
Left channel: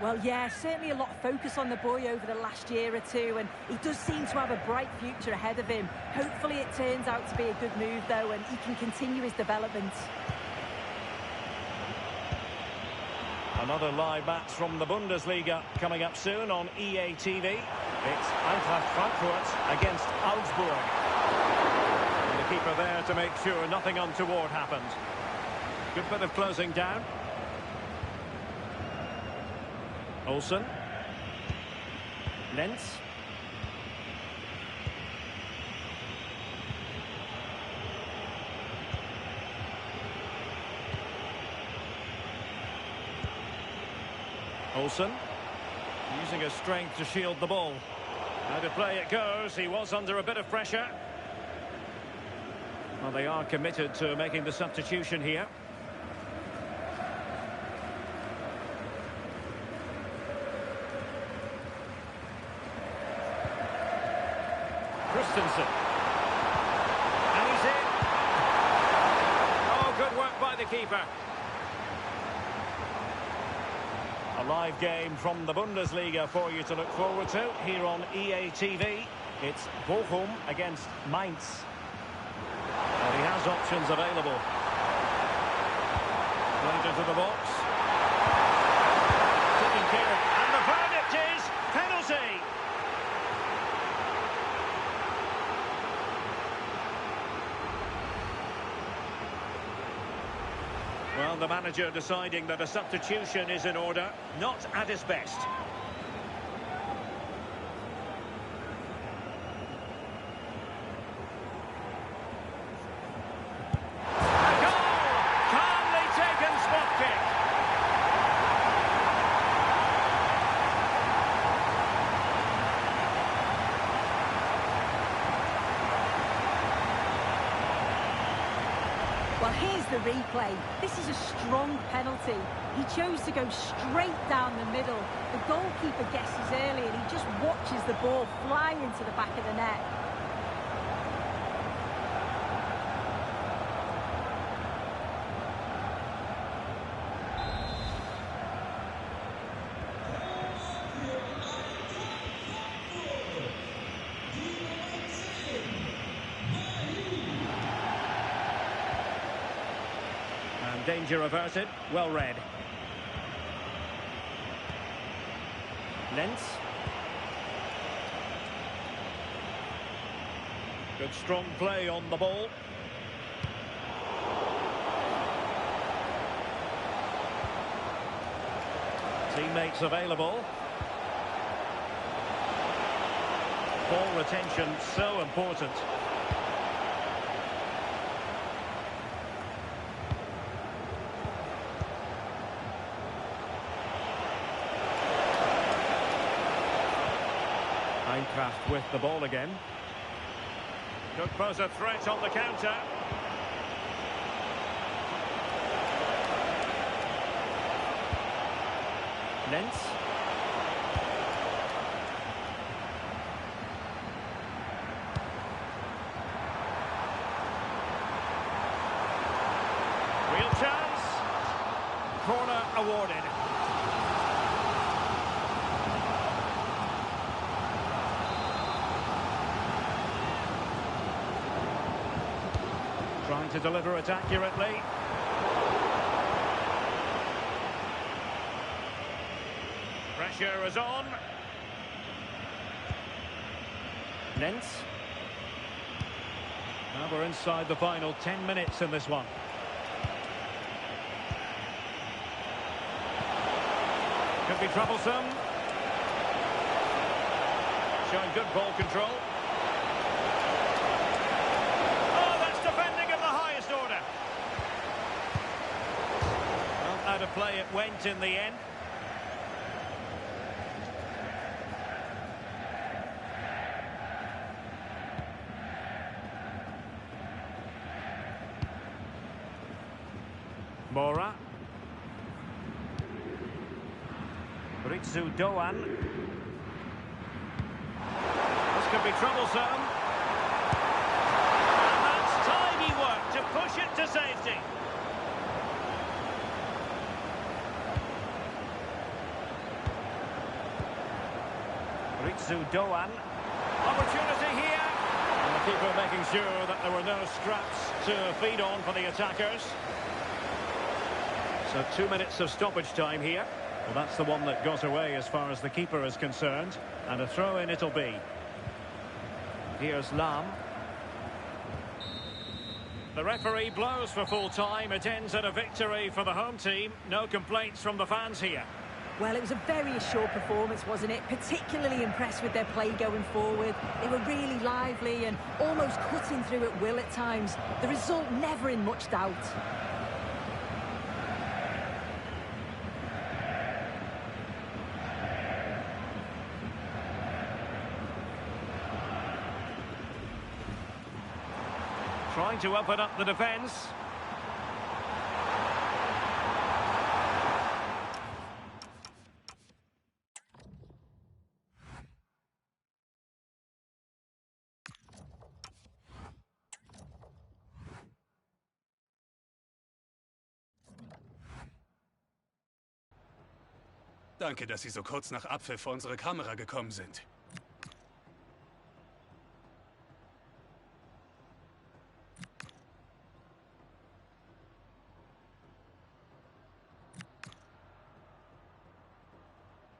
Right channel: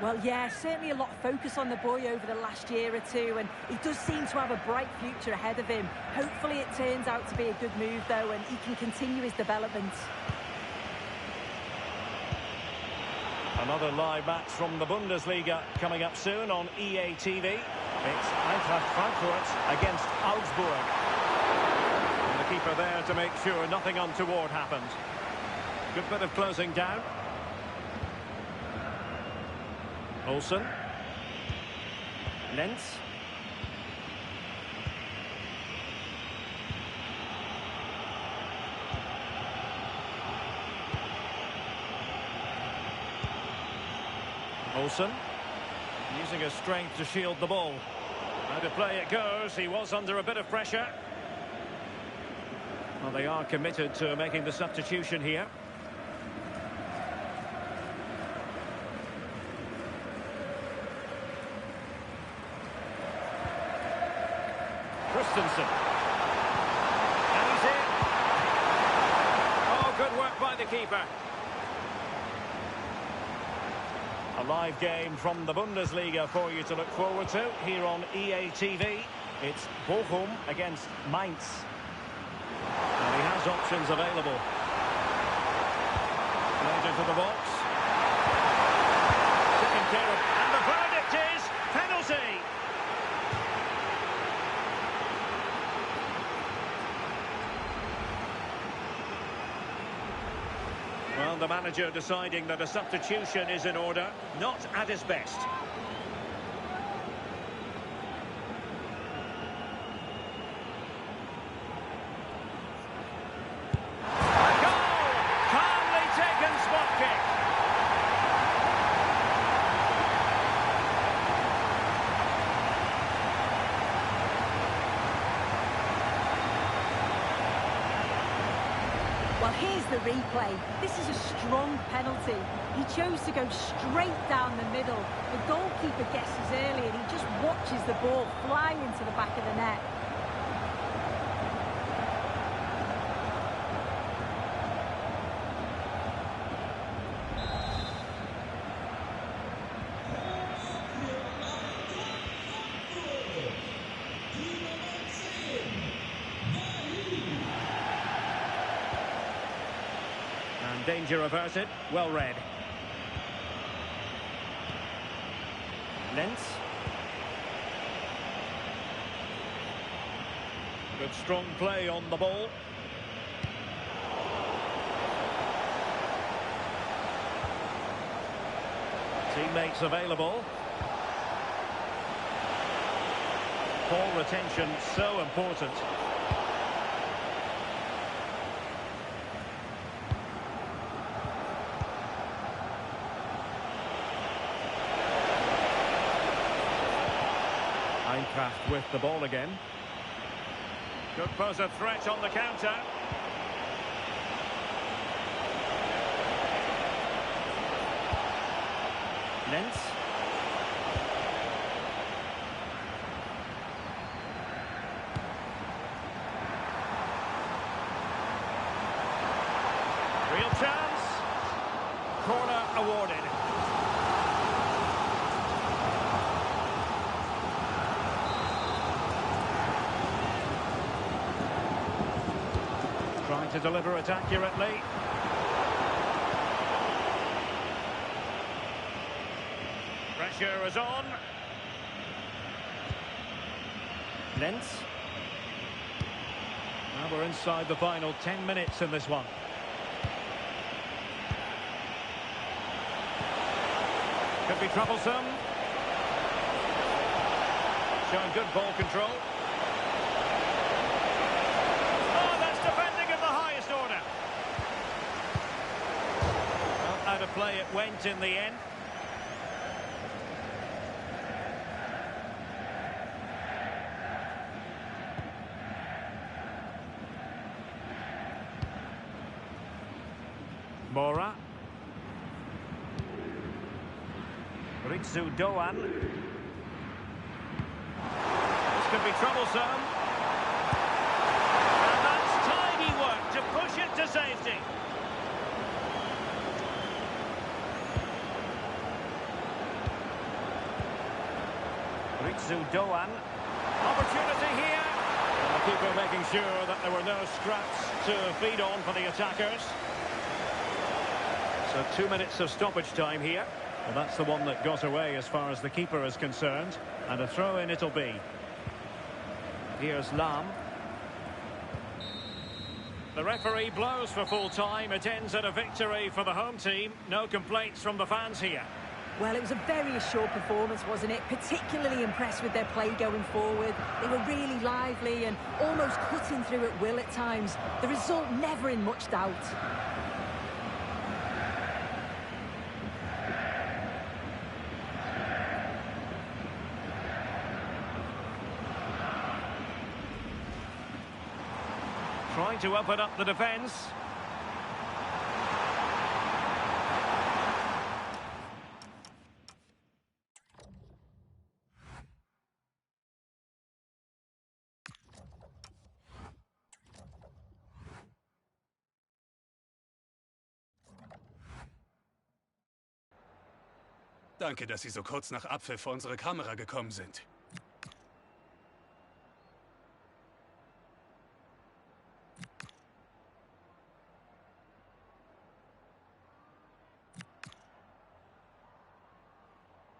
Well, yeah, certainly a lot of focus on the boy over the last year or two, and he does seem to have a bright future ahead of him. Hopefully it turns out to be a good move, though, and he can continue his development. Another live match from the Bundesliga coming up soon on EA TV. It's Antrachт Frankfurt against Augsburg. And the keeper there to make sure nothing untoward happened. Good bit of closing down. Olsen. Lentz. Olsen, using his strength to shield the ball. Out of play it goes. He was under a bit of pressure. Well, they are committed to making the substitution here. Christensen. And he's in. Oh, good work by the keeper. A live game from the Bundesliga for you to look forward to here on EA TV. It's Bochum against Mainz. And he has options available. Played into the box. Taken care of. And the verdict is penalty. Well, the manager deciding that a substitution is in order, not at his best. A goal! Calmly taken spot kick. Well, here's the replay. This is a strong penalty. He chose to go straight down the middle. The goalkeeper guesses early and he just watches the ball fly into the back of the net. Danger averted. Well read. Lentz. Good strong play on the ball. Teammates available. Ball retention so important. Antrahт with the ball again. Could pose a threat on the counter. Lentz. Real chance. Corner awarded. Trying to deliver it accurately. Pressure is on. Lentz. Now we're inside the final 10 minutes in this one. Could be troublesome. Showing good ball control. Oh, that's defending of the highest order. Well, out of play it went in the end. Mora. Ritsu Doan. This could be troublesome. And that's tidy work to push it to safety. Ritsu Doan. Opportunity here. And the keeper making sure that there were no scraps to feed on for the attackers. So 2 minutes of stoppage time here. Well, that's the one that got away as far as the keeper is concerned. And a throw-in it'll be. Here's Lam. The referee blows for full time. It ends at a victory for the home team. No complaints from the fans here. Well, it was a very assured performance, wasn't it? Particularly impressed with their play going forward. They were really lively and almost cutting through at will at times. The result never in much doubt. Trying to open up the defence. Danke, dass Sie so kurz nach Abpfiff vor unsere Kamera gekommen sind.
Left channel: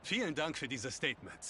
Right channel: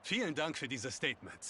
Vielen Dank für diese Statements.